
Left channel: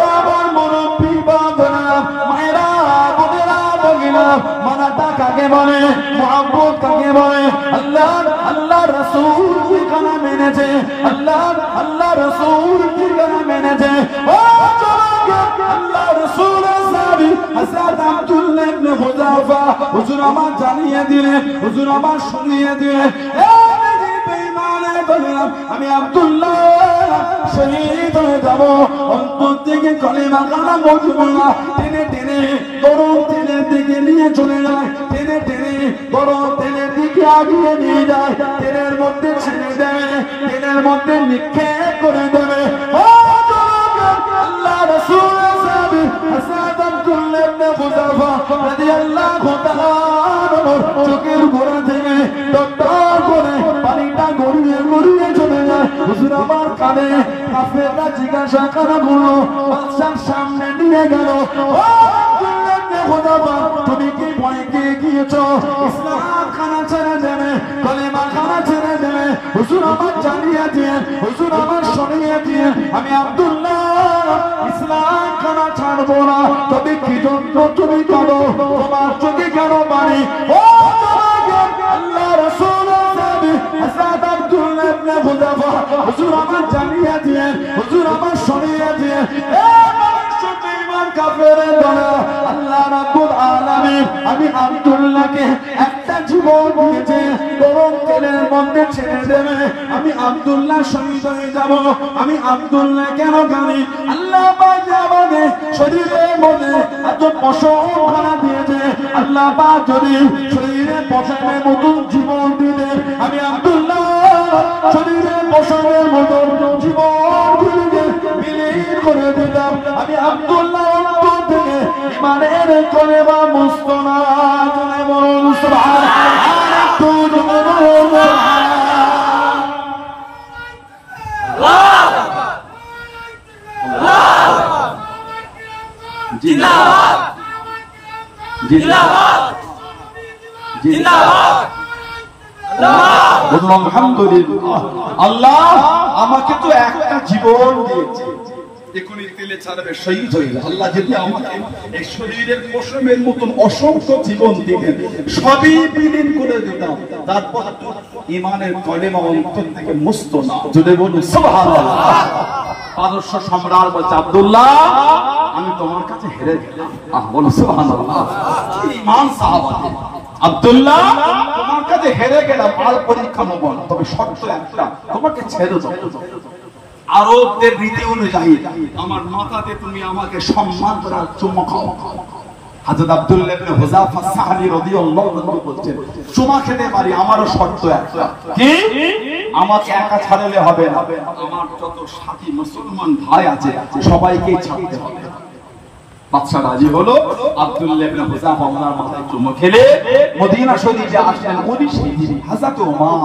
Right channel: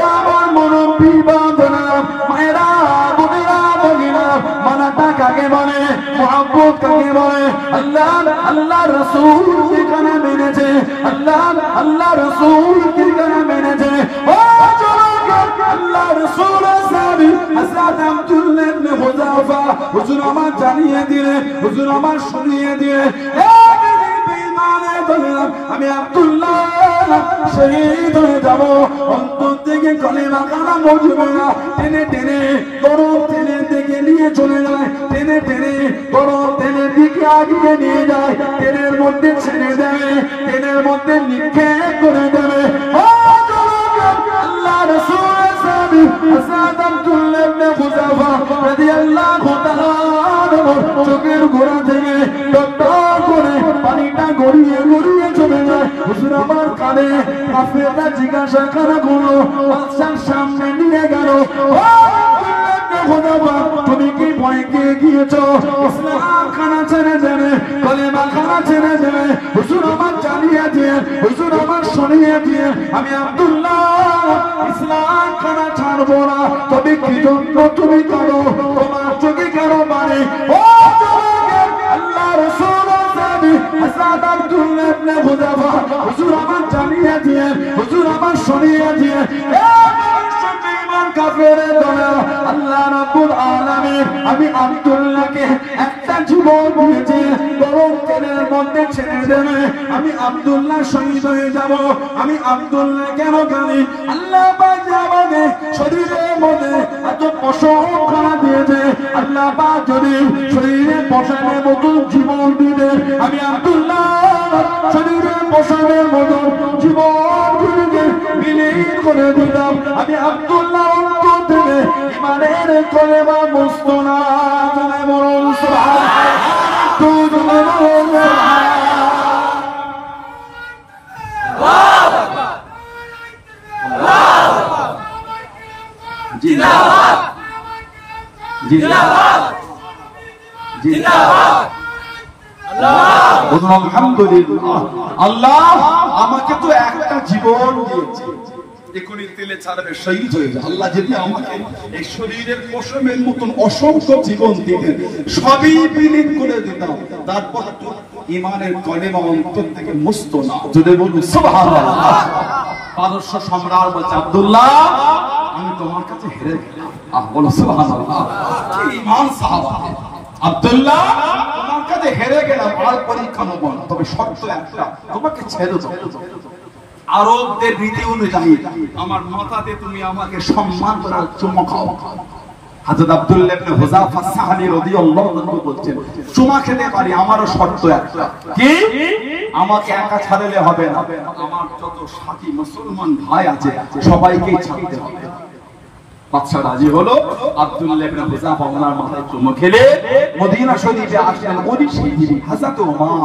ও আমার মুরব্বি বাবারা, মায়েরা, বোনেরা, ভগিনা, মানাটা কাকে বলে, মুহাব্বত কাকে বলে? আল্লাহ আল্লাহ রাসূল কি কানে মেনেছে, আল্লাহ আল্লাহ রাসূল কি কানে মেনেছে। ও যুবক, আল্লাহ রাসূলের সাহাবী হযরত আব্দুল্লাহ ইবনে হুযাফা হুজুর আমার জানিয়ে দিলেন, হুজুর আমার শুনিয়ে দিলেন, আমি আব্দুল্লাহ শহীদ হয়ে যাব, অন্তর থেকে কলেমা কানা মুজবে না। টেনে টেনে গরম তেলের দিকে নিয়ে চলে যায়, টেনে টেনে গরম তেলের দিকে আগিয়ে নিয়ে যায়, তেলের মধ্যে ছেড়ে দেবে, তেলের মধ্যে নিক্ষেপ করে দেবে। আল্লাহ রাসূল সাহাবী হযরত আব্দুল্লাহ ইবনে হুযাফা রাদিয়াল্লাহু গেল তুমি কি ভয় পেয়ে গিয়েছো ইসলাম খানা ছেড়ে দেবে কলেমা খানা ছেড়ে দেবে হুজুর আমার জানিয়ে দিয়ে হুজুর আমার শুনিয়ে দিয়ে আমি আব্দুল্লাহ ইসলাম খানা ছাড়বো না তুমি কি জন্য তুমি কাঁদো তোমার চোখে কেন পানি ও আল্লাহ রাসূল সাহাবী হযরত আব্দুল্লাহ ইবনে হুযাফা হুজুর আমার জানিয়ে দিয়ে হুজুর আমার শুনিয়ে দিয়ে আল্লাহ রাব্বুল আলামিন আমি আব্দুল্লাহকে একটা জীবন দিয়েছে গরম তেলের মধ্যে ছেড়ে দেবে আমি আব্দুল্লাহ শহীদ হয়ে যাব আমি আব্দুল্লাহ কেন জানি আল্লাহ পাক আমাদের শরীরের মধ্যে এত পশম খানা দিয়েছে আল্লাহ পাক যদি শরীরে পশমের মতো জীবন দিলে আমি আব্দুল্লাহ শরীরে পশমের মতো জীবনগুলোকে বিলীন করে দিলাম আমি আব্দুল্লাহ ইমানের কলেমা মুস্তনা জনে বলুন সুবহানাল্লাহ তুই জনে বলুন সুবহানাল্লাহ জিন্দাবাদ জিন্দাবাদ জিন্দাবাদ আল্লাহ আলহামদুলিল্লাহ আল্লাহ আমাকে তো একটা জীবন দিয়েছে এখনই তেলে ছাড়বে শহীদ হয়ে যাবে আল্লাহ যদি আমাকে এই শরীরের পশমের মতন অসংখ্য জীবন দিতেন সবই বিলীন করে দিতাম তারপর ইমানের কলেমা অন্তর থেকে মুস্ত না জোরে বলুন সুবহানাল্লাহ পারস্য সম্রাট বলছে আব্দুল্লাহ আমি তোমার কাছে হেরে গেলাম বলো সুবহানাল্লাহ ঈমান সাহাবা আব্দুল্লাহ তোমার কাছে হেরে গেলাম আর পরীক্ষা নেব তবে শর্ত একটা তোমাকে ছেড়ে দাও আরবদের রীতি অনুযায়ী আমার মাথাতে তুমি আমাকে সম্মান করার চুমা খাও হযরত আব্দুল্লাহ ইবনে হুযাফা সাহাবী রাদিয়াল্লাহু আনহু বলছেন চুমা খেতে পারি আমারও শর্ত একটা কি আমাকে একা ছাড়লে হবে না আমার যত সাথী মুসলমান ভাই আছে সবাইকে ছাড়তে হবে বাদশা রাজি হলো আব্দুল্লাহ ইবনে হুযাফা ওনার মাথায় চুমা খেলে মদিনা শরীফে আসলেন 19 হিজরি হযরত ওমর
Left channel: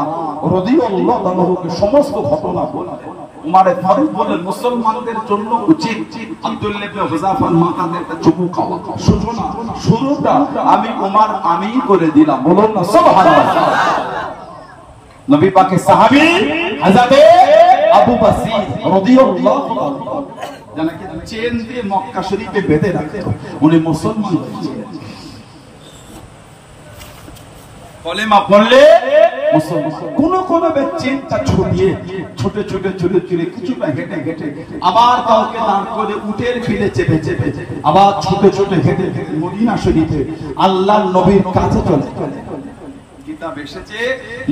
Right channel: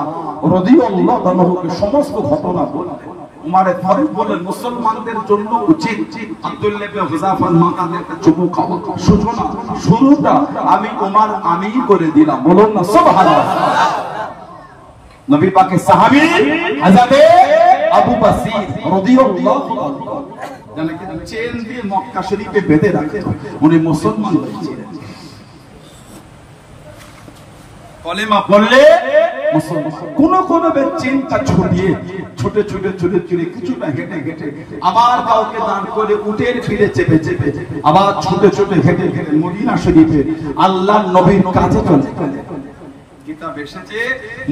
রাদিয়াল্লাহু আনহুকে সমস্ত ঘটনা বললেন উমারের ফারুক বলেন মুসলমানদের জন্য উচিত আব্দুল্লাহ ইবনে হুযাফার মাথাতে একটা চুমু খাওয়া সূচনা শুরুটা আমি উমার আমি করে দিলাম বলুন না সুবহানাল্লাহ নবী পাকের সাহাবী হযরত আবু বসির রাদিয়াল্লাহু আনহু যাকে চেন দিয়ে মক্কা শরীফে বেঁধে রাখতেন উনি মুসলমান হয়েছিলেন কলেমা পড়লে কোন কোন চেনটা ছড়িয়ে ছোট ছোট ছোট ছোট কিছুটা হেঁটে হেঁটে আবার কাউকে দাঁড় করে উটের ফিরে চেপে চেপে আবার ছোট ছোট হেঁটে হেঁটে মদিনা শরীফে আল্লাহর নবীর কাছে চলে কিতাব এসেছে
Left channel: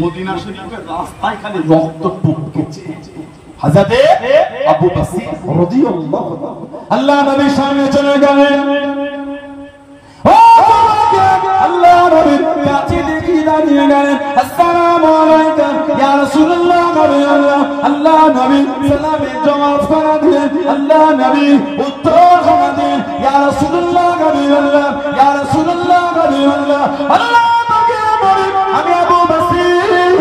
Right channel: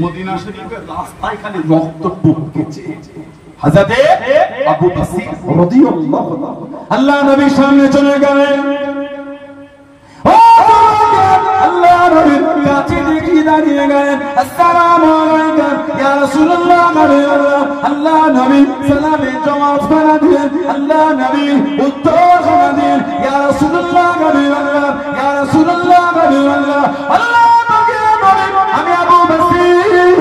মদিনা শরীফের রাস্তায় খালি রক্ত টপকেছে হযরত আবু বসির রাদিয়াল্লাহু আনহু আল্লাহ নবীর সামনে চলে গেলেন আল্লাহ নবীর কাছে দেখি দাঁড়িয়ে গেলেন আসসালামু আলাইকুম ইয়া রাসূলুল্লাহ আল্লাহ নবী সালামের জবাব করে দিলেন আল্লাহ নবী উত্তর করে দিলেন ইয়া রাসূলুল্লাহ ইয়া রাসূলুল্লাহ আল্লাহ পাকে বলে আমি আবু বসির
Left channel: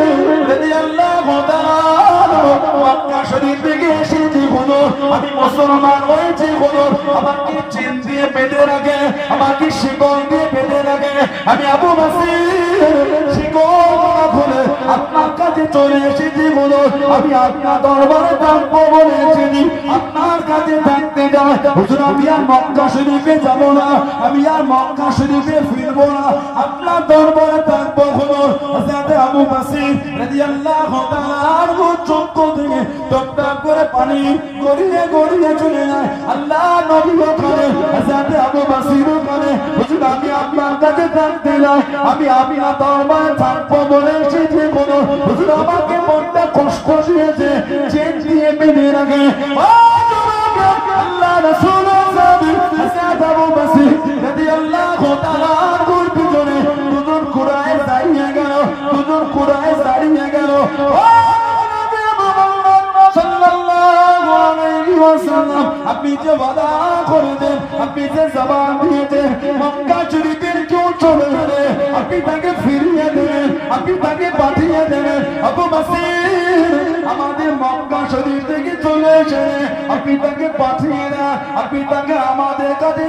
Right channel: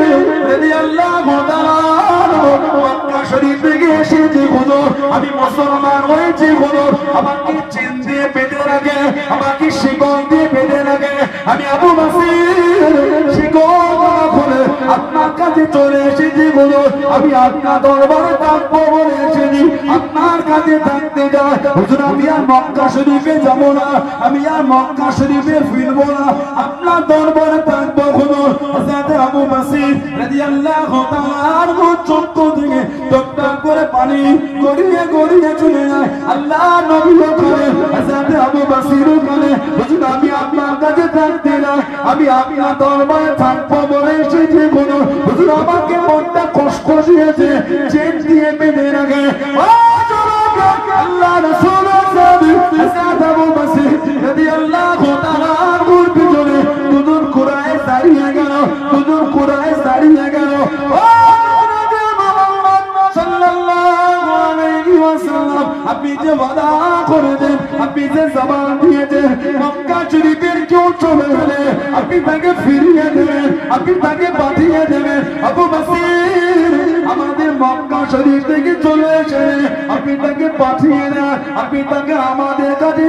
রাদিয়াল্লাহু তাআলা মক্কা শরীফ থেকে এসেছি হুজুর আমি মুসলমান হয়েছি হুজুর আমাকে চেন দিয়ে বেঁধে রাখে আমাকে শিকল দিয়ে বেঁধে রাখে আমি আবু বসির শিকল খুলে আপনার কাছে চলে এসেছি হুজুর আমি আপনার দরবারে থাকবো বলে এসেছি আপনার কাছে থাকতে যাই হুজুর আমি আর মক্কা শরীফে যাব না আমি আর মক্কা শরীফে ফিরবো না আপনার দরবারে থাকবো হুজুর হযরত আবু বসির রাদিয়াল্লাহু তাআলা আনহু চক্ষু থেকে টপ টপ করে পানি গড়িয়ে গড়িয়ে চলে যায় আল্লাহ নবী ওখানে হযরত আবু বসির ওখানে হুজুর আমি আপনার কাছে থাকতে যাই আমি আপনার দরবারে থাকবো বলে এসেছি হুজুর আমাকে মনটা কষ্ট দিয়েছে চেন দিয়ে বেঁধে রাখে আল্লাহ রাসূল হযরত আবু বসির রাদিয়াল্লাহু তাআলা আনহুর পিছনে হুজুর কুরায় দাঁড়িয়ে গেল হুজুর কুরায় দাঁড়িয়ে গেল সাল্লাল্লাহু আলাইহি ওয়াসাল্লাম আপনি যে ওয়াদা করে দেন আপনি যে জবান দিয়েছেন মক্কা শরীফের কেউ চলে গেলে আপনি তাকে ফিরিয়ে দেবেন আপনি তাকে পাঠিয়ে দেবেন আবু বসির আমাদের মক্কা শরীফ থেকে চলে এসে আপনি তাকে পাঠিয়ে দেন আপনি তাকে আমাদের কাছে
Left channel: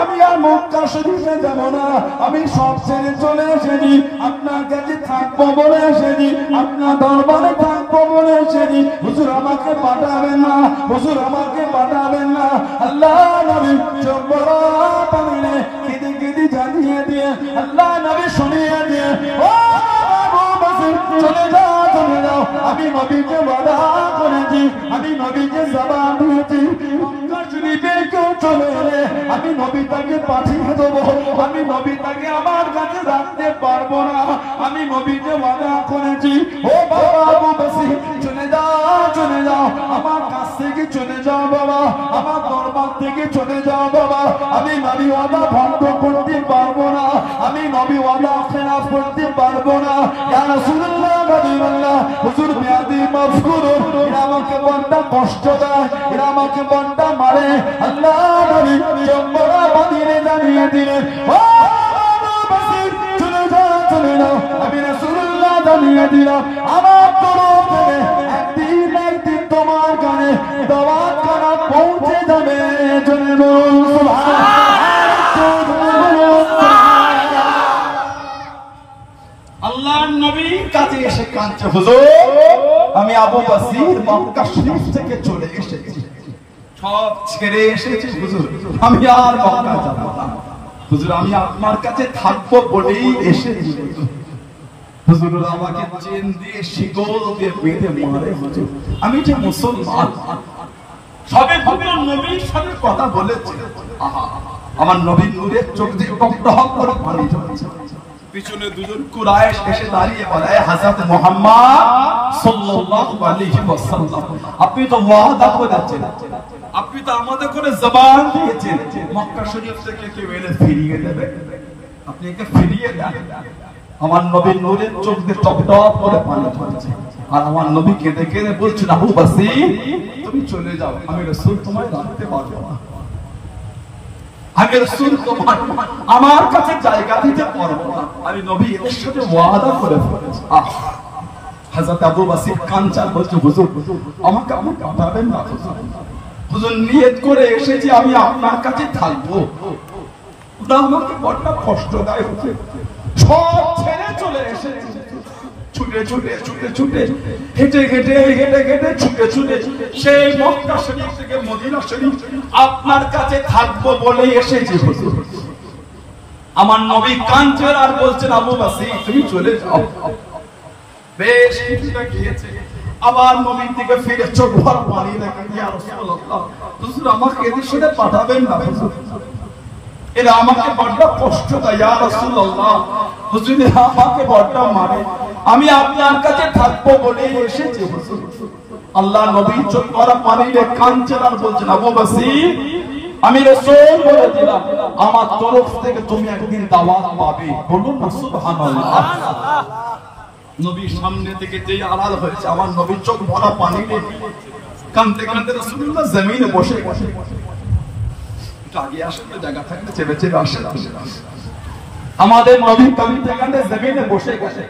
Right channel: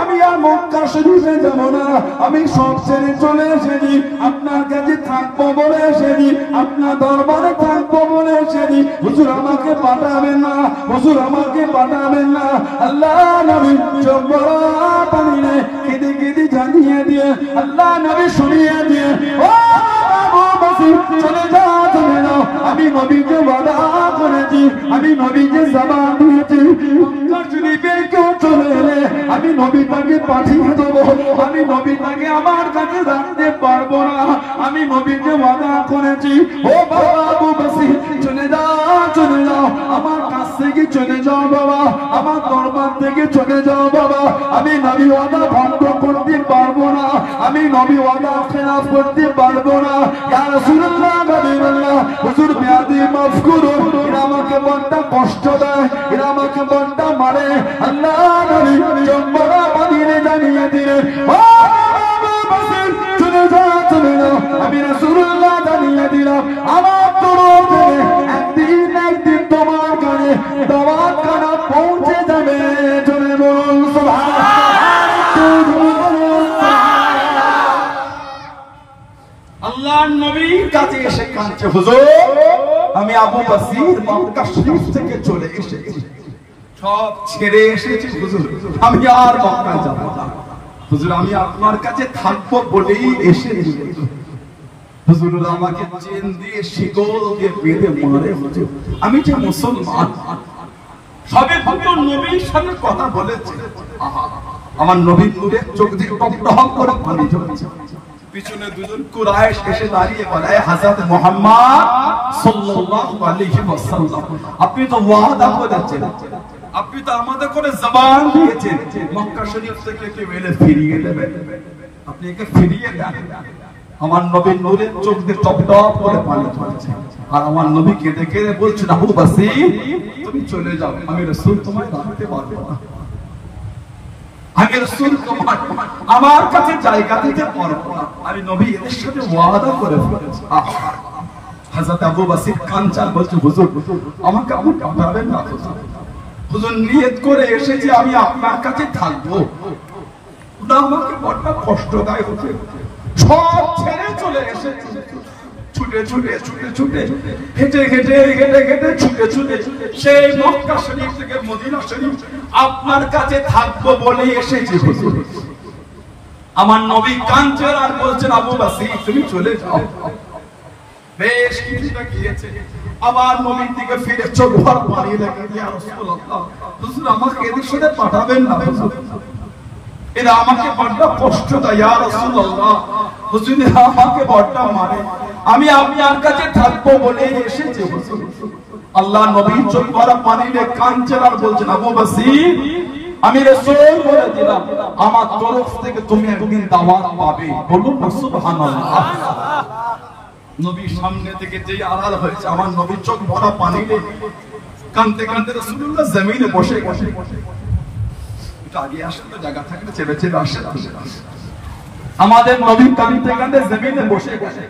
আমি আর মক্কা শরীফে যাব না, আমি সব ছেড়ে চলে এসেছি, আপনার কাছে থাকবো বলে এসেছি, আপনার দরবারে থাকবো বলে এসেছি। হুজুর আমাকে পাঠাবেন না, হুজুর আমাকে পাঠাবেন না। আল্লাহ নবী চোখ বড় পানিরে কেঁদে কেঁদে জানিয়ে দিয়ে আল্লাহ নবী শুনিয়ে দিয়ে ও আবু বসির চলে যাও, চলে যাও। আমি নবীকে ওয়াদা করেছি, আমি নবীকে জবান দিয়েছি, কেউ চলে এলে আমি নবী তাকে পাঠিয়ে দেবো, আমি নবী তাকে আমার কাছে রাখতে পারবো না। আমি নবীকে ওয়াদা করেছি। ও বাবা আবু বসির চলে যাও, চলে যাও, আমার কাছ থেকে চলে যাও বাবা, আমার দরবার থেকে চলে যাও বাবা। আমি নবী ওয়াদা ভঙ্গ করতে পারবো না, আমি নবী ওয়াদা খেলাফ করতে পারবো না। ইয়া রাসূলুল্লাহ, নবীল্লাহ, হুজুর মেয়াদি মাফ করুন, এরা আমাকে বড় কষ্ট দেয়, এরা আমাকে বড় মারে। আল্লাহ নবী জন্মরা বানিয়ে জানিয়ে দিলেন ও আবু বসির চলে যাও, চলে যাও। আমি রাসূলুল্লাহ জানিয়ে দিলাম আমার তরফ থেকে একদিন একদিন তোমার কানে দাওয়াত খানা পৌঁছে যাবে। চলে বলুন আল্লাহর নবীর কাছে এসে কাঁদছে, হুজুর আমি আবু বসির মক্কা শরীফ থেকে চলে এসেছি, সব ছেড়ে এসেছি হুজুর, আমি আর মক্কায় যাব না। হুজুর আমি আপনার কাছে থাকবো বলেই এসেছি। হুজুর আমাকে চেন দিয়ে শিকল দিয়ে বেঁধে মারে। হুজুর আমি যে মুসলমান, সবে দুটো নবীর সাথে কথা বলেছে, আমার নবীর নূরের চোখ দিয়ে টকটক করে পানি ঝরছে। পিছনে দুজন কুরাইশ এসে দাঁড়িয়ে বলে, হযরত মুহাম্মদ সাল্লাল্লাহু আলাইহি ওয়াসাল্লাম আপনি তো ওয়াদা করেছেন, আপনি তো আমাদের করে জবান দিয়েছেন মক্কা শরীফ থেকে কেউ এলে ফিরিয়ে দেবেন, আপনি একে ফিরিয়ে দেন। আমার নবীর নূরের চোখ দিয়ে টপটপ করে পানি ঝরছে, আর আমার নবী কেঁদে কেঁদে বলছেন, আবু বসির তুমি চলে যাও, আমি রাসূল তোমায় রাখতে পারবো না, আমি রাসূল তোমার আমার কাছে জায়গা দিতে পারবো না, আমি নবী এর সাথে ওয়াদা করে ফেলেছি। হযরত আবু বসির কাঞ্চা বলছে, হুজুর আমাকে আপনি পাঠাবেন না, হুজুর নিয়ত করে এসেছি আমি আপনার কাছে থাকবো, আমাকে বড় কষ্ট দেয়, সব ছেড়ে চলে এসেছি, ছুটে ছুটে ছুটে ছুটে হেঁটে হেঁটে হেঁটে হেঁটে ছুটে ছুটে সেই মক্কা শরীফ থেকে মদিনা শরীফ আপনার কাছে থাকবো বলে এসেছি। আমার নবী কাঁদছেন আর বলছেন, আবু বসির তুমি চলে যাও। বেশ কিছুটা গিয়েছে, আবার নবীর দিকে ফিরে চোখ ভর পানি লেগে, ইয়া রাসূলুল্লাহ হুজুর আমাকে এদের সাথে পাঠাবেন না, হুজুর এরা আমাকে বড় কষ্ট দেয়, ইয়া রাসূলুল্লাহ হুজুর আমাকে বড় মারে, আমি আপনার কাছে থাকবো বলে এসেছি। আল্লাহ নবী চোখ ভরা পানি রে কাঁদছেন আর বলছেন, আবু বসির আমি রাসূল বলে দিলাম আমার তরফ থেকে তুমি একদিন দাওয়াত পাবে, বলুন না সুবহানাল্লাহ। নবীর সামনে থেকে যেই আড়াল হয়েছে, আমার নবীর চোখ ভরা পানি রে কাঁদতে কাঁদতে রাসূলুল্লাহ জমিনে বসে গেছে। একটু আগে আসে তো জায়গা থাকলে চেপে চেপে আসে, আমাদের নবী কাঁদতে কাঁদতে জমিনে বসে গেছে।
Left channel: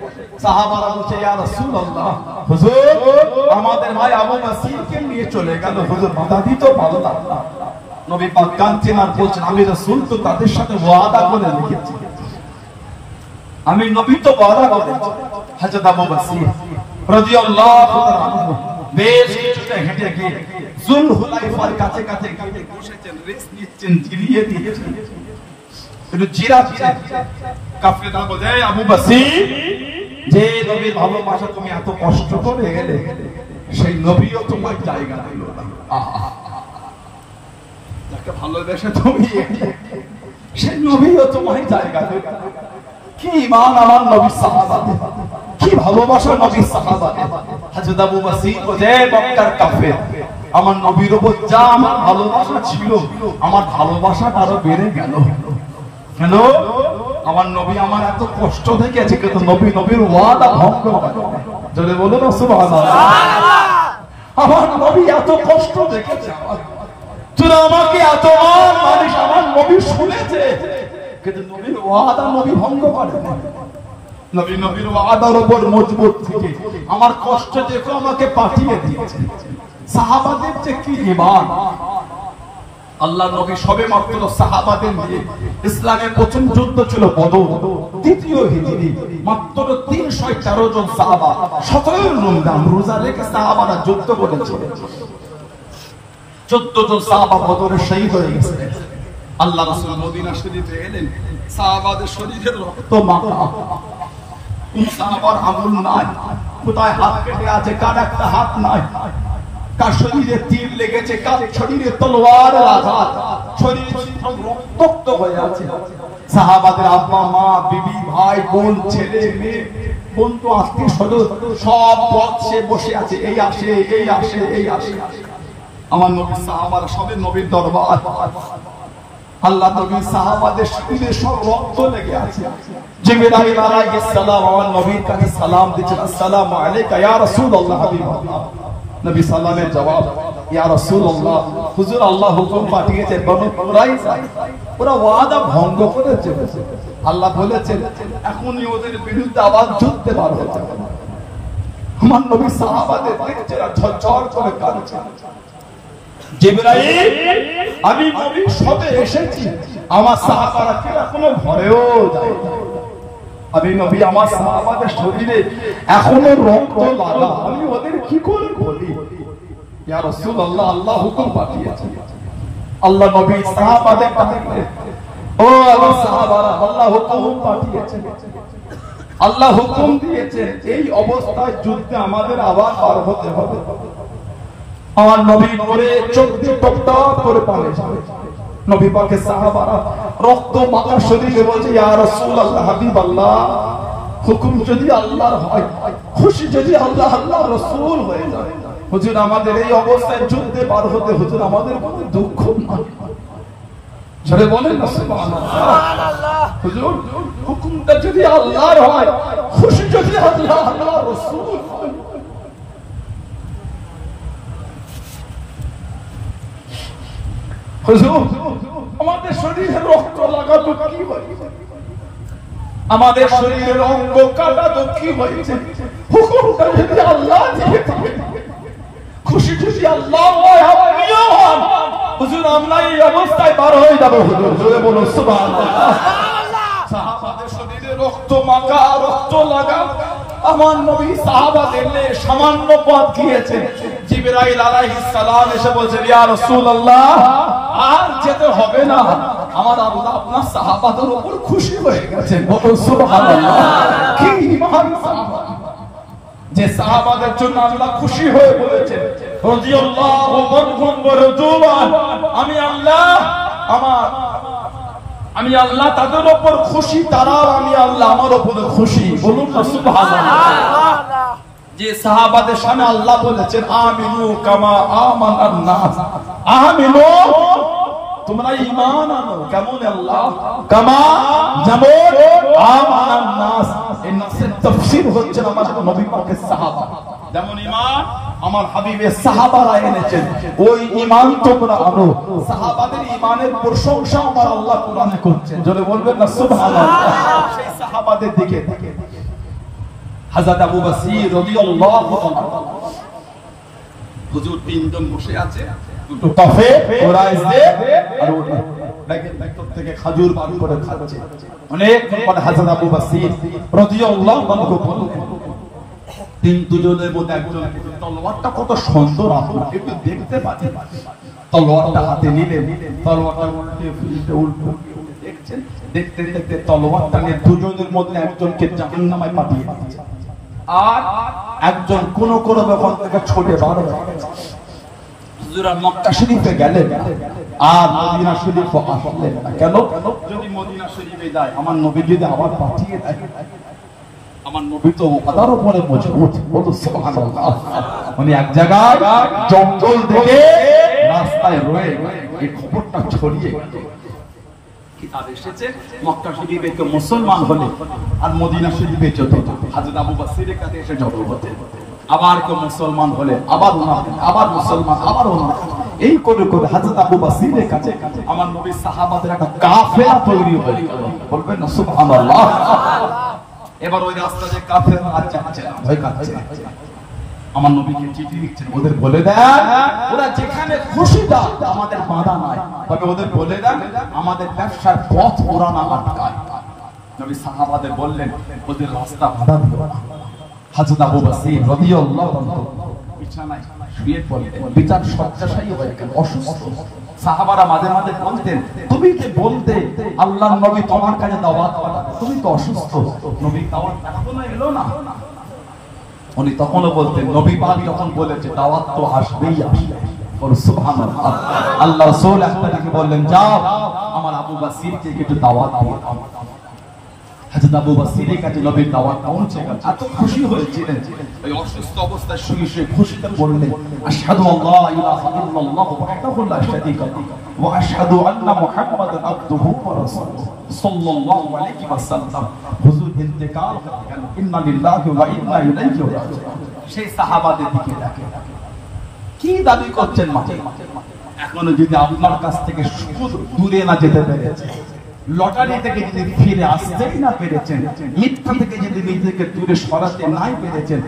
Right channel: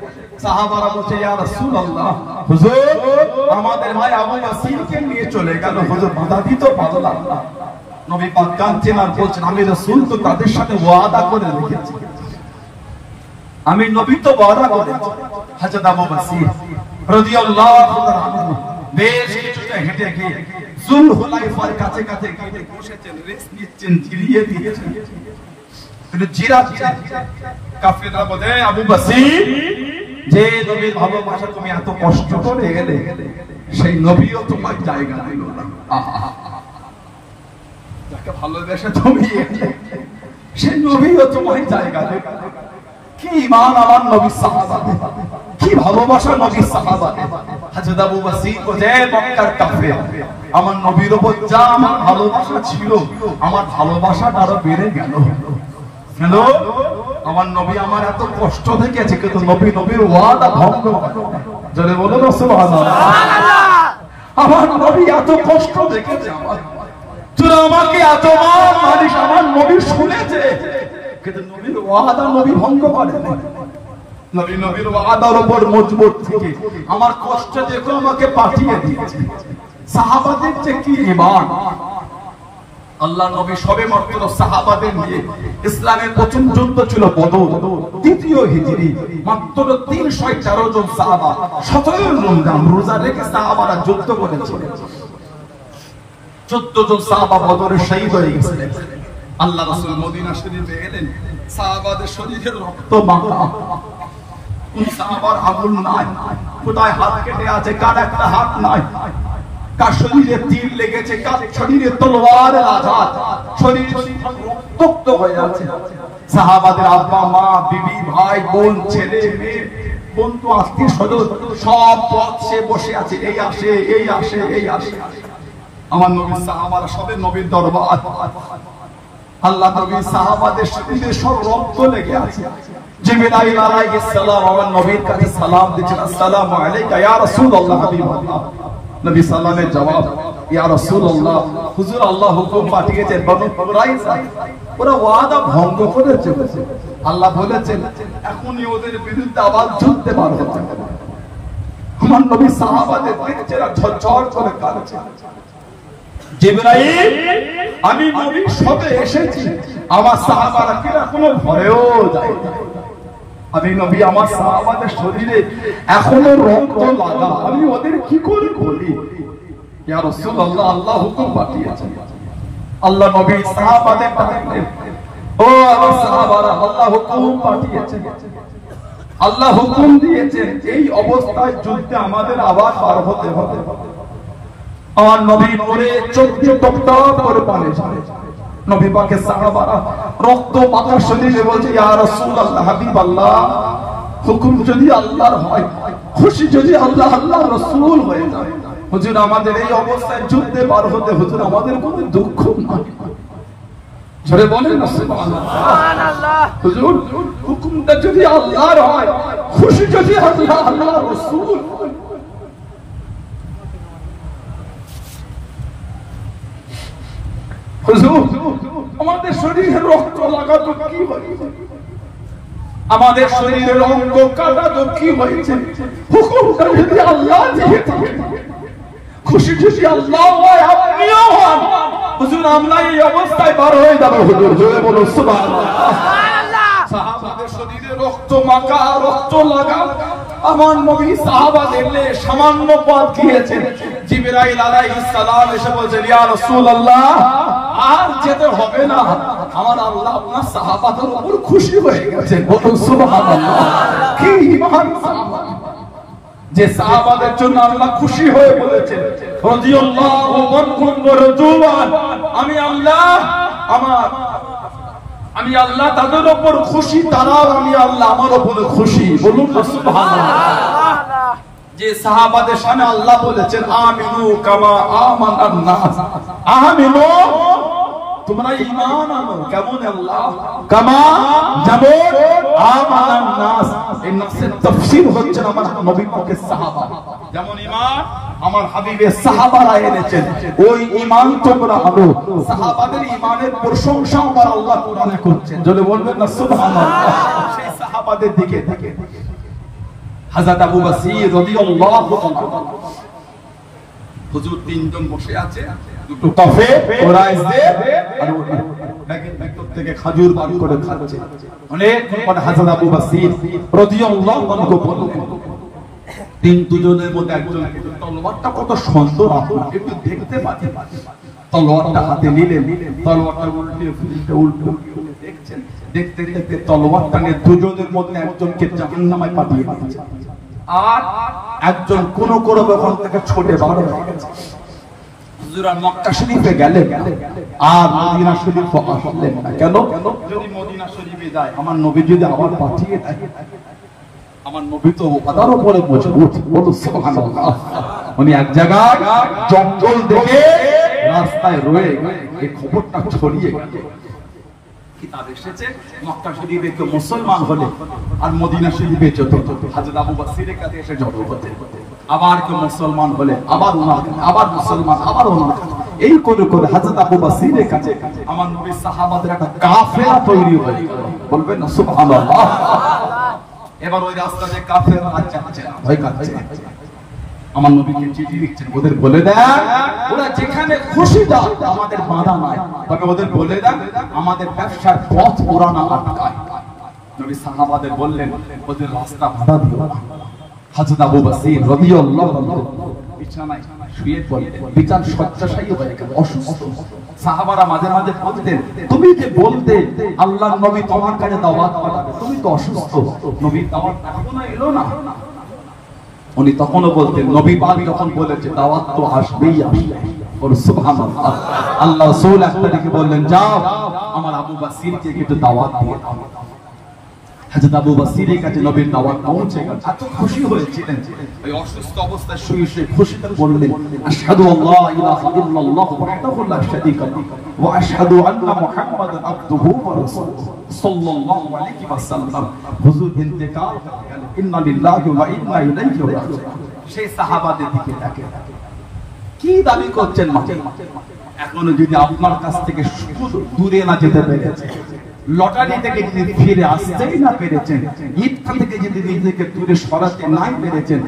সাহাবারা বলছে, ইয়া রাসূলুল্লাহ হুজুর আমাদের ভাই আবু বসিরকে নিয়ে চলে গেল, হুজুর বাধা দিতে পারলাম না। নবী পাক কাঁদছেন আর বলছেন, আমি রাসূল তো তাদের সাথে ওয়াদা করে রেখেছি, আমি নবী তো ওয়াদা করেছি। হযরত আবু বসির রাদিয়াল্লাহু তাআলা আনহু বেশ কিছুটা হেঁটে গিয়ে যুলহুলাইফার কাছে কাছে গিয়ে বসেছেন, রেস্ট নিচ্ছেন, জিরিয়ে দিয়েছেন, একটু জিরাচ্ছেন। কাফেররা বলে, আবু বসির যে নবীর ভালোবাসা তুমি এত কষ্ট করে এলে, সেই নবীও তোমার জায়গা দিল না, যাকে ভালোবেসে তুমি এলে সেই নবীও তোমার জায়গা দিল না। কি ঈমান আমার নবীর সাহাবাদের, কি ভালোবাসা নবীর সাহাবাদের। হযরত আবু বসির যে মক্কার কাফের, আমার নবীর উপর যা আমার ভালোবাসা ছিল, আমার ভালোবাসাটা আরো বেড়ে গেল। কেন? আমার নবী আমার এত কষ্ট দেখেছে, কিন্তু নবী নবীর ওয়াদা ভঙ্গ করে। যদি বলো না সুবহানাল্লাহ, আমার নবী এত কষ্ট দেখেছে, তোরা আমাকে এত মানিস, আমার নবী শুনেছে, কিন্তু নবীর ওয়াদা নবী ভঙ্গ করে না। নবী নবীর ওয়াদার উপর মজবুত থেকে আমার কষ্ট দেখো আমাকে পাঠিয়ে দিয়েছে। সাহাবাদের যে কি ঈমান, আল্লাহ নবী সবে মাত্র সাহাবাদের নিয়ে ইসলামের প্রথম যুদ্ধ ছিল বদর, দ্বিতীয় হিজরি, মাত্র 313 জন সাহাবা 17 রমজান রোজা রেখে সাহাবারা যুদ্ধ করেছিল। 14 জন সাহাবা বদরে শহীদ হয়ে গেছিলেন। আল্লাহ রাসূল মদিনা শরীফে এলেন, সাহাবাদের শরীরের রক্ত মাখা, কোন সাহাবার আঙুল নাই, কোথায় হাত কেটে আছে, কার একটা হাত নাই, কার শরীরে তীর লেগেছে, কার শরীরে তলোয়ারের আঘাত, শরীর রক্তাক্ত হয়ে আছে। সাহাবাদের আব্বা মা বিবি ভাই বোন ছেলে মেয়ে বন্ধু আত্মীয় স্বজন সব পথে বসে আছে, এই আসে এই আসে এই আসে। আমার নবীর সাহাবারা সবে নবীর দরবার, আল্লাহ নবীর সাহাবাদের শরীরে সব রক্ত লেগে আছে। জিবরাইল আলাইহিস সালাম আমার নবীর কাছে সালাম দিচ্ছেন, আসসালামু আলাইকা ইয়া রাসূলুল্লাহ হাবিবাল্লাহ। নবী সাল্লামের জবাব, ইয়া রাসূলুল্লাহ, হুজুর আল্লাহ হুকুম পাঠিয়েছেন বনু কুরাইজা ওরা ওয়াদা ভঙ্গ করে চলেছে। আল্লাহ বলেছেন এখনই ওদের বিরুদ্ধে আবার যুদ্ধে বার হতে হবে। আমার নবী সাহাবাদের দেখছে ঝরঝর করে কাঁদছে। জিবরাইল, আমি নবী সবে এসেছি, আমার সাহাবারা কিনা কোনো ভয়েও যায় না। আমি নবী আমার সাহাবাদের শরীরে এখনো রক্ত লাগা, আমি ওদের কি করে বলি? ইয়া রাসূলুল্লাহ, আল্লাহ হুকুম পাঠিয়েছেন। আল্লাহ নবী সাহাবাদের ডাকলেন, ও আমার সাহাবারা, আল্লাহ হুকুম পাঠিয়েছেন, আল্লাহ হুকুম দিয়েছেন এই অবস্থায় যুদ্ধে আমাদের আবার পার হতে হবে। আমার নবী নূরে চোখ দিয়ে টপ টপ করে পানি ঝরে। নবী পাকের সাহাবারা রক্ত মাখা শরীরে বলছে, ইয়া রাসূলুল্লাহ হাবিবাল্লাহ, হুকুম যদি আল্লাহর হয়, খুশি যদি আল্লাহ আল্লাহর রাসূল হয়ে যায়, হুজুর আমাদের এই অবস্থায় যুদ্ধে পার হতে হুজুর আমাদের কোনো দুঃখ নাই। জোরে বলেন না সুবহানাল্লাহ। হুজুর হুকুমটা যদি আল্লাহর হয়, খুশি যদি আল্লাহ আল্লাহর রাসূল হয়। আমাদের শরীরের রক্ত লাগাতো কি হয়েছে, আমাদের শরীরের অঙ্গ কাটাতো কি হয়েছে, হুকুমটা যদি আল্লাহ দিয়ে থাকে, খুশি যদি আল্লাহ হয়, আপনিও হন, হুজুর আমরা এই অবস্থায় পার হয়ে যাবো। হুজুর জোরে বলো সুবহানাল্লাহ। সাহাবাদের শরীরে রক্ত মাখা, রক্ত লাগা, আমার নবী সাহাবাদের সামান্য পথ গিয়েছেন। জিবরাইল আলাইহিস সালাম এসে বলছে, ইয়া রাসূলুল্লাহ, আর যেতে হবে না, আমার আল্লাহ আপনার সাহাবাদের উপর খুশি হয়ে গেছেন। বলুন সুবহানাল্লাহ। কি ঈমান সাহাবা, যে সাহাবাদের জন্য আল্লাহ খুশি হয়ে বলেছেন, রাদিয়াল্লাহু আনহুম ওয়া রাদুয়ান, আমি আল্লাহ তাদের উপর খুশি, তারাও আমি আল্লাহ আমার উপর খুশি। বলুন সুবহানাল্লাহ। যে সাহাবাদের সামনে আল্লাহ বলেছেন, আমিনু কামা আমানান নাস, আমিনু তোমরা ঈমান আনো, কেমন আল্লাহ, কামা যেমন আমানান নাস। এই নাসের তাফসীর হচ্ছে আমার নবী পাকের সাহাবা, যেমন ঈমান আমার হাবিবের সাহাবারা এনেছেন, ওই ঈমান তোমরা আনো। সাহাবাদের ঈমানের প্রশংসা আমার আল্লাহ কোরআনে করছেন। জোরে বলবেন না সুবহানাল্লাহ। সেই সাহাবাদের দিকে হযরত আবু বসির রাদিয়াল্লাহু আনহু, হুজুর তিনজন বসে আছে, দুটো কাফে ওরা এসে আর ব্যাগের ভেতর থেকে খাজুর বার করে খাচ্ছে। অনেক পরে হযরত আবু বসির রাদিয়াল্লাহু আনহু বললেন, দুজনের মধ্যে একজন, তলোয়ারটা কত সুন্দর, আপনারা একটু দেখতে পাচ্ছেন। তলোয়ারটা হাতে নিলেন, তলোয়ারটা উল্টে দেখছেন, দেখতে দেখতে তলোয়ারটা নিয়ে দুজনের মধ্যে একজনকে জাহান্নামে পাঠিয়ে দিয়েছে, আর একজন কোন ওখান থেকে ছুটে বার হয়ে গেছে। হুজুর মক্কা শরীফে গেলেন আর মদিনা শরীফে আসলেন না। কেন? যদি মদিনা শরীফে যায়, আমার নবী যদি আবার পাঠিয়ে দেয়, আমার নবী তো তার উপরে মজবুত। বলুন সুবহানাল্লাহ। উনি এক জায়গায় জঙ্গল দেখে রাস্তায় রয়ে এই খবরটা ছড়িয়ে গেল। কিতাব এসেছে, মক্কা শরীফে কেউ মুসলমান হলে আর মদিনা শরীফে যেত, হযরত আবু বসিরের কাছে এসে জড়ো হতেন। আবার কেউ মুসলমান হলে আবার ওনার, আবার মুসলমান, আবার ওনার, এই করে করে হযরত আবু বসিরের কাছে আমার নবী সাহাবাদের একটা কাফেলা তৈরি হয়ে গেল। বলবেন না সুবহানাল্লাহ। এবার ওই রাস্তাতে কাফেররা যাচ্ছে, ভয় কাচ্ছে। আমার নবীকে চিঠি লিখছেন, ওদের বলে দেন ওরা যেখানে খুশি যাক, আমাদের বাধা নাই, তবে ওদের বলে দেন আমাদের ব্যবসার পথ ওরা না আটকায়। নবী সাহাবাদের বললেন ওদের রাস্তা বাধা দিও না। হযরত আবু বসির রাদিয়াল্লাহু আনহু বিছানায় শুয়ে পড়লেন, বিছানা শয্যাশায়ী হয়ে গেল, অসুস্থ। সাহাবারা মাঝে মাঝে বলতেন তুমি যে বলতে আল্লাহর নবী তোমার কাছে দাওয়াত পাঠাবে, তুমি তো অসুস্থ, নবীর দাওয়াত এখনো এলো না। উনি তখনও বলতেন নবী পাক যখন বলেছে দাওয়াত তো আসবেই আসবে, সুবহানাল্লাহ। আল্লাহ রাসূল একদিকে বললেন যাও আমার আবু বসিরকে একটু দাওয়াত দিয়ে দাও। হযরত আবু বসিরের কাছে নবীর দাওয়াত পৌঁছে গেল, এত খুশি হয়েছিলেন। এই অসুস্থ অবস্থায় শুয়ে শুয়ে খুশিতে বললেন আশহাদু আল্লা ইলাহা ইল্লাল্লাহ ওয়াহদাহু লা শারীকা লাহু ওয়া আশহাদু আন্না মুহাম্মাদান আবদুহু ওয়া রাসূলুহু সাল্লাল্লাহু আলাইহি ওয়াসাল্লাম। হুজুর ইন্তেকাল, ইন্না লিল্লাহি ওয়া ইন্না ইলাইহি রাজিউন। সেই সাহাবাদের দিকে তাকে কি দাবি করছেন মাঝে এখনো যদি আপনার কাছ থেকে সুদ দূরে না যেতে পেরেছে, লটারি থেকে যদি ফিরে আসতেই না পেরেছেন, মিথ্যা থেকে যদি নিজেকে দূরে সরাতে নাই পেরেছেন,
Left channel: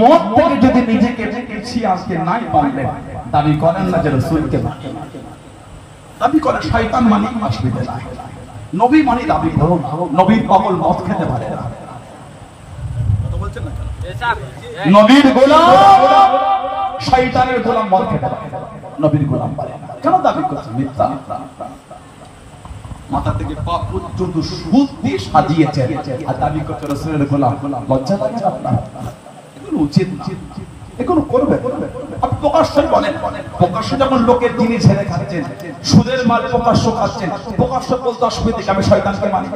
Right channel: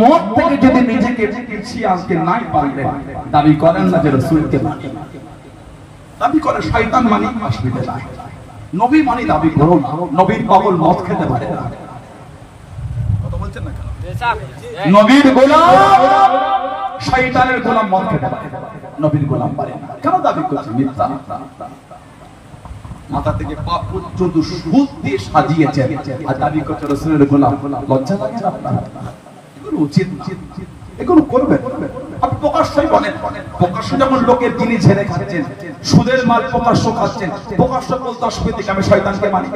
মদ থেকে যদি নিজেকে পিছিয়ে আসতে নাই পারলেন, দাবি করেন না যে রাসূলকে মানি, দাবি করে শয়তান মানি, অসুবিধা নাই। নবী মানি দাবি করুন, নবীর পাগল মদ খেতে পারে না। কথা বলছেন না কেন? নবীর গোলাম শয়তানের গোলাম মদ খেতে পারে না, নবীর গোলাম পারে না। কেন দাবি করছেন? মিথ্যা। মাথা থেকে পা পর্যন্ত সুদ দিয়ে সাজিয়েছেন আর দাবি করছে রাসূলের গোলাম। লজ্জা লাগছে আপনার? এগুলো উচিত না, এগুলো করবেন। আপনি প্রকাশ্যই বলেন, প্রকাশ্যে যখন লোকের জিনিস ঝেড়ে খাচ্ছেন, সুদের মাল প্রকাশ্য খাচ্ছেন, প্রকাশ্য বলতে অসুবিধা কি? আমি শয়তানকে মানি।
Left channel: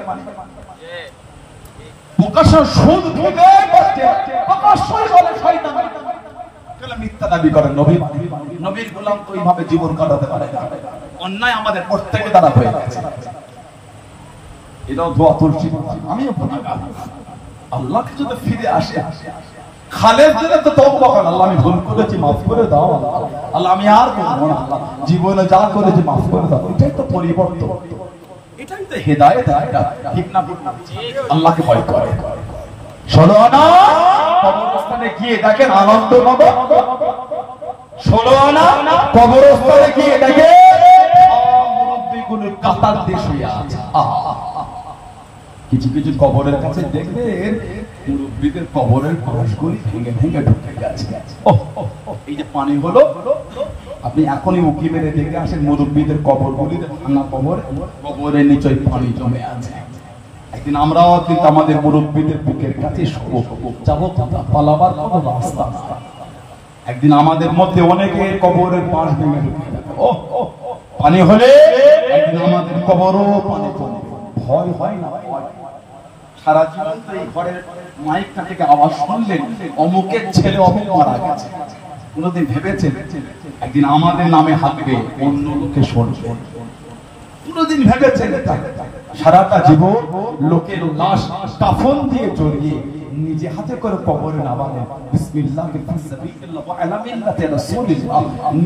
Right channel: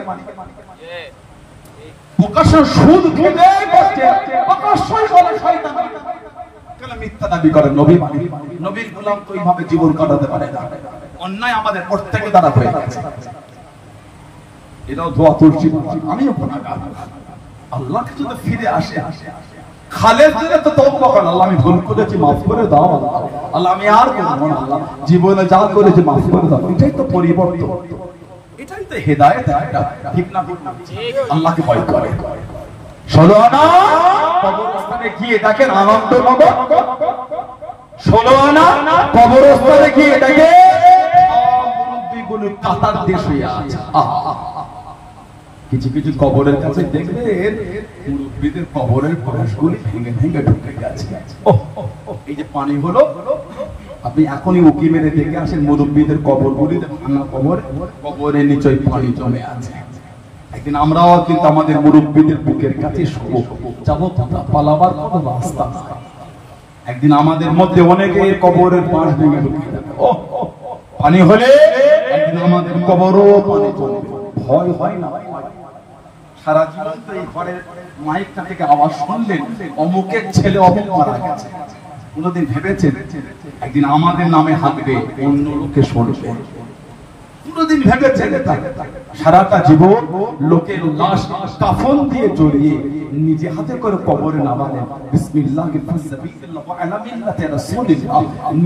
প্রকাশ্য সুদ খেতে করছে, প্রকাশ্যই বলে শয়তান। কেন মিথ্যা দাবি করেন? নবী মানি, নবীর গোলাম তো এইভাবে জীবন কাটাতে পারে না। অন্যায় আমাদের প্রত্যেকে দ্বারা হয়ে গেছে। এটাও দোয়া তুলছি, আমিও বলি আল্লাহ কিছু তো ফিরে আসে। খালেদ দিলে তো তওবা করেন, আল্লাহ আমি ভুল করেছি মাফ করে দাও, আল্লাহ আমি আর করব না, আল্লাহ জীবনে যা করেছি মাফ করে দাও। এটাই তো পরিবর্তন, এটাই তো হেদায়েত। ঠিক না? আল্লাহকে ভয় করে। ষোলো আনা কবরস্থানে গিয়ে দেখেন আনন্দ নগর, 16 আনা কবরস্থানে গিয়ে দেখেন মুরব্বিগুলো কাতার দিয়ে শুয়ে আছে। কিছু কিছু কবরের কাছে দেখবেন মুরব্বিদের কবরের পাশগুলি ভেঙে ভেঙে ঢুকে গেছে। এই যে পানি হলো, আপনি এখনই উকি মেরে দেখে আসেন মুরব্বিদের কবরগুলি ভাঙা কবর, কবরের নিচে পানি জমে আছে। একদিন আমরাও কিন্তু আমাদের মুরব্বিদের বুকের কাছে যাবো, পালাবার কোনো রাস্তা। একদিন আমাদের মধ্যে অনেকের কবরের পাশ ভেঙে ঢুকে যাবে। পানি হলে একদিন আমাদের কবরও পানি জমে। ভয় হয় না? সারা জীবন তো এই ঘরের মাইকটা থেকে আওয়াজ শুনলেন অমুকের ছেলে অমুক মারা গেছে, কোনদিন ভেবেছেন একদিন আমাদের নামে হাঁকবে, অন্য লোকে শুনবে? কোনদিন ভেবেছেন? সারাটা জীবন লোকের লাশ কাফন দিয়ে জড়িয়ে নিজে হাতে করে কবরে নামালেন, বিসমিল্লাহ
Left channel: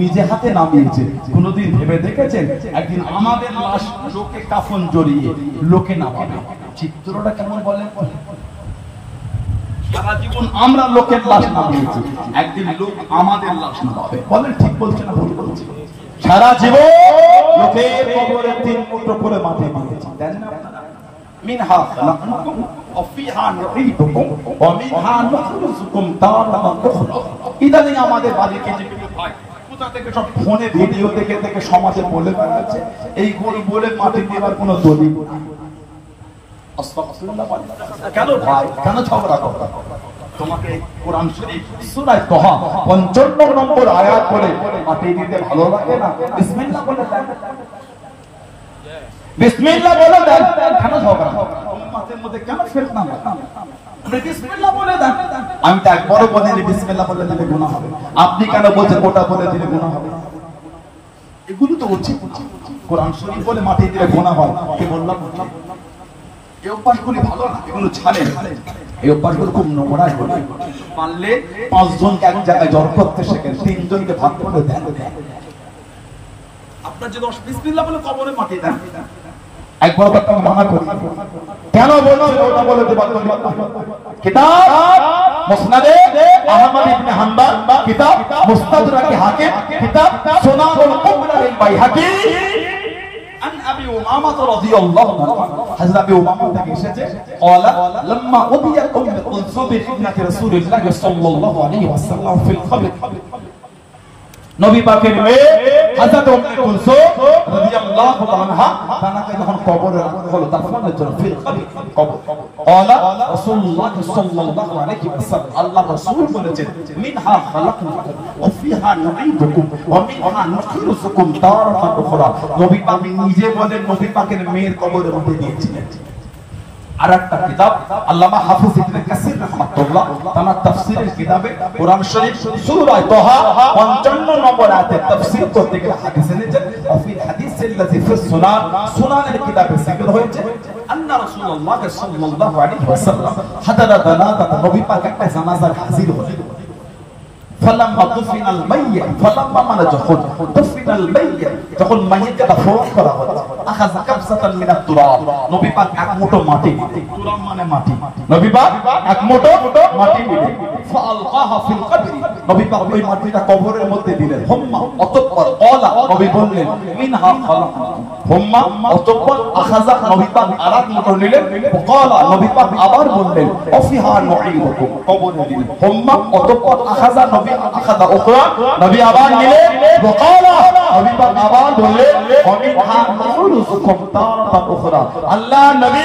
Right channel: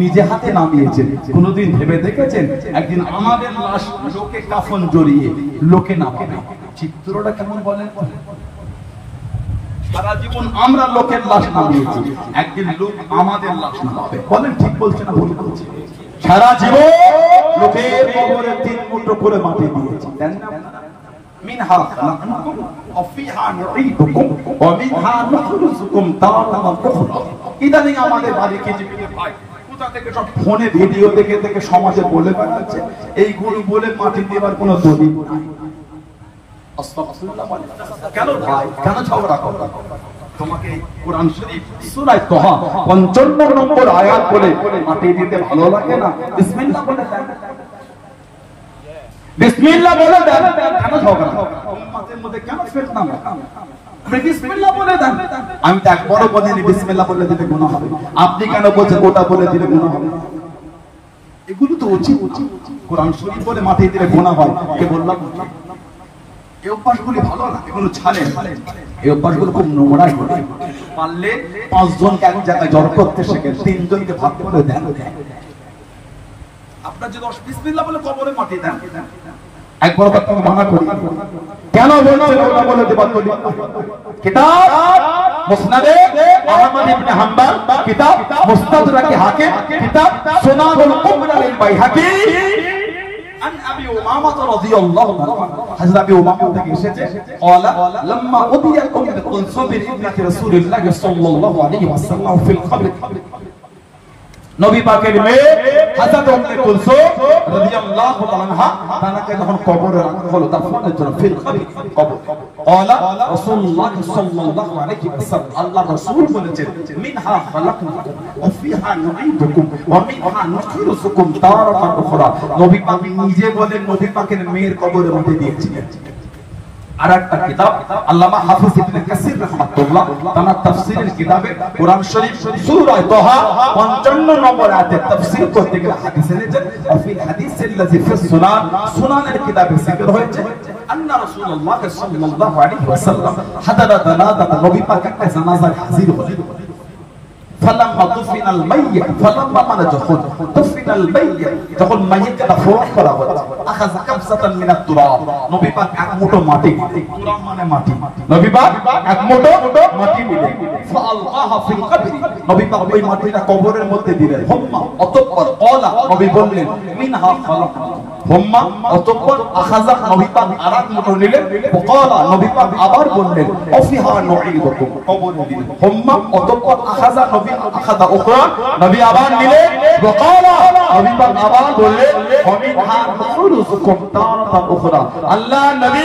নিজে হাতে নামিয়েছেন। কোনদিন ভেবে দেখেছেন একদিন আমাদের লাশ লোকে কাফন জড়িয়ে লোকে নামাবে? চিত্রটা কেমন বলেন? সারা জীবন আমরা লোকের লাশ নামিয়েছি, একদিন লোক আমাদের লাশ নামাবে। বলেন ঠিক বলছে না ভুল বলছে? সারা জীবন লোকের কবরে 3 মুঠো করে মাটি দিয়েছি, দেন না আপনারা? মিনহা খালাকনাকুম ওয়া ফিহা নুঈদুকুম ওয়া মিনহা নুখরিজুকুম তারাতান উখরা। ইদানিং আমাদের বাড়ি কিছু কিছু ভাই কোথা থেকে সব ফোনে ভিডিও দেখে দেখে সমাজে বলে বেড়াচ্ছে এইগুলো বলে মাটি দেওয়ার কোনো দলিল নাই। আস্তাগফিরুল্লাহ বলে। কেন ভাই, কেন ঝগড়া করো? তোমাকে কোরআন শরীফ সূরা তাহা 55 নম্বর আয়াত বলে মাটি দিতে ভালো লাগে না? বিসমিল্লাহ বলে দেন, বিসমিল্লাহ বলে দেন। কেন ঝগড়া? উম্মতের মধ্যে কেন ফিতনা? বিসমিল্লাহ বলে দেন। আমি তো একবারও বলিনি বিসমিল্লাহ বলে দিলে গুনাহ হবে। আপনি কেন বলছেন ওটা বলে দিলে গুনাহ হবে? এগুলো তো উচিত। কোরআন শরীফ বলে মাটি দিলে গুনাহ হয়, কে বললাম? এই অভ্যাসগুলি ভালো না, এগুলো ছাড়েন। এই অভ্যাসগুলো খুব নোংরা। পারলে 5 জনকে এক জায়গায় জড় করতে শেখেন, 3 জনকে ভাগ করে দেন। আপনার যে 10 বিসমিল্লাহ বলে কবরে মাটি দেন, একবার আপনাকে মানা করি। কেন বলছেন ওটা বলে দেবার? কিতাব মুসনাদে আহমদ ইবনে হাম্বল মুস্তাদরাকে হাকিম কিতাব সুনানুল কুবরা লিল বাইহাকি আন আবি উমামা রাদিয়াল্লাহু আনহু হযরত আবি উমামা থেকে এসেছে قال لما قضيت ام كلثوم ابنه رسول الله صلى الله عليه وسلم في القبر নবী পাকের মেয়ে হযরত উম্মে কুলসুম রাদিয়াল্লাহু আনহা তাকে যখন কবরে রাখা হলো দাফনের জন্য ফিল কবর قال رسول الله صلى الله عليه وسلم আল্লাহ রাসূল বলেছেন মিনহা খালাকনাকুম ওয়া ফিহা নুঈদুকুম ওয়া মিনহা নুখরিজুকুম তারাতান উখরা নবী পাক নিজে বলেন নবী পাকের মেয়ের কবরের মধ্যে দিয়েছিলেন আরেকটা কিতাব আল্লামা হাফিজ ইবনে কাসির রাহমাতুল্লাহ তার তাফসীরের কিতাবে কোরআন শরীফ সূরা তাহা 55 নম্বর আয়াতে তাফসীর করতে গিয়ে হাদিস এনেছে ফি হাদিসিল্লাযী ফি সুনানের কিতাবে যিকর হয়েছে আন্না রাসূলুল্লাহ সাল্লাল্লাহু আলাইহি ওয়াসাল্লাম হাদারা জানাজা নবী পাক একটা জানাজায় হাজির হলেন فلما دفن الميت فلما من دفن الميت যখন মাইয়িতকে দাফন করা হলো আখাযা কাবসাতান মিনাত তুরাব নবী পাক এক মুঠো মাটি তুরাব মানে মাটি নবী পাক এক মুঠো মাটি নিলেন ফাআলকাহা ফিল কবর নবী পাক ওই মাটিটা কবরের মধ্যে দিলেন হুম্মা অতঃপর ক্বালা নবী বললেন মিনহা খালাকনাকুম হুম্মা অতঃপর আখাযা নবী পাক আরেক মুঠো নিলেন ক্বালা নবী পাক আবার বললেন অফিহা নুঈদুকুম কবরে দিলেন হুম্মা অতঃপর আখাযা নবী আখাযা উখরা নবী আবার নিলেন ক্বালা নবী পাক আবার বললেন ওমিনহা নুখরিজুকুম তারাতান উখরা আল্লাহ নবী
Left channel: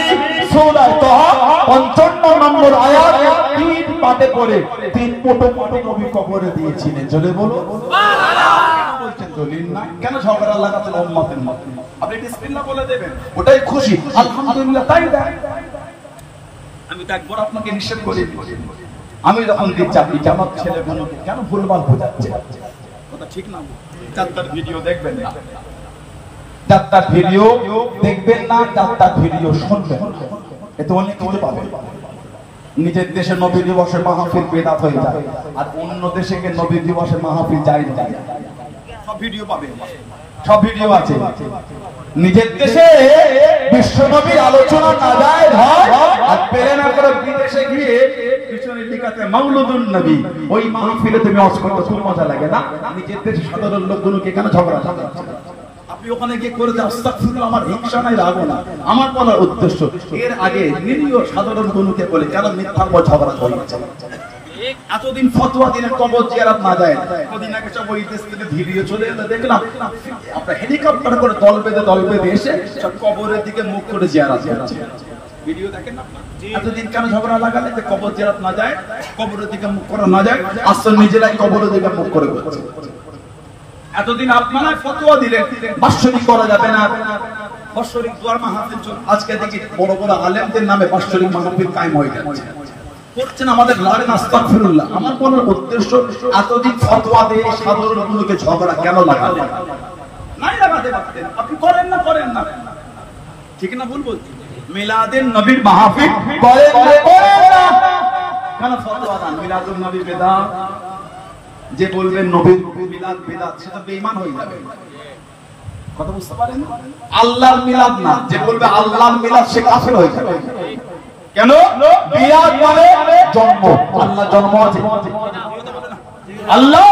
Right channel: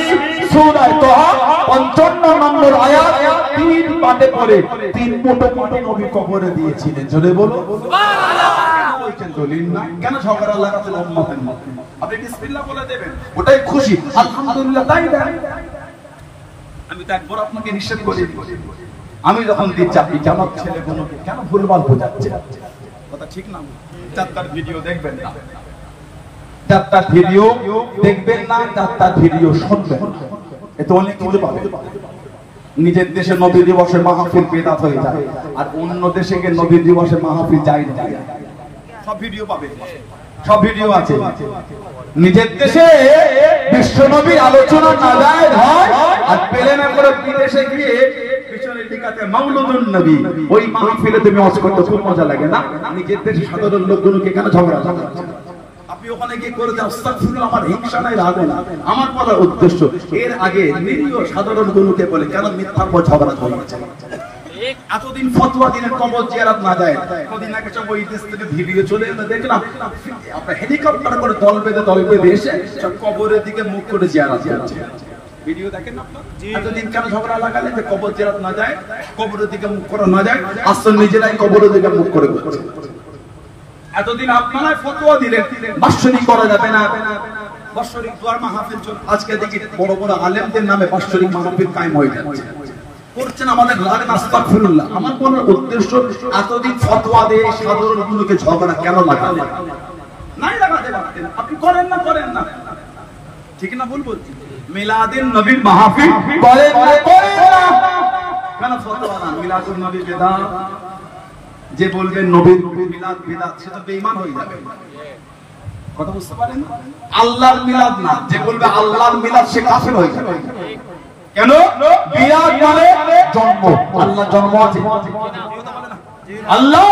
সূরা তাহা 55 নম্বর আয়াত তিন পাঠে পড়ে তিন মুঠো মাটি নবী কবরে দিয়েছিলেন জোরে বলো সুবহানাল্লাহ বলছেন দলিল না কেন ঝগড়া লাগাতে উম্মতের মধ্যে আপনি বিসমিল্লাহ বলে দেবেন ওটাই খুশি আলহামদুলিল্লাহ তাই দেন আমি তো একবার আপনাকে নিষেধ করি আমি যখন দিচ্ছি আপনি জামাত ছেলে বোনকে কেন ভুলভাল বোঝাচ্ছে কথা ঠিক না চারটার ভিডিও দেখবেন না চারটার ভিডিও দেখবেন না চারটার ভিডিও শুনবেন এতে অনেক কিছু পাবেন নিজের দেশে নবী দিবসের মাহফিল বেদাত হয়ে যায় আর অন্য দেশে গিয়ে নবী দিবসের মাহফিল যায় না সব ভিডিও পাবে সব ভিডিও আছে নিজের দেশে বিশ্ব নবীর আলোচনা না যায় হয় আর পেলেন আমরা বিদেশে গিয়ে পিছনের দিকাতে মাওলুদুন নবী ওই মাহফিলে তুমি ওয়াজ করতে খুব মজা লাগে না নিজের দেশে সাধারণ লোকগুলোকে কেন ঝগড়া লাগাচ্ছে আপনি ওখানে গিয়ে করে দেন আস্তাগফিরুল্লাহ আমার হিংসা নাই রাগ না আমার বলার উদ্দেশ্য এর আগে নিরীহ সাধারণ গুলোকে বলে কেন মিথ্যার পর ঝগড়া হয়েছে এতদিন ফতোয়া দিলেন কবর জিয়ারত না যায় কদিন আগে সব ওই দেশ থেকে ভিডিও চলে এলো দেখলাম আপনার হেলিকপ্টার করে দল বেঁধে এসে সব কবরের দিকে মুখ করে জিয়ারত করছে ভিডিও দেখেন না আপনারা এতদিন কেন ঝগড়া লাগালে যে কবর জিয়ারত না যায় কবরের দিকে মুখ করা না যায় আসল নিজেরাই কবরের দিকে মুখ করে করছে এতদিন আপনারা ফতোয়া দিলেন বাৎসরিক করা যাবে না বাৎসরিক দোয়ার মাহফিল চল আজকে দেখি বড় বড় আলেমদের নামে বাৎসরিক মাহফিল কায়েম হয়ে যাচ্ছে করছেন আমাদের লালেন আস্তাগফিরুল্লাহ আমার কোন উদ্দেশ্য এতদিন ফতোয়া দিয়ে সাধারণ লোককে ঝগড়া কেন লাগালেন নাই লাগাতে পারতেন আপনি করেন না ঠিক না ভুল বলছি মিলাদুন নবীর মাহফিল করেন না কেন ফতোয়া দেন মিলাদুন নবী বেদাত যে বলবেন নবীর মিলাদ বেদাত সেটা বেঈমান হয়ে যাবে কথা বুঝতে পারেন আল্লাহর মিলাদ না যে বলবে আল্লাহর মিলাদ সে কাফের হয়ে যাবে কেন মিলাদ মানে জন্ম আল্লাহ জন্ম আছে আল্লাহ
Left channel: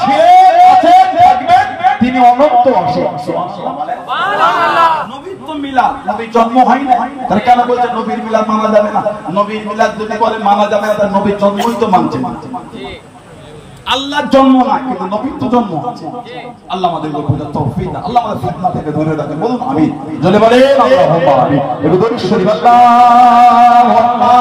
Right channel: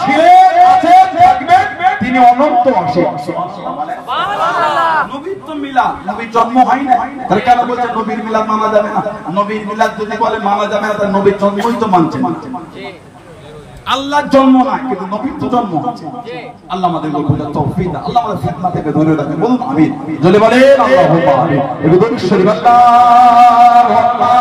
ছিলেন আছেন থাকবেন তিনি অনন্ত আছেন সুবহানাল্লাহ নবীর তো মিলাদ নবীর জন্ম হয় না তার কেন বলছে নবীর মিলাদ মানা যাবে না নবীর মিলাদ যদি বলে মানা যাবে না তার নবীর জন্মই তো মানছে আল্লাহর জন্ম না কিন্তু নবীর তো জন্ম আছে আল্লাহ আমাদের বুঝার তৌফিক দান আল্লাহ আমাদের ফিতনা থেকে দূরে রাখেন বলুন আমিন জোরে বলেন আল্লাহুম্মা আমিন এবার দরুদ শরীফ আল্লাহুম্মা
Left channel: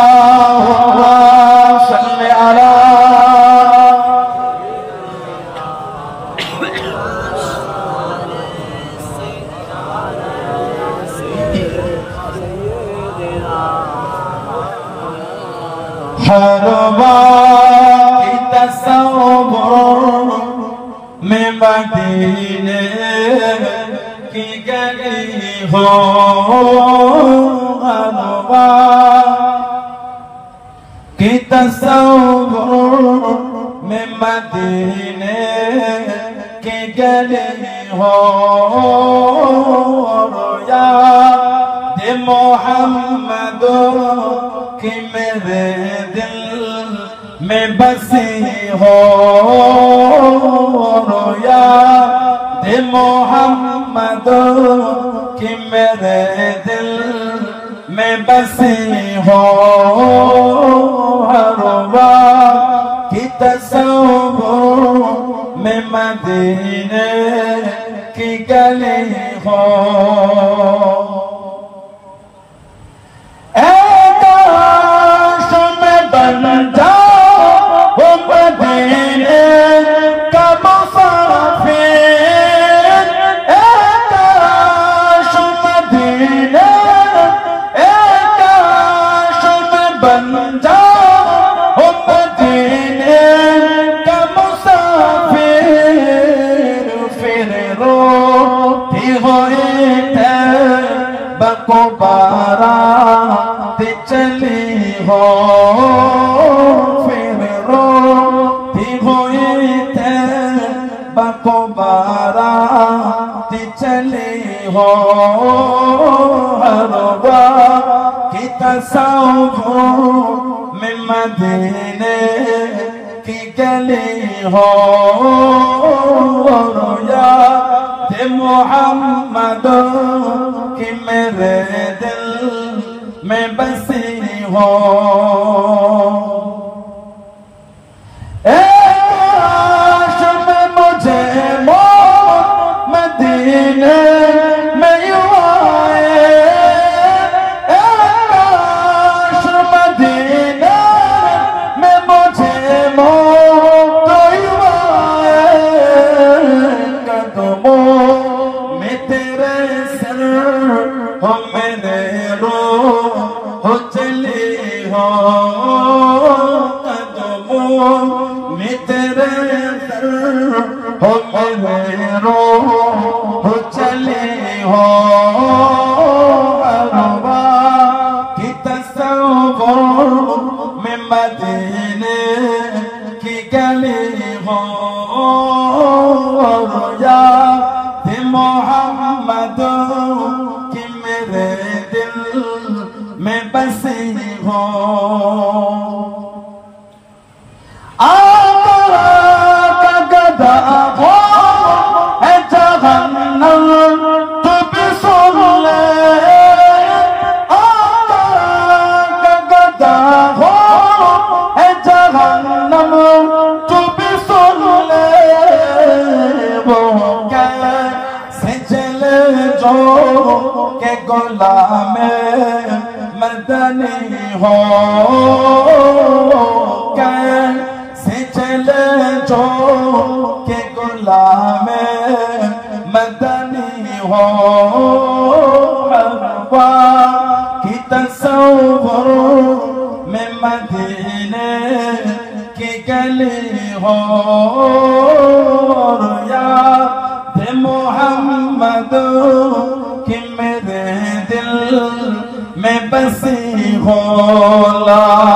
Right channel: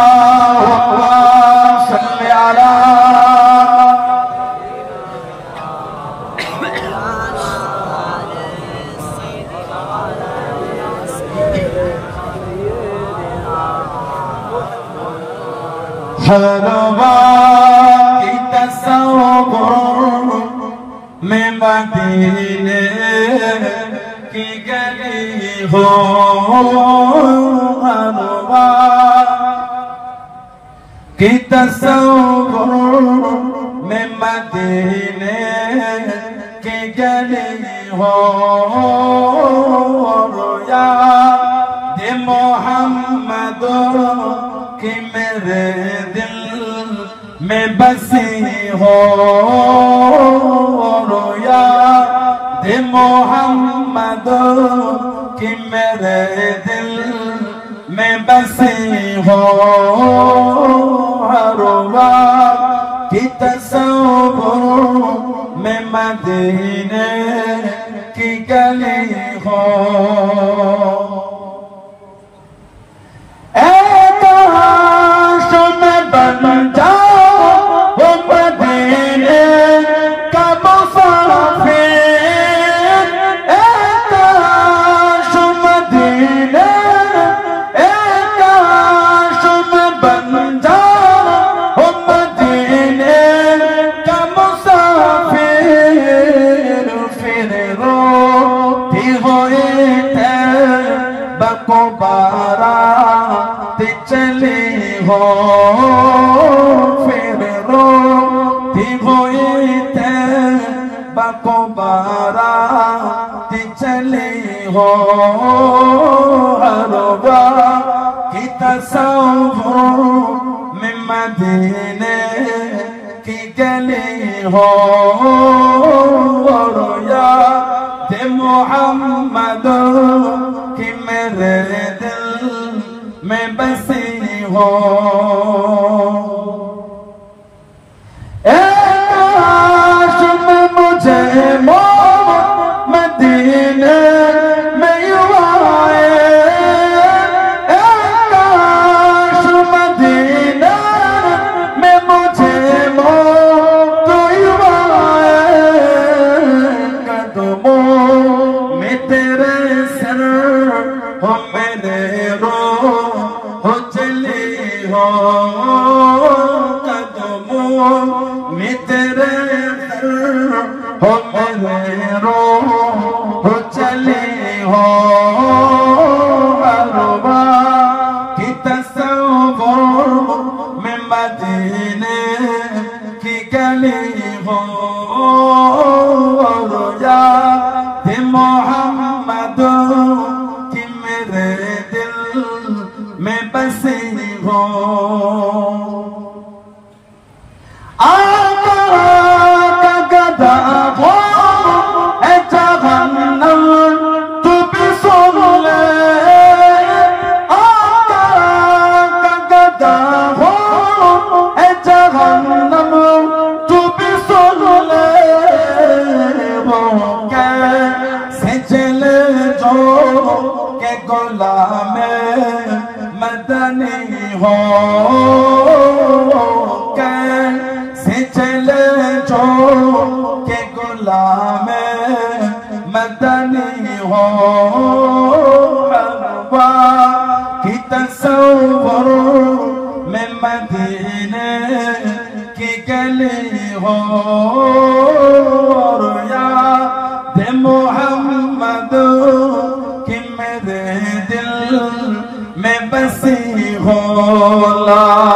আল্লাহুম্মা সাল্লি আলা हरबा की तस्वुर में मदीने की गली हो हरबा की तस्वुर में मदीने मोहम्मद कि मेरे दिल में बसी हो रोया दे मोहम्मद कि मेरे दिल में बसी हो हरवा की तस्वीर में मदीने की गली हो में बसी हो ला